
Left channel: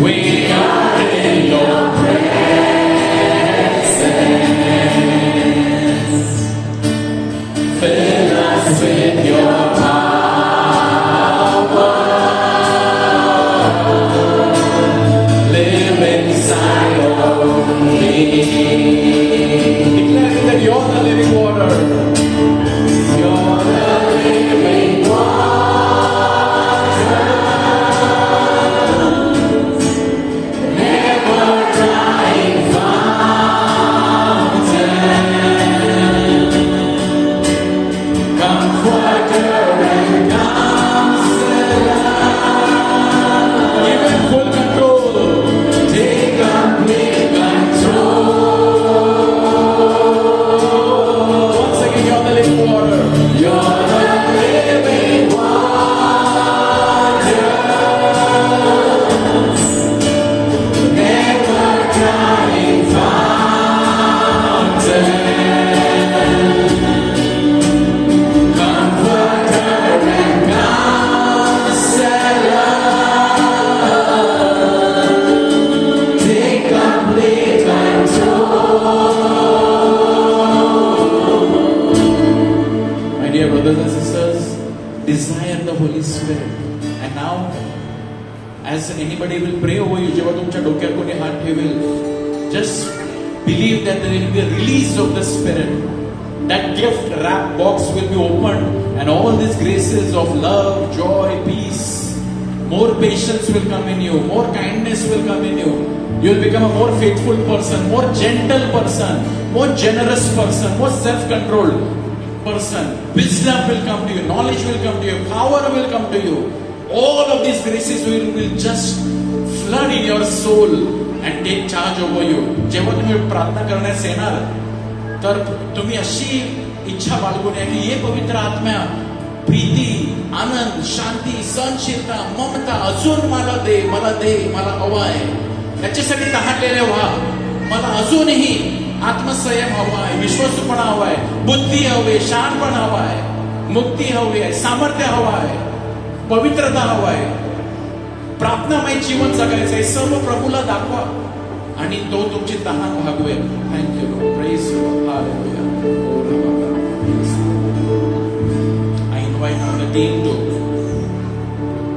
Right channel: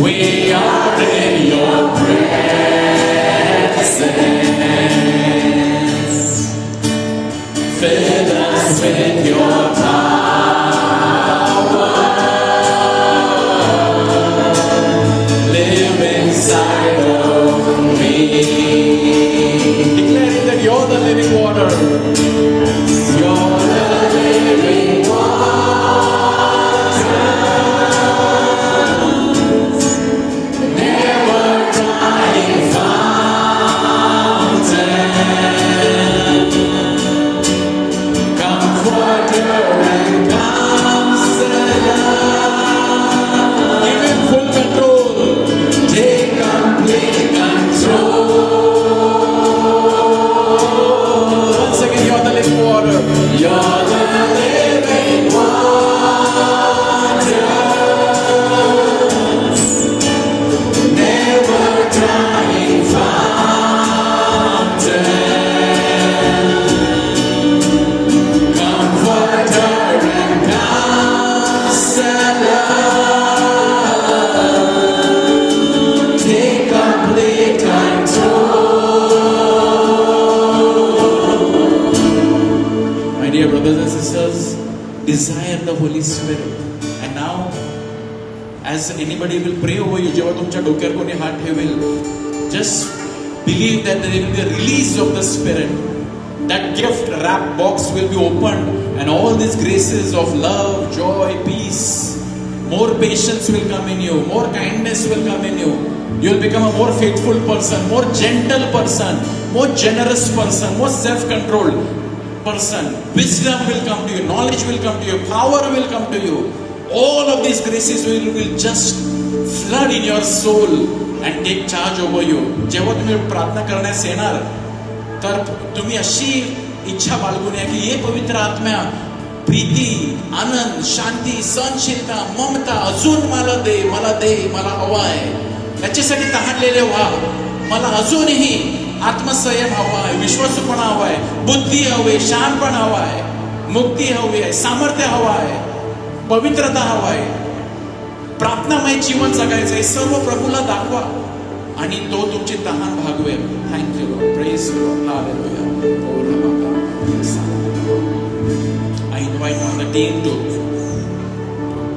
We are in your presence. Fill us with your power. Live inside of me. Declaring that you're the living water. You're the living water. Never dying fountain. Comforter and counselor. Give him full control. Take complete control. Once again, you're the living water. You're the living water. Never dying fountain. Comforter and counselor. Take complete control. My dear brothers and sisters, desire the Holy Spirit. And now, as anybody will pray over you, जेव्हा तुमच्या डोक्यावर कोणी हात ठेवेल, just believe that there will be a release of the Spirit. That gift wrap box will be opened and all these graces of love, joy, peace, more patience will come in you, more kindness will come in you. You will become a more faithful person, more gentle person, more generous person, more self-controlled person. Wisdom will come to you, knowledge will come to you, power will come to you. All of these graces will just flood in your soul and take charge over you. जेव्हा तुम्ही प्रार्थना करण्यास येणार तर तुम्ही अशी इच्छा बाळगून या की ये पवित्र आत्म्या प्रीती, आनंद, शांती, सहनशीलता, ममता अजून मला दे, मला हवा आहे. याच्यासाठी तहानलेले व्हा. मला अजूनही आत्मसंयम हवा आहे, विश्वासूपणा हवा आहे, बुद्धी हवी, शहाणपणा हवा आहे, मुक्ती हवी आहे, सामर्थ्य हवा आहे, पवित्रता हवा आहे, प्रार्थनामय जीवन जगायचं आहे. सर्व प्रभूला दाखवा आणि तो तुमची तहान भागवेल. Thank you lord. Praise lord. Hallelujah. I invite the team to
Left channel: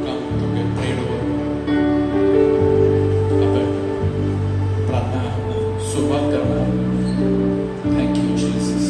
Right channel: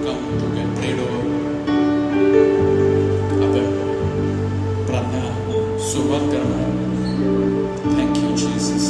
come to get prayed over. आपण प्रार्थना सुरुवात करणार. Thank you Jesus.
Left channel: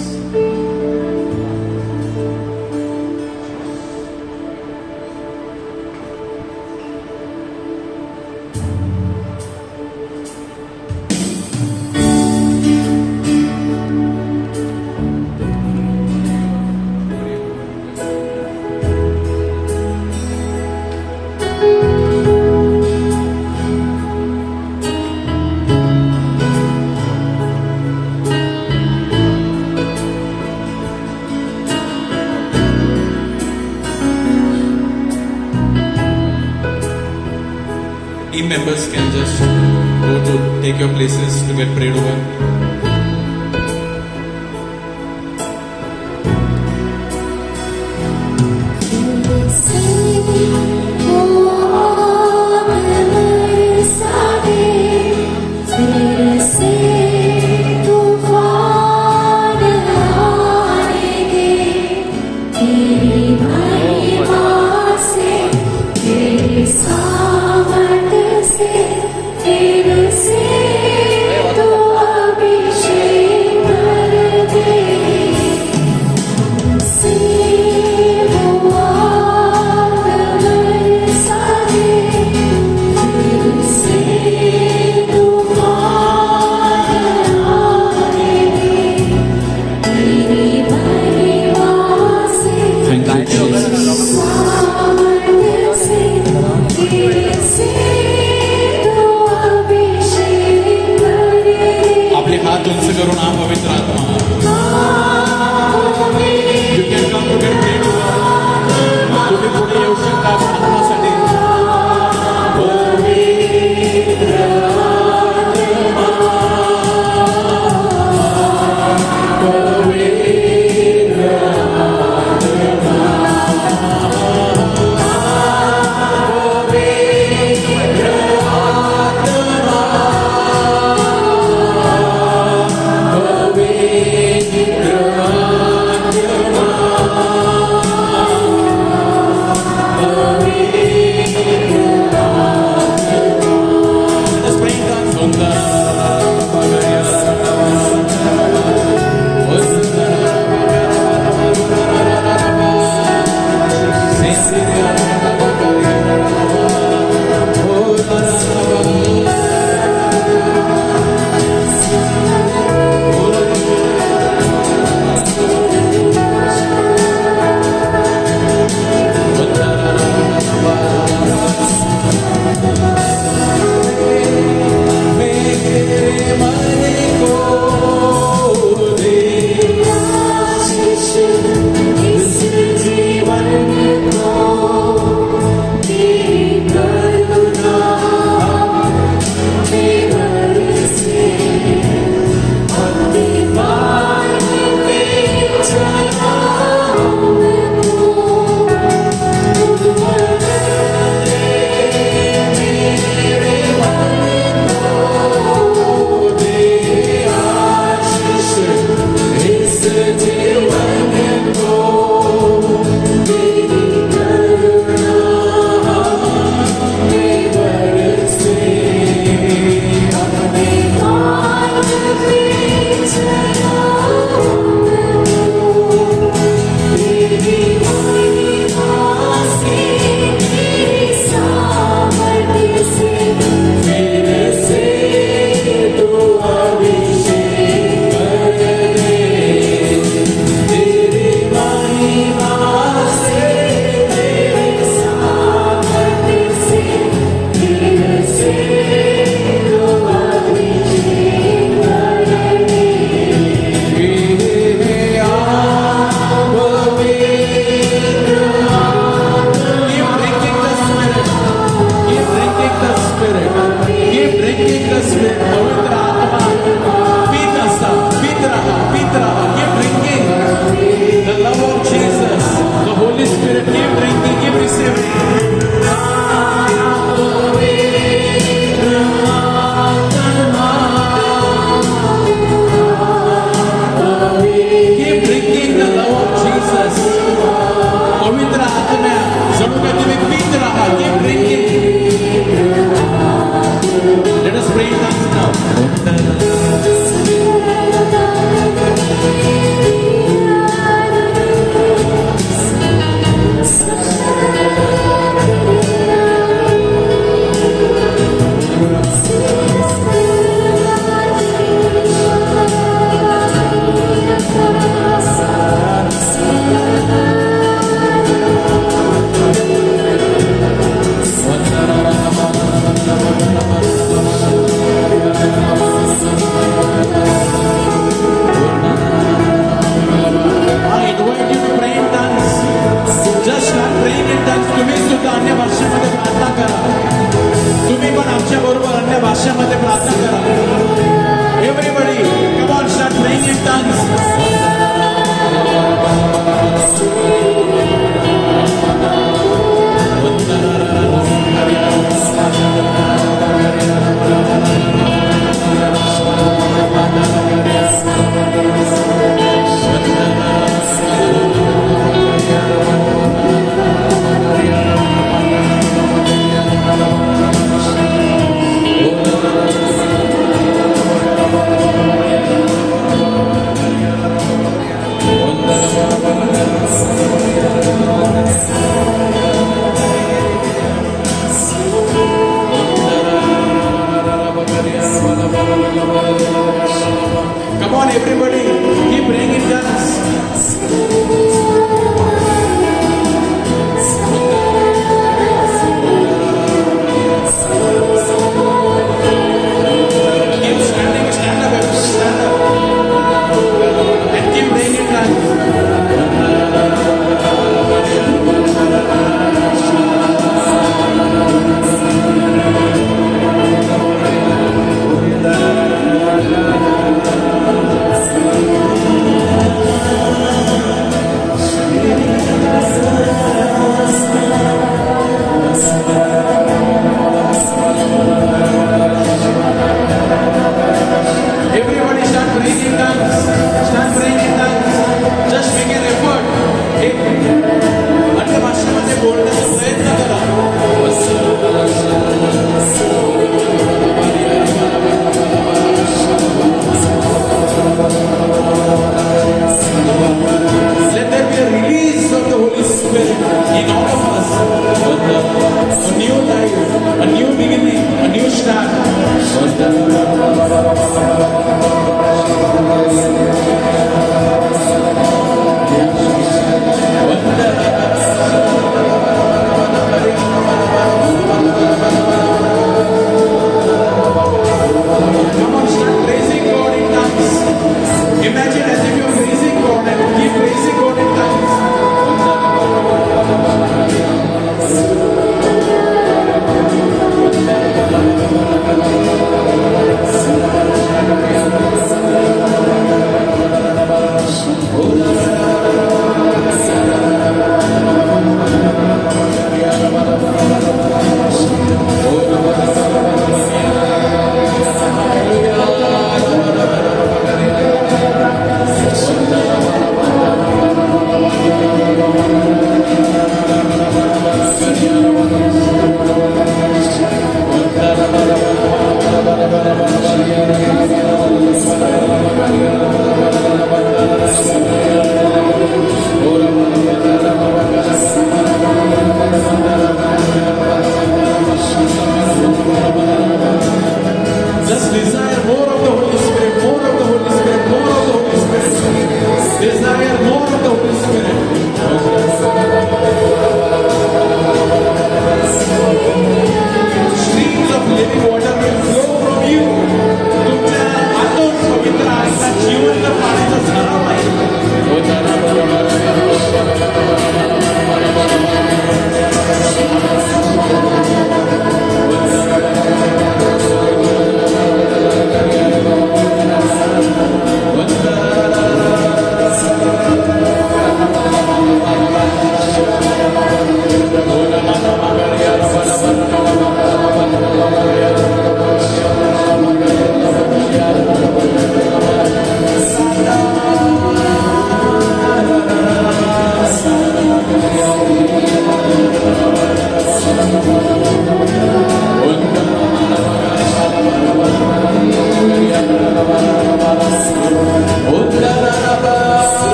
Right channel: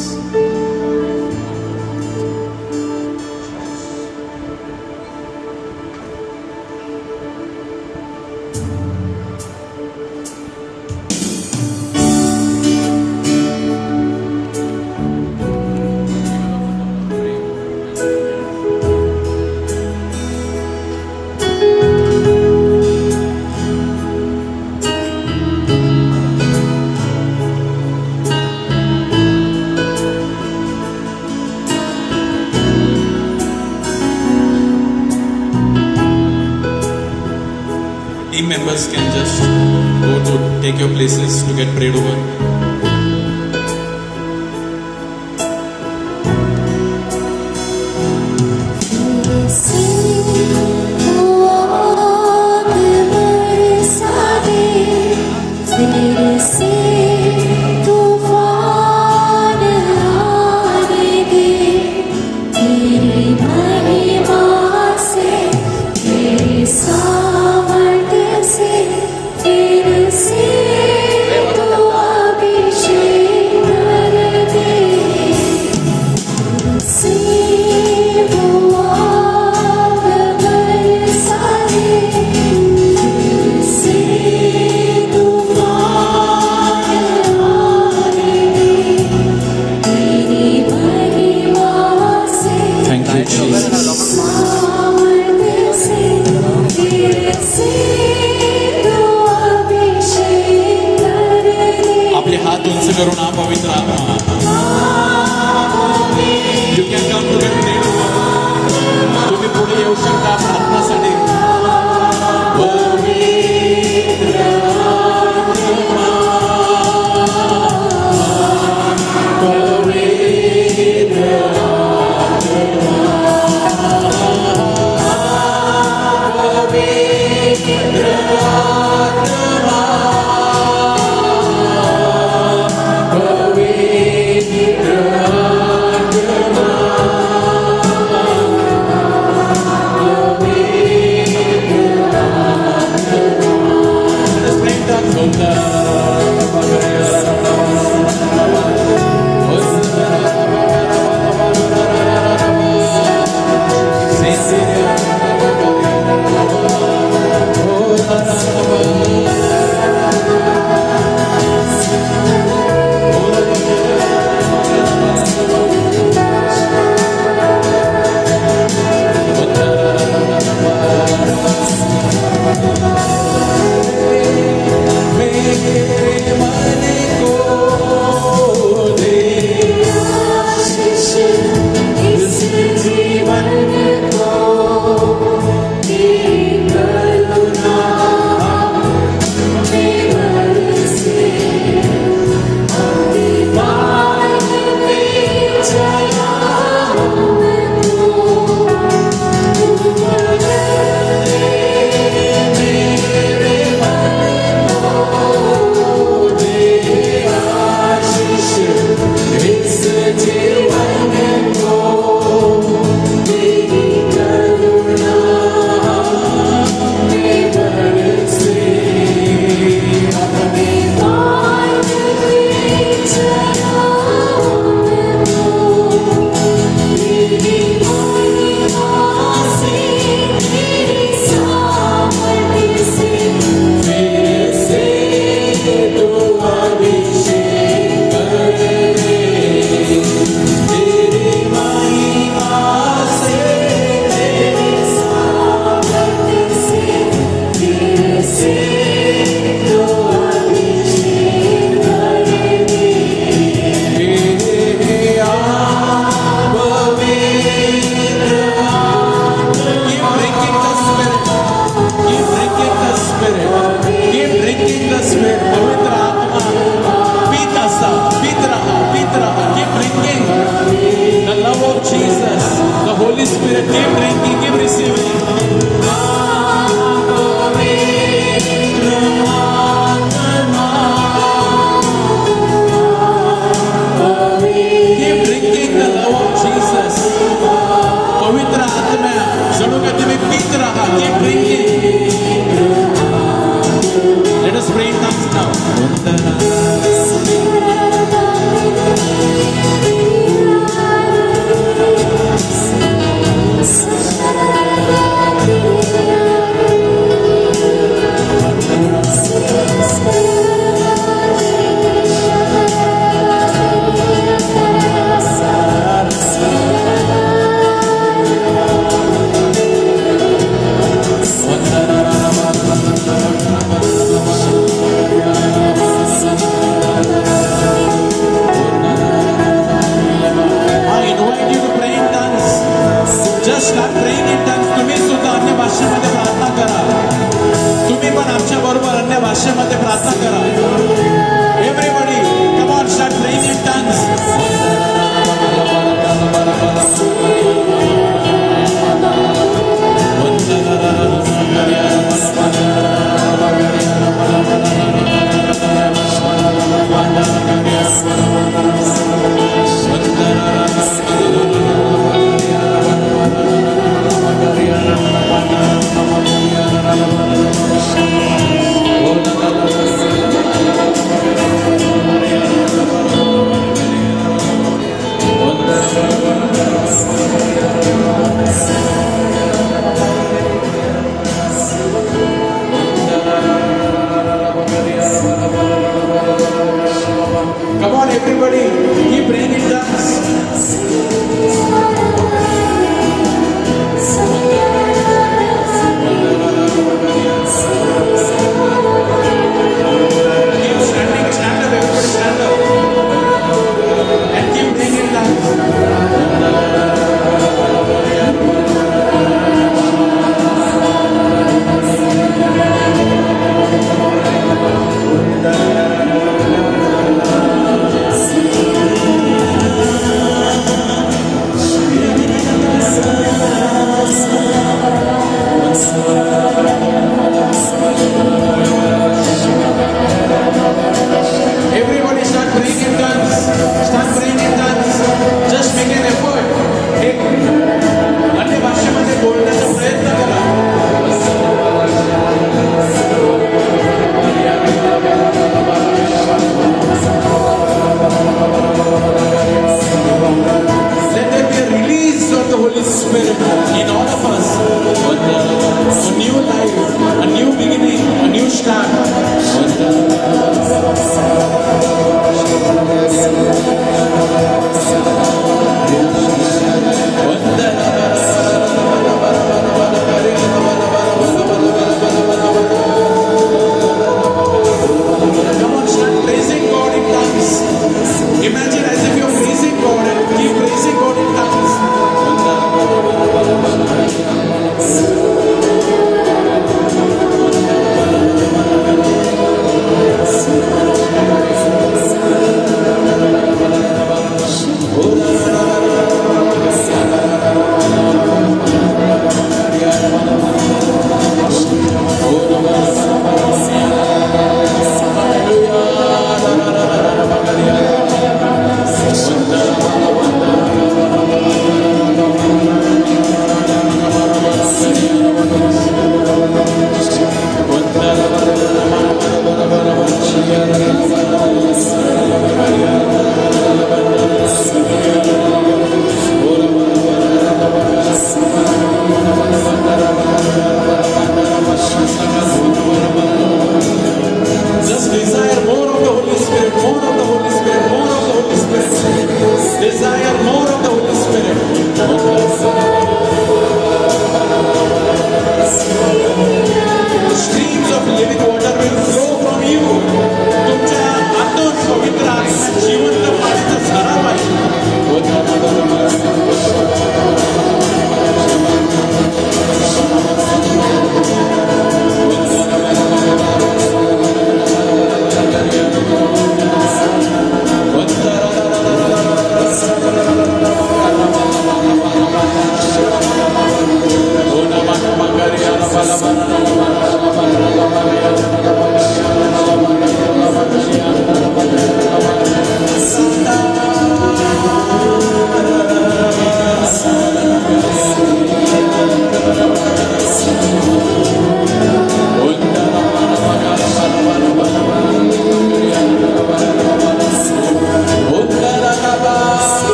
Team members can just go to take your places to get prayed over. आपले हात उंच करून हा पवित्र आत्मा. You can come to get prayed over. तुम्ही पुढे येऊ शकता प्रार्थनेसाठी. भाषेमध्ये प्रार्थना करा. Everybody, come on, start praying in tongues. Oh,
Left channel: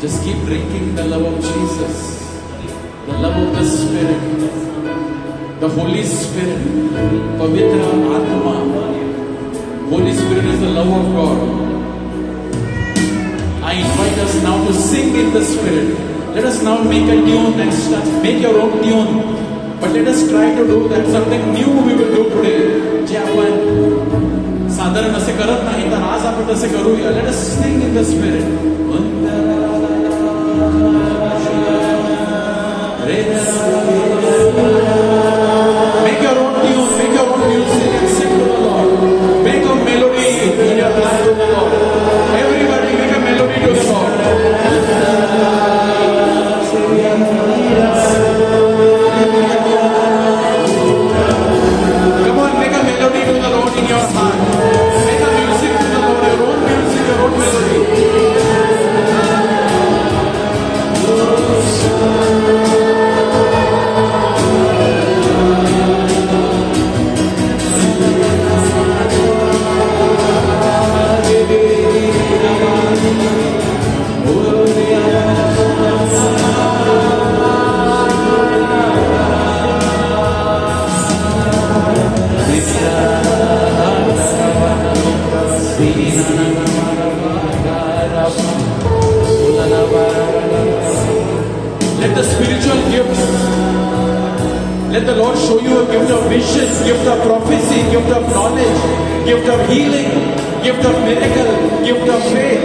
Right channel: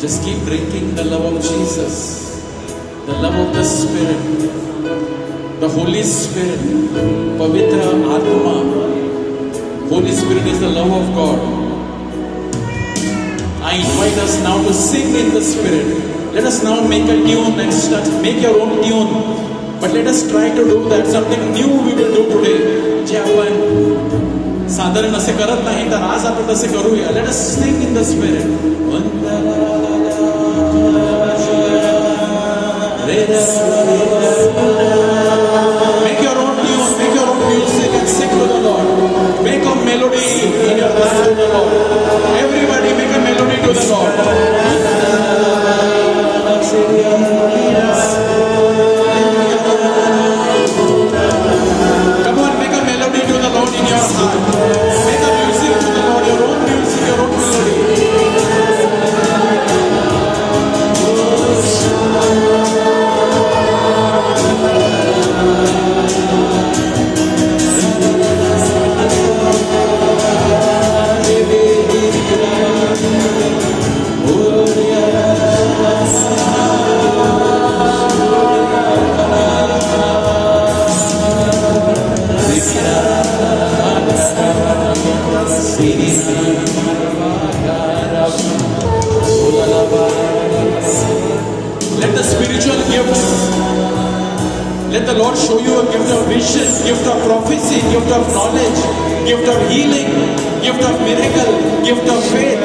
Just keep drinking the love of Jesus, the love of the Spirit, the Holy Spirit, Pavitra Atma. Holy Spirit is the love of God. I invite us now to sing in the Spirit. Let us now make a tune and start. Make your own tune. But let us try to do that. Something new we will do today. जे आपण साधारण असे करत नाही तर आज आपण तसे करूया. Let us sing in the Spirit. Make your own tune, make your own music and sing to the Lord. Make a melody in your heart to the Lord. Everybody make a melody to the Lord. Come on, make a melody to the Lord in your heart. Make a music to the Lord, your own music, your own melody. Let the spiritual gifts, let the Lord show you a gift of vision, gift of prophecy, gift of knowledge, gift of healing, gift of miracle, gift of faith.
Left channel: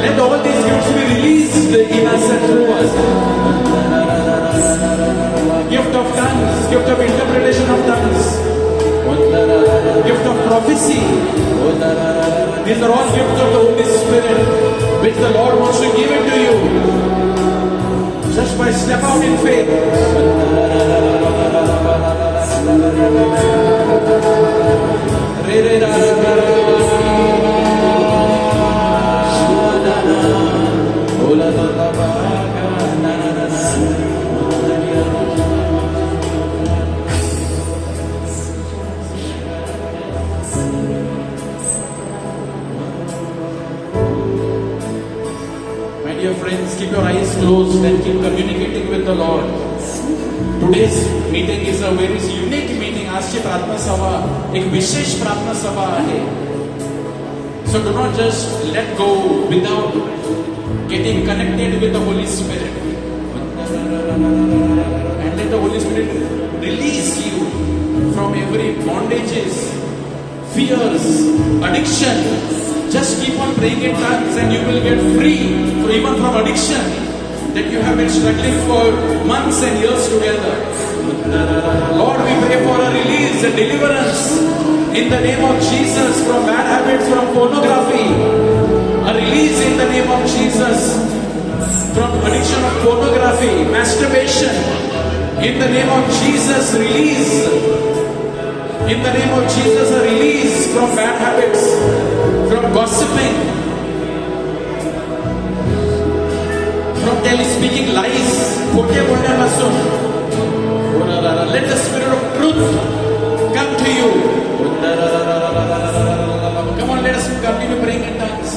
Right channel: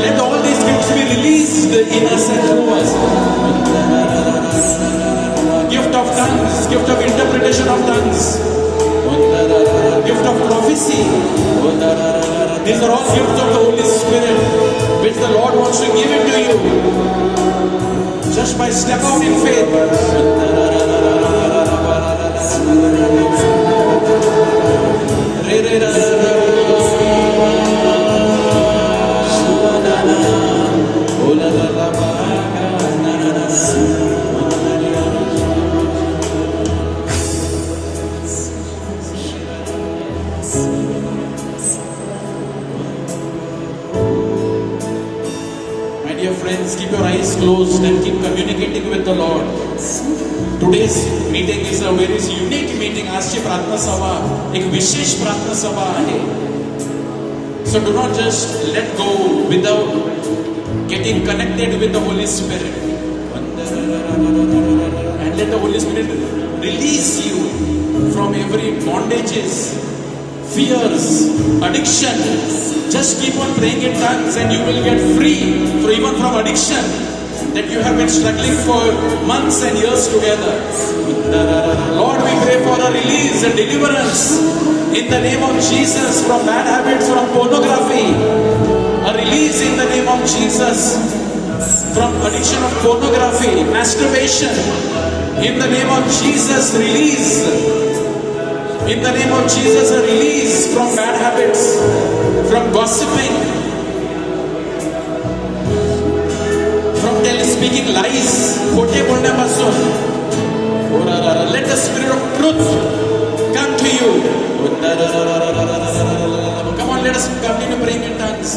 Let all these gifts be released in us and through us. Gift of tongues, gift of interpretation of tongues, gift of prophecy. These are all gifts of the Holy Spirit, which the Lord wants to give it to you. Just by step out in faith. My dear friends, keep your eyes closed and keep communicating with the Lord. Today's meeting is a very unique meeting. आजची प्रार्थना सभा एक विशेष प्रार्थना सभा आहे. So do not just let go without getting connected with the Holy Spirit. And let the Holy Spirit release you from every bondages, fears, addiction. Just keep on praying in tongues and you will get free even from addiction that you have been struggling for months and years together. Lord, we pray for a release and deliverance in the name of Jesus from bad habits, from pornography. A release in the name of Jesus from addiction of pornography, masturbation. In the name of Jesus, release. In the name of Jesus, a release from bad habits, from gossiping, from speaking lies. Let the Spirit of truth come to you. Come on, let us continue praying in tongues.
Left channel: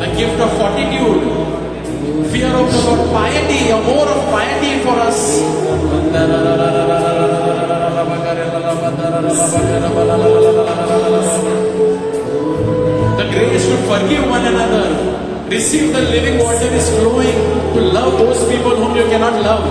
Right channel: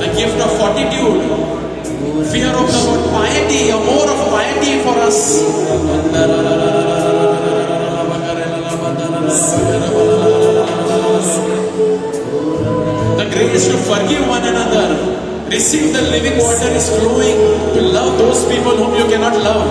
The gift of fortitude, fear of the Lord, piety, or more of piety for us. The grace to forgive one another. Receive the living water is flowing to love those people whom you cannot love.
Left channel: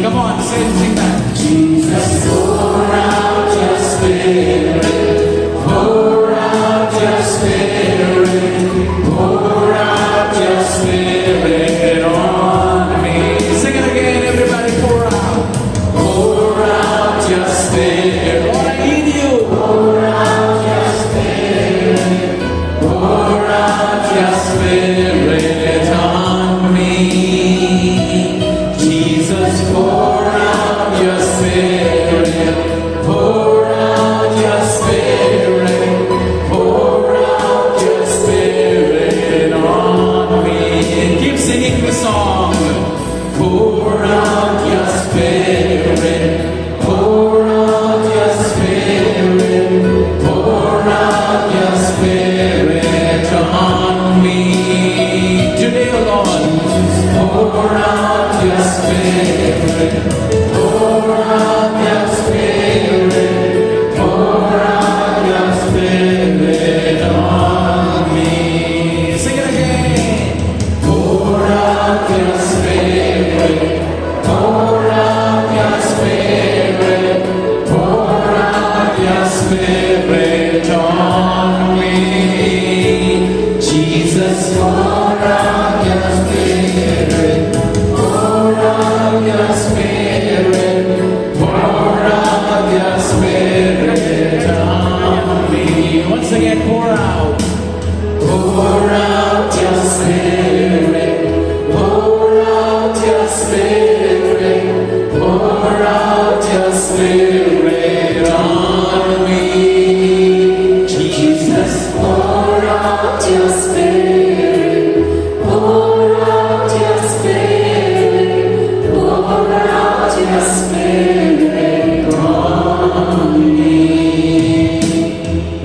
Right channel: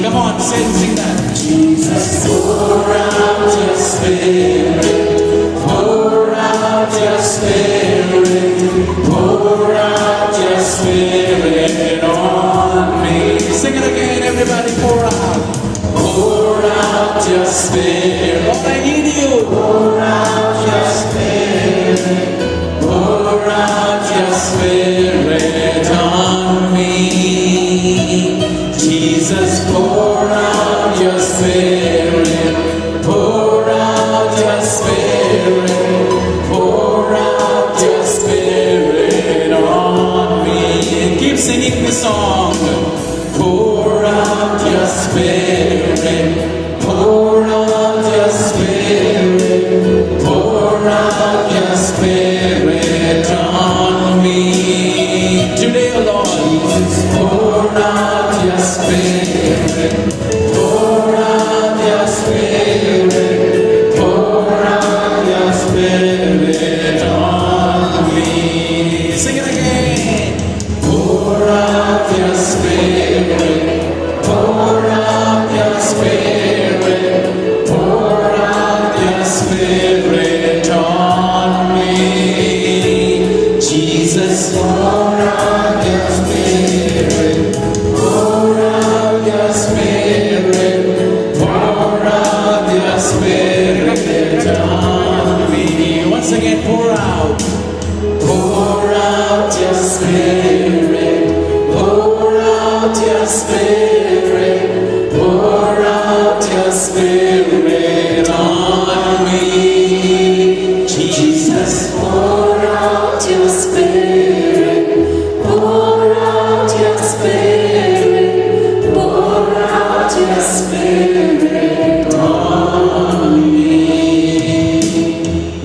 Come on, sing that. Jesus, pour out your Spirit, pour out your Spirit, pour out your Spirit on me. Sing it again, everybody. Pour out your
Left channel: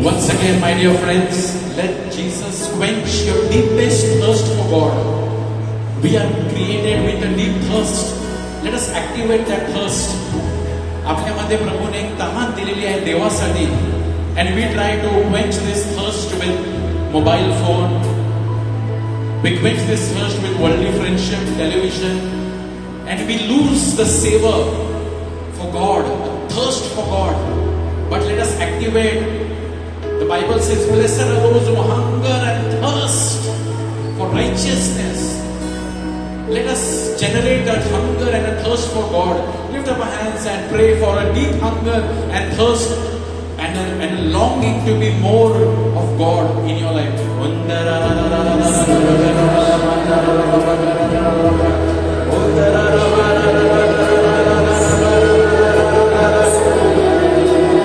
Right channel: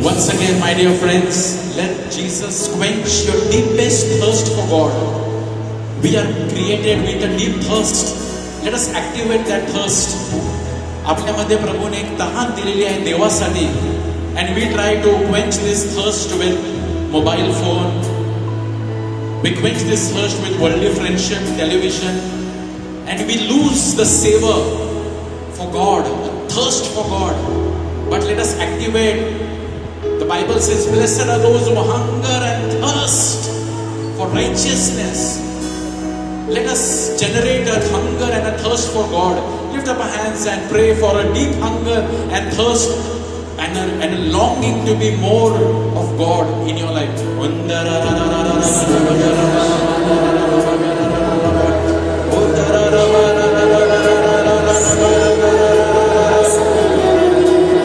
Once again, my dear friends, let Jesus quench your deepest thirst for God. We are created with a deep thirst. Let us activate that thirst. आपल्यामध्ये प्रभूने एक तहान दिलेली आहे देवासाठी. And we try to quench this thirst with mobile phone. We quench this thirst with worldly friendship, television. And we lose the savor for God, the thirst for God. But let us activate. The Bible says, blessed are those who hunger and thirst for righteousness. Let us generate a hunger and a thirst for God. Lift up our hands and pray for a deep hunger and thirst and a longing to be more of God in your life.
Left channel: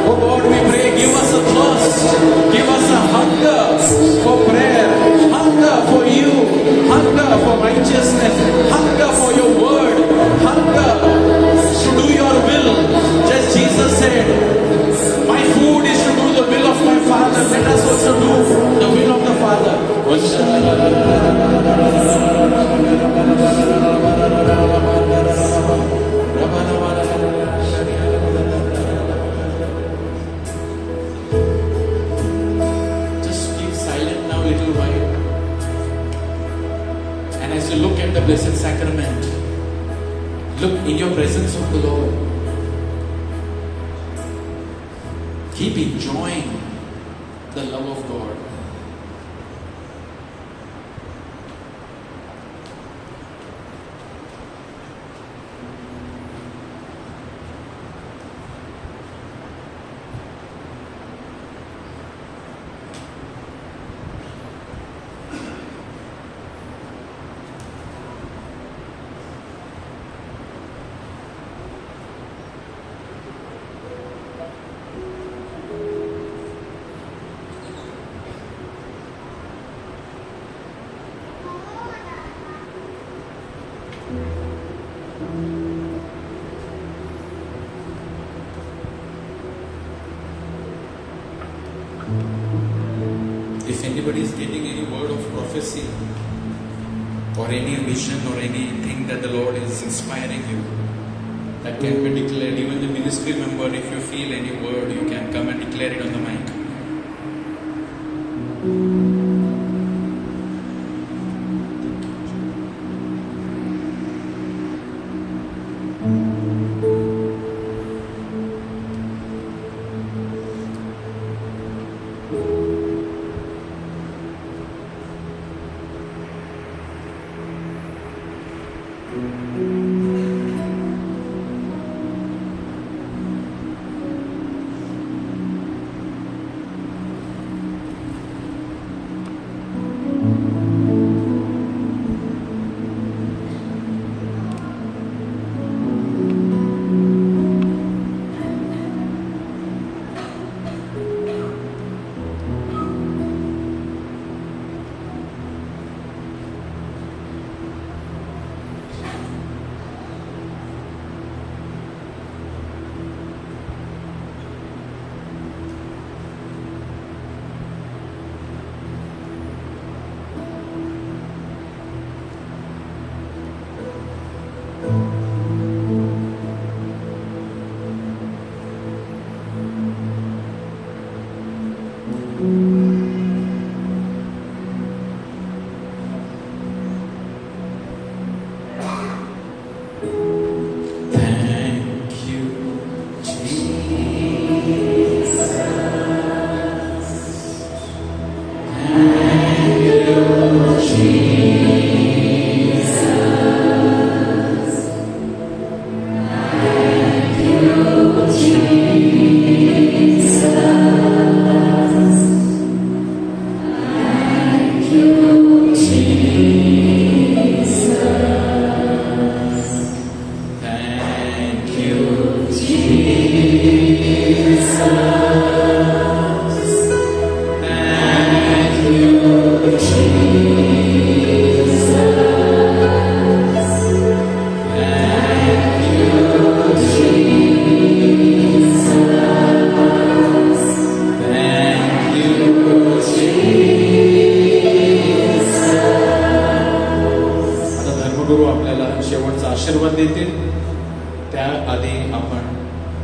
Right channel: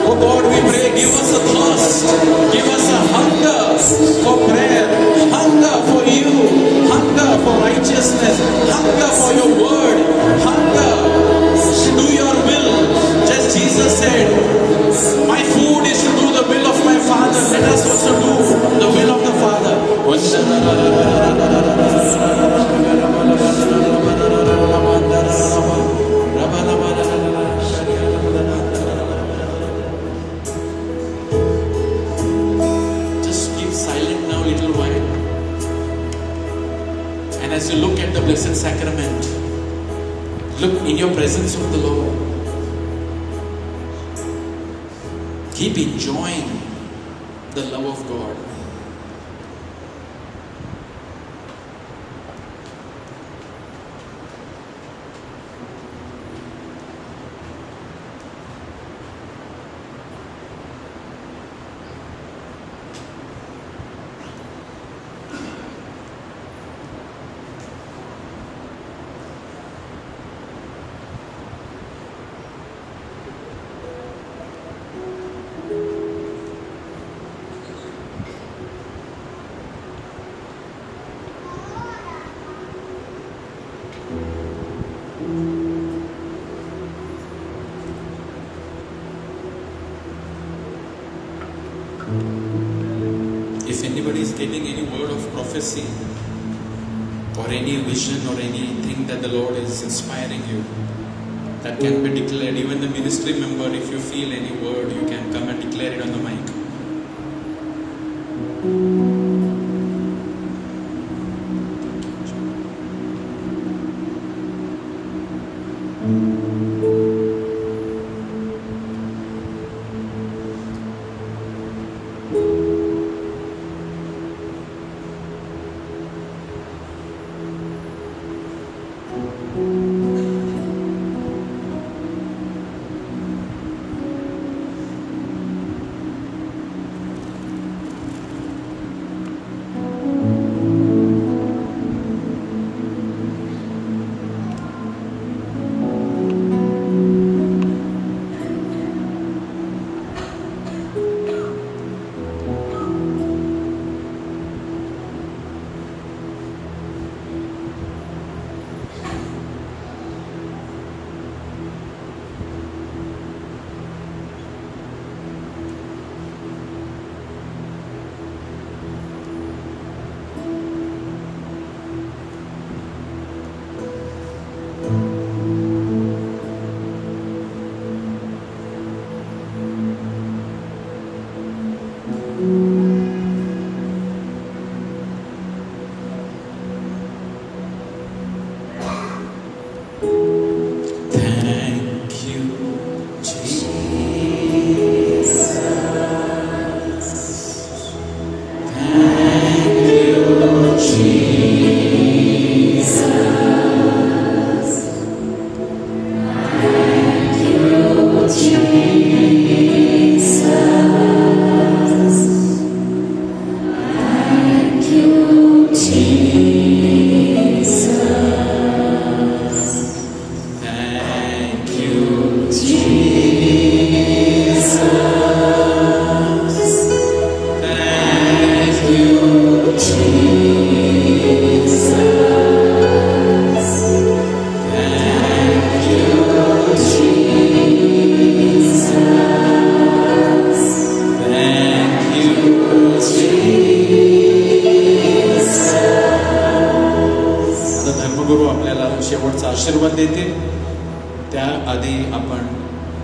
Oh God, we pray, give us a thirst, give us a hunger for prayer, hunger for you, hunger for righteousness, hunger for your word, hunger to do your will. Just Jesus said, my food is to do the will of my Father. Let us also do the will of the Father. Just keep silent now a little while. And as you look at the Blessed Sacrament, look in your presence of the Lord. Keep enjoying the love of God. If anybody is getting any word of prophecy or any vision or anything that the Lord is inspiring you, that can be declared. Even the ministry member, if you feel any word, you can come and declare it on the mic.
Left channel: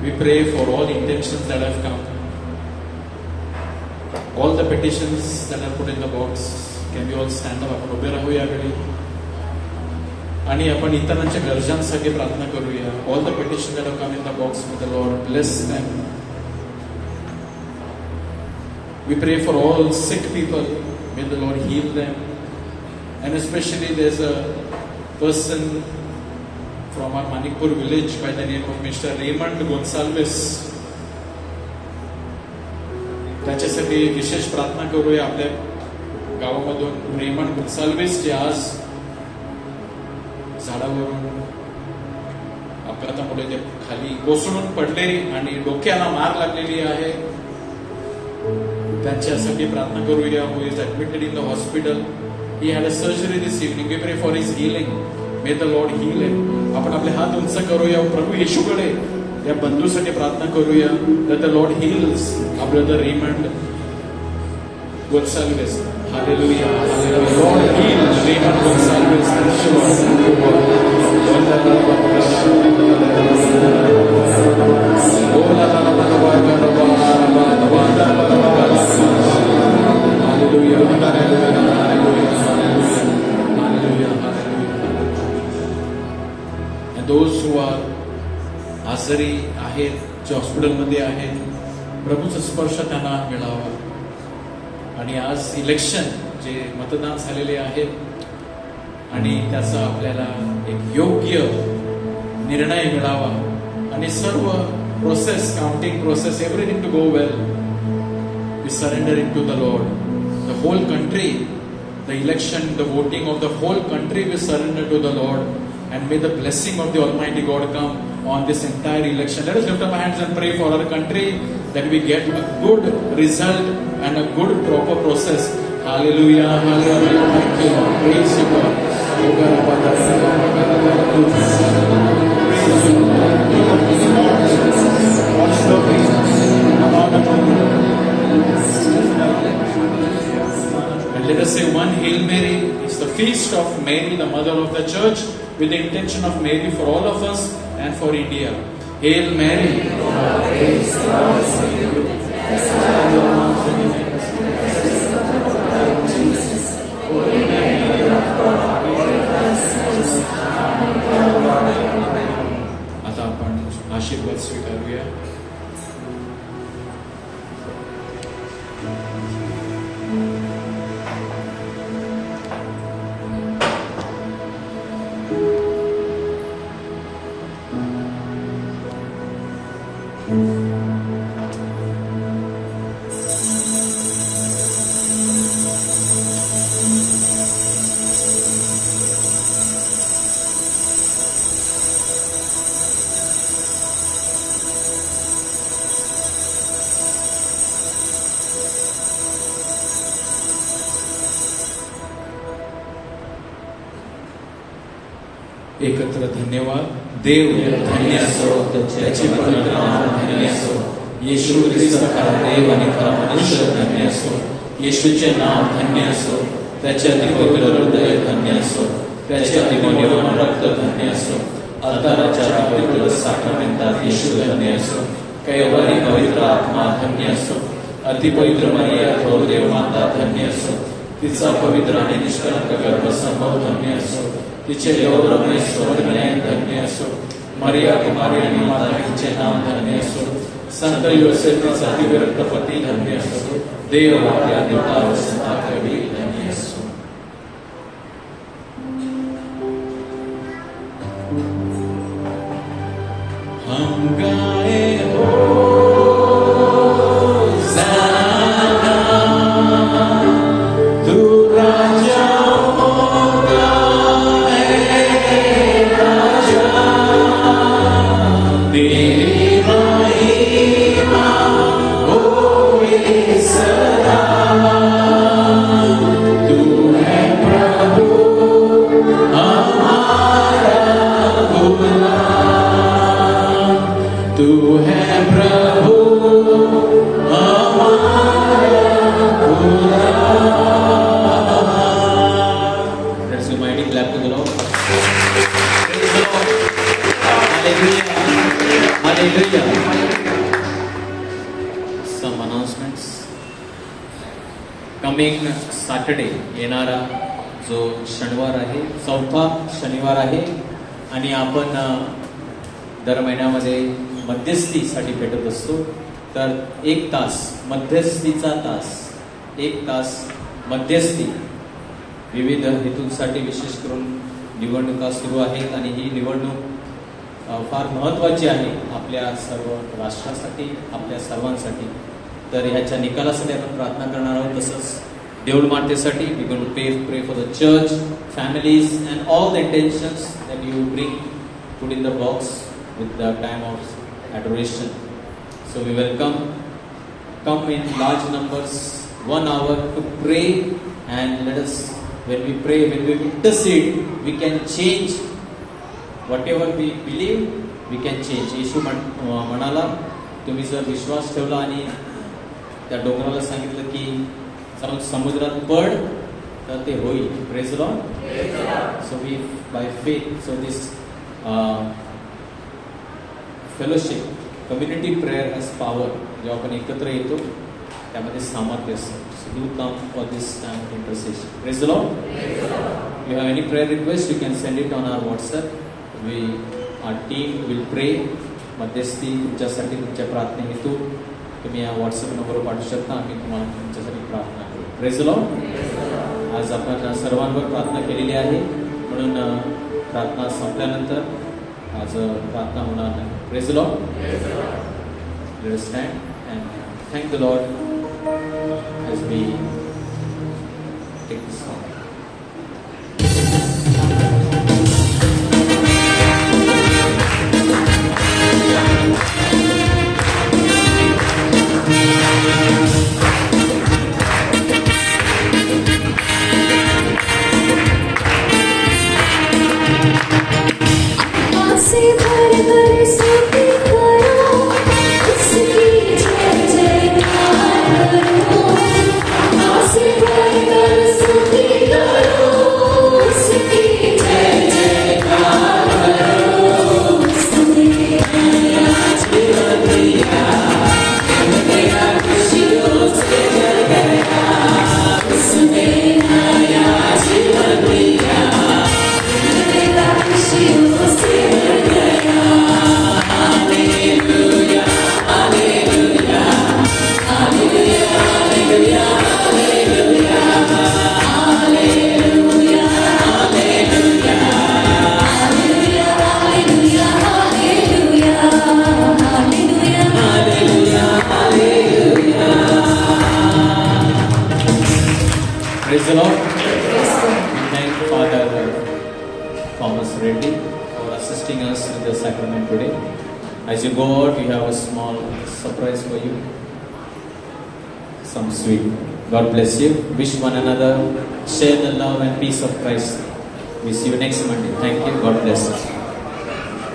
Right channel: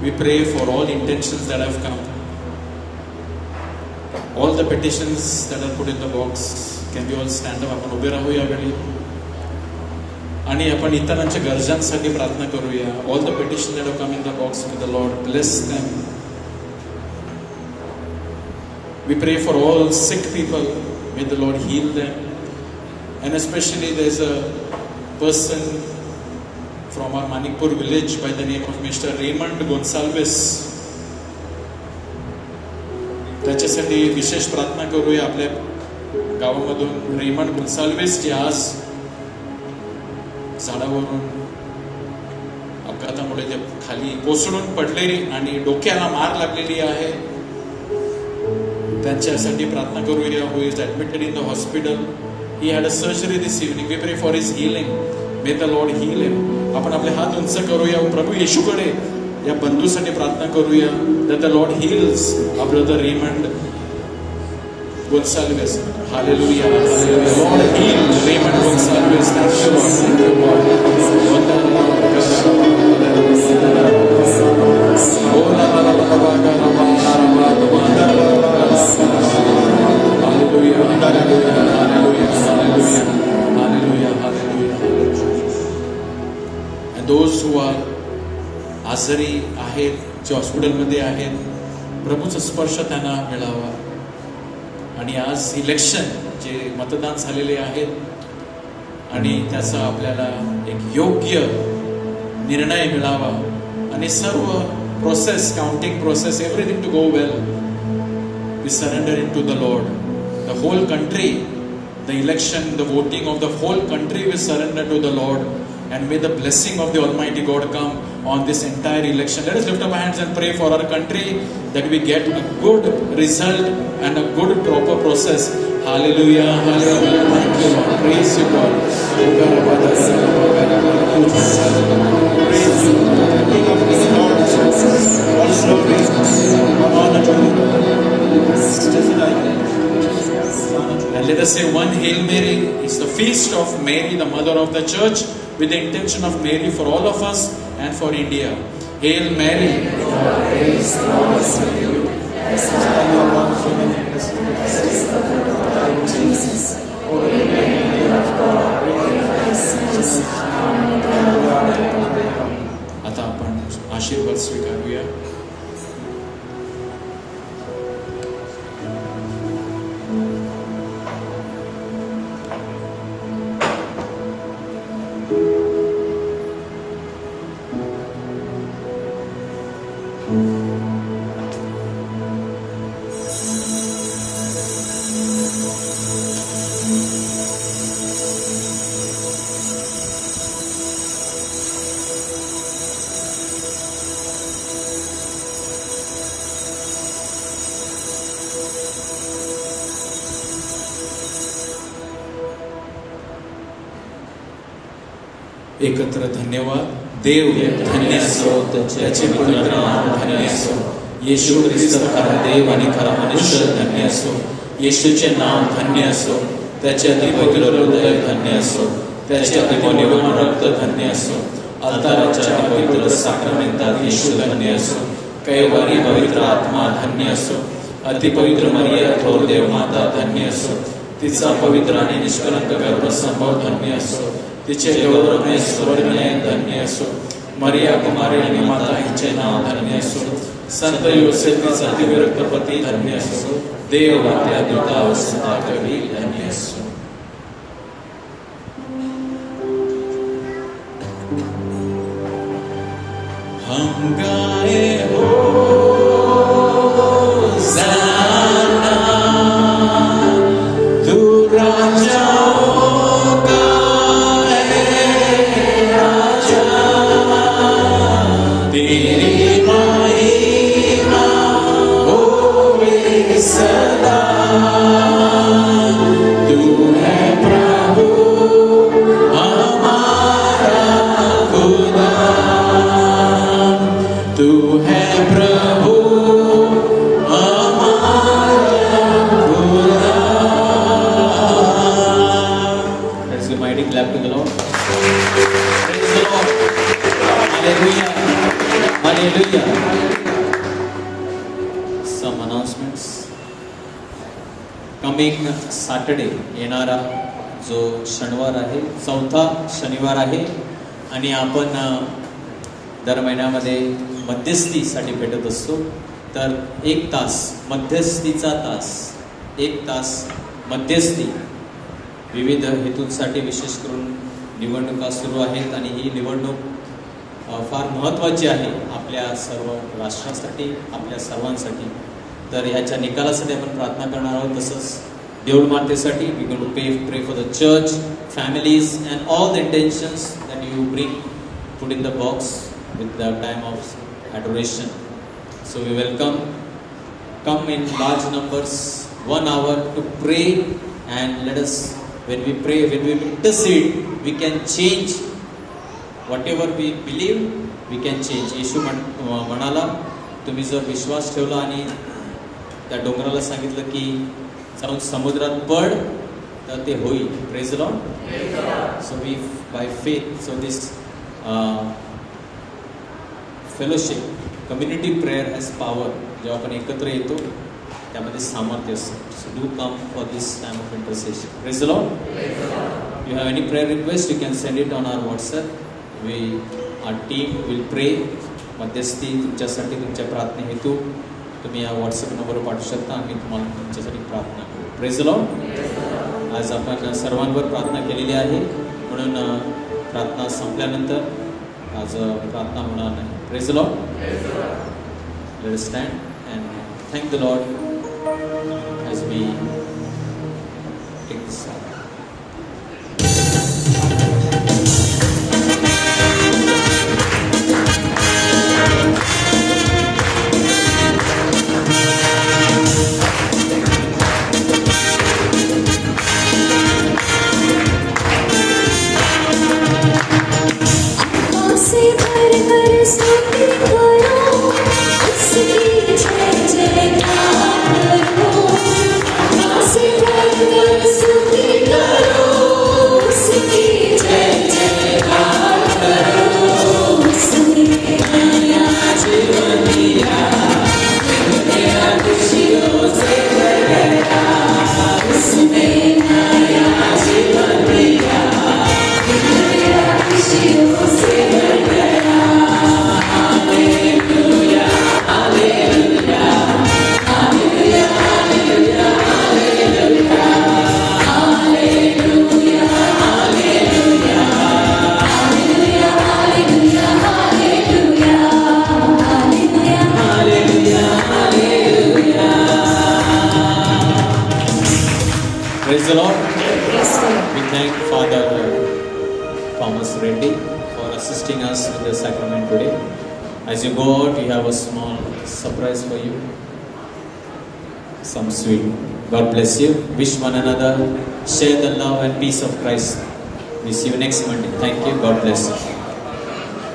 We pray for all intentions that have come. All the petitions that are put in the box. Can we all stand up? आपण उभे राहू यावेळी आणि आपण इतरांच्या गरजांसाठी प्रार्थना करूया. All the petitions that have come in the box to the Lord, bless them. We pray for all sick people. May the Lord heal them. And especially there's a person from our Manipur village by the name of Mr. Raymond Gonsalves. त्याच्यासाठी विशेष प्रार्थना करूया. आपल्या गावामधून रेमंड गोन्साल्वेस जे आज झाडावरून अपघातामुळे ते खाली कोसळून पडले आणि डोक्याला मार लागलेली आहे. त्यांच्यासाठी प्रार्थना करूया. Who is admitted in the hospital. He had a surgery this evening. We pray for his healing. May the Lord heal him. आपण आपले हात उंच करूया. प्रभू येशूकडे या बंधूसाठी प्रार्थना करूया. that the Lord heals our brother Raymond Gonsalves. Hallelujah. Hallelujah. Lord heal Raymond Gonsalves. Thank you, Lord. Hallelujah. And those who are आजारी आहेत, जे हॉस्पिटलमध्ये आहेत, प्रभूचा स्पर्श त्यांना मिळावा. आणि आज इलेक्शन जे मतदान झालेले आहेत आणि त्याचा आपल्याला एक योग्य निर्णय मिळावा आणि सर्व process, counting process, everything to go well. We surrender in to the lord. The whole country, the election, the voting of the whole country we surrender to the Lord, and may the blessing of the Almighty God come on this entire election. Let us lift up our hands and pray for our country, that we get a good result and a good proper process. Hallelujah. Hallelujah. Thank you. Praise you, God. And let us say one Hail Mary. It's the feast of Mary, the mother of the church, with the intention of Mary for all of us and for India. Hail Mary. आता आपण आशीर्वाद स्वीकारूया. एकत्र धन्यवाद. देव धन्य असो, त्याचे पवित्र नाम धन्य असो. येशू ख्रिस्त खरा देव आणि खरा मनुष्य धन्य असो. येशूचे नाम धन्य असो. त्याचे अतिपवित्र हृदय धन्य असो. त्याचे अतिमूल्यवान रक्त धन्य असो. अल्ताराच्या पवित्र साखरमेंतात येशू धन्य असो. कैवारी पवित्र आत्मा धन्य असो. अतिपवित्र मरिया थोर देव माता धन्य असो. तिचा पवित्र आणि निष्कलंक गर्भसमूह धन्य असो. तिचे गौरवमय स्वर्गमय धन्य असो. मरिया कुमारी आणि माता हिचे नाव धन्य असो. संत योसेफचा दिव्यरक्त पती धन्य असो. देव मात्या देवता सदा कवी धन्य असो. हम गाए Hallelujah. Some announcements. Coming Saturday, येणारा जो शनिवार आहे, चौथा शनिवार आहे आणि आपण दर महिन्यामध्ये मध्यस्थीसाठी भेटत असतो. तर 1 तास मध्यस्थीचा तास, 1 तास मध्यस्थी. विविध हेतूंसाठी विशेष करून निवडणुका सुरू आहेत आणि ही निवडणूक फार महत्त्वाची आहे आपल्या सर्व राष्ट्रासाठी, आपल्या सर्वांसाठी. तर ह्याच्या निकालासाठी आपण प्रार्थना करणार आहोत. तसंच देऊळ मातेसाठी we going to pray for the church, families and all the intentions that you bring put in the box with the time of adoration. So we welcome, come in large numbers, 1 hour to pray, and let us, when we pray, when we intercede, we can change whatever we believe, we can change. येशू म्हणाला, तुम्ही जर विश्वास ठेवला आणि त्या डोंगराला सांगितलं की जाऊन समुद्रात पड, तर ते होईल. Praise the Lord. So we by faith, so this fellowship, community prayer has power. जेव्हा आपण एकत्र येतो त्यामध्ये सामर्थ्य असतं. So do come for this time of intercession. Praise the Lord. You have any prayer request, you can send it on our WhatsApp. Our team will pray. मध्यस्थी तुमच्यासाठी, तुमच्या प्रार्थने हेतू तुम्ही या व्हॉट्सअप नंबरवर पाठवू शकता. आम्ही तुम्हाला तुमच्यासाठी प्रार्थना करू. Praise the Lord. आज आपण सर्वांवर प्रार्थना केलेली आहे, म्हणून प्रार्थना संपल्यानंतर आज प्रार्थना होणार नाही. Praise the Lord. Let us stand and thank the Lord as we take this song. Praise the Lord. We thank Father Thomas Reddy for assisting us with the sacrament today. As you go out, we have a small surprise for you. Some sweet. God bless you. Wish one another. Share the love and peace of Christ. We see you next Monday. Thank you. God bless you.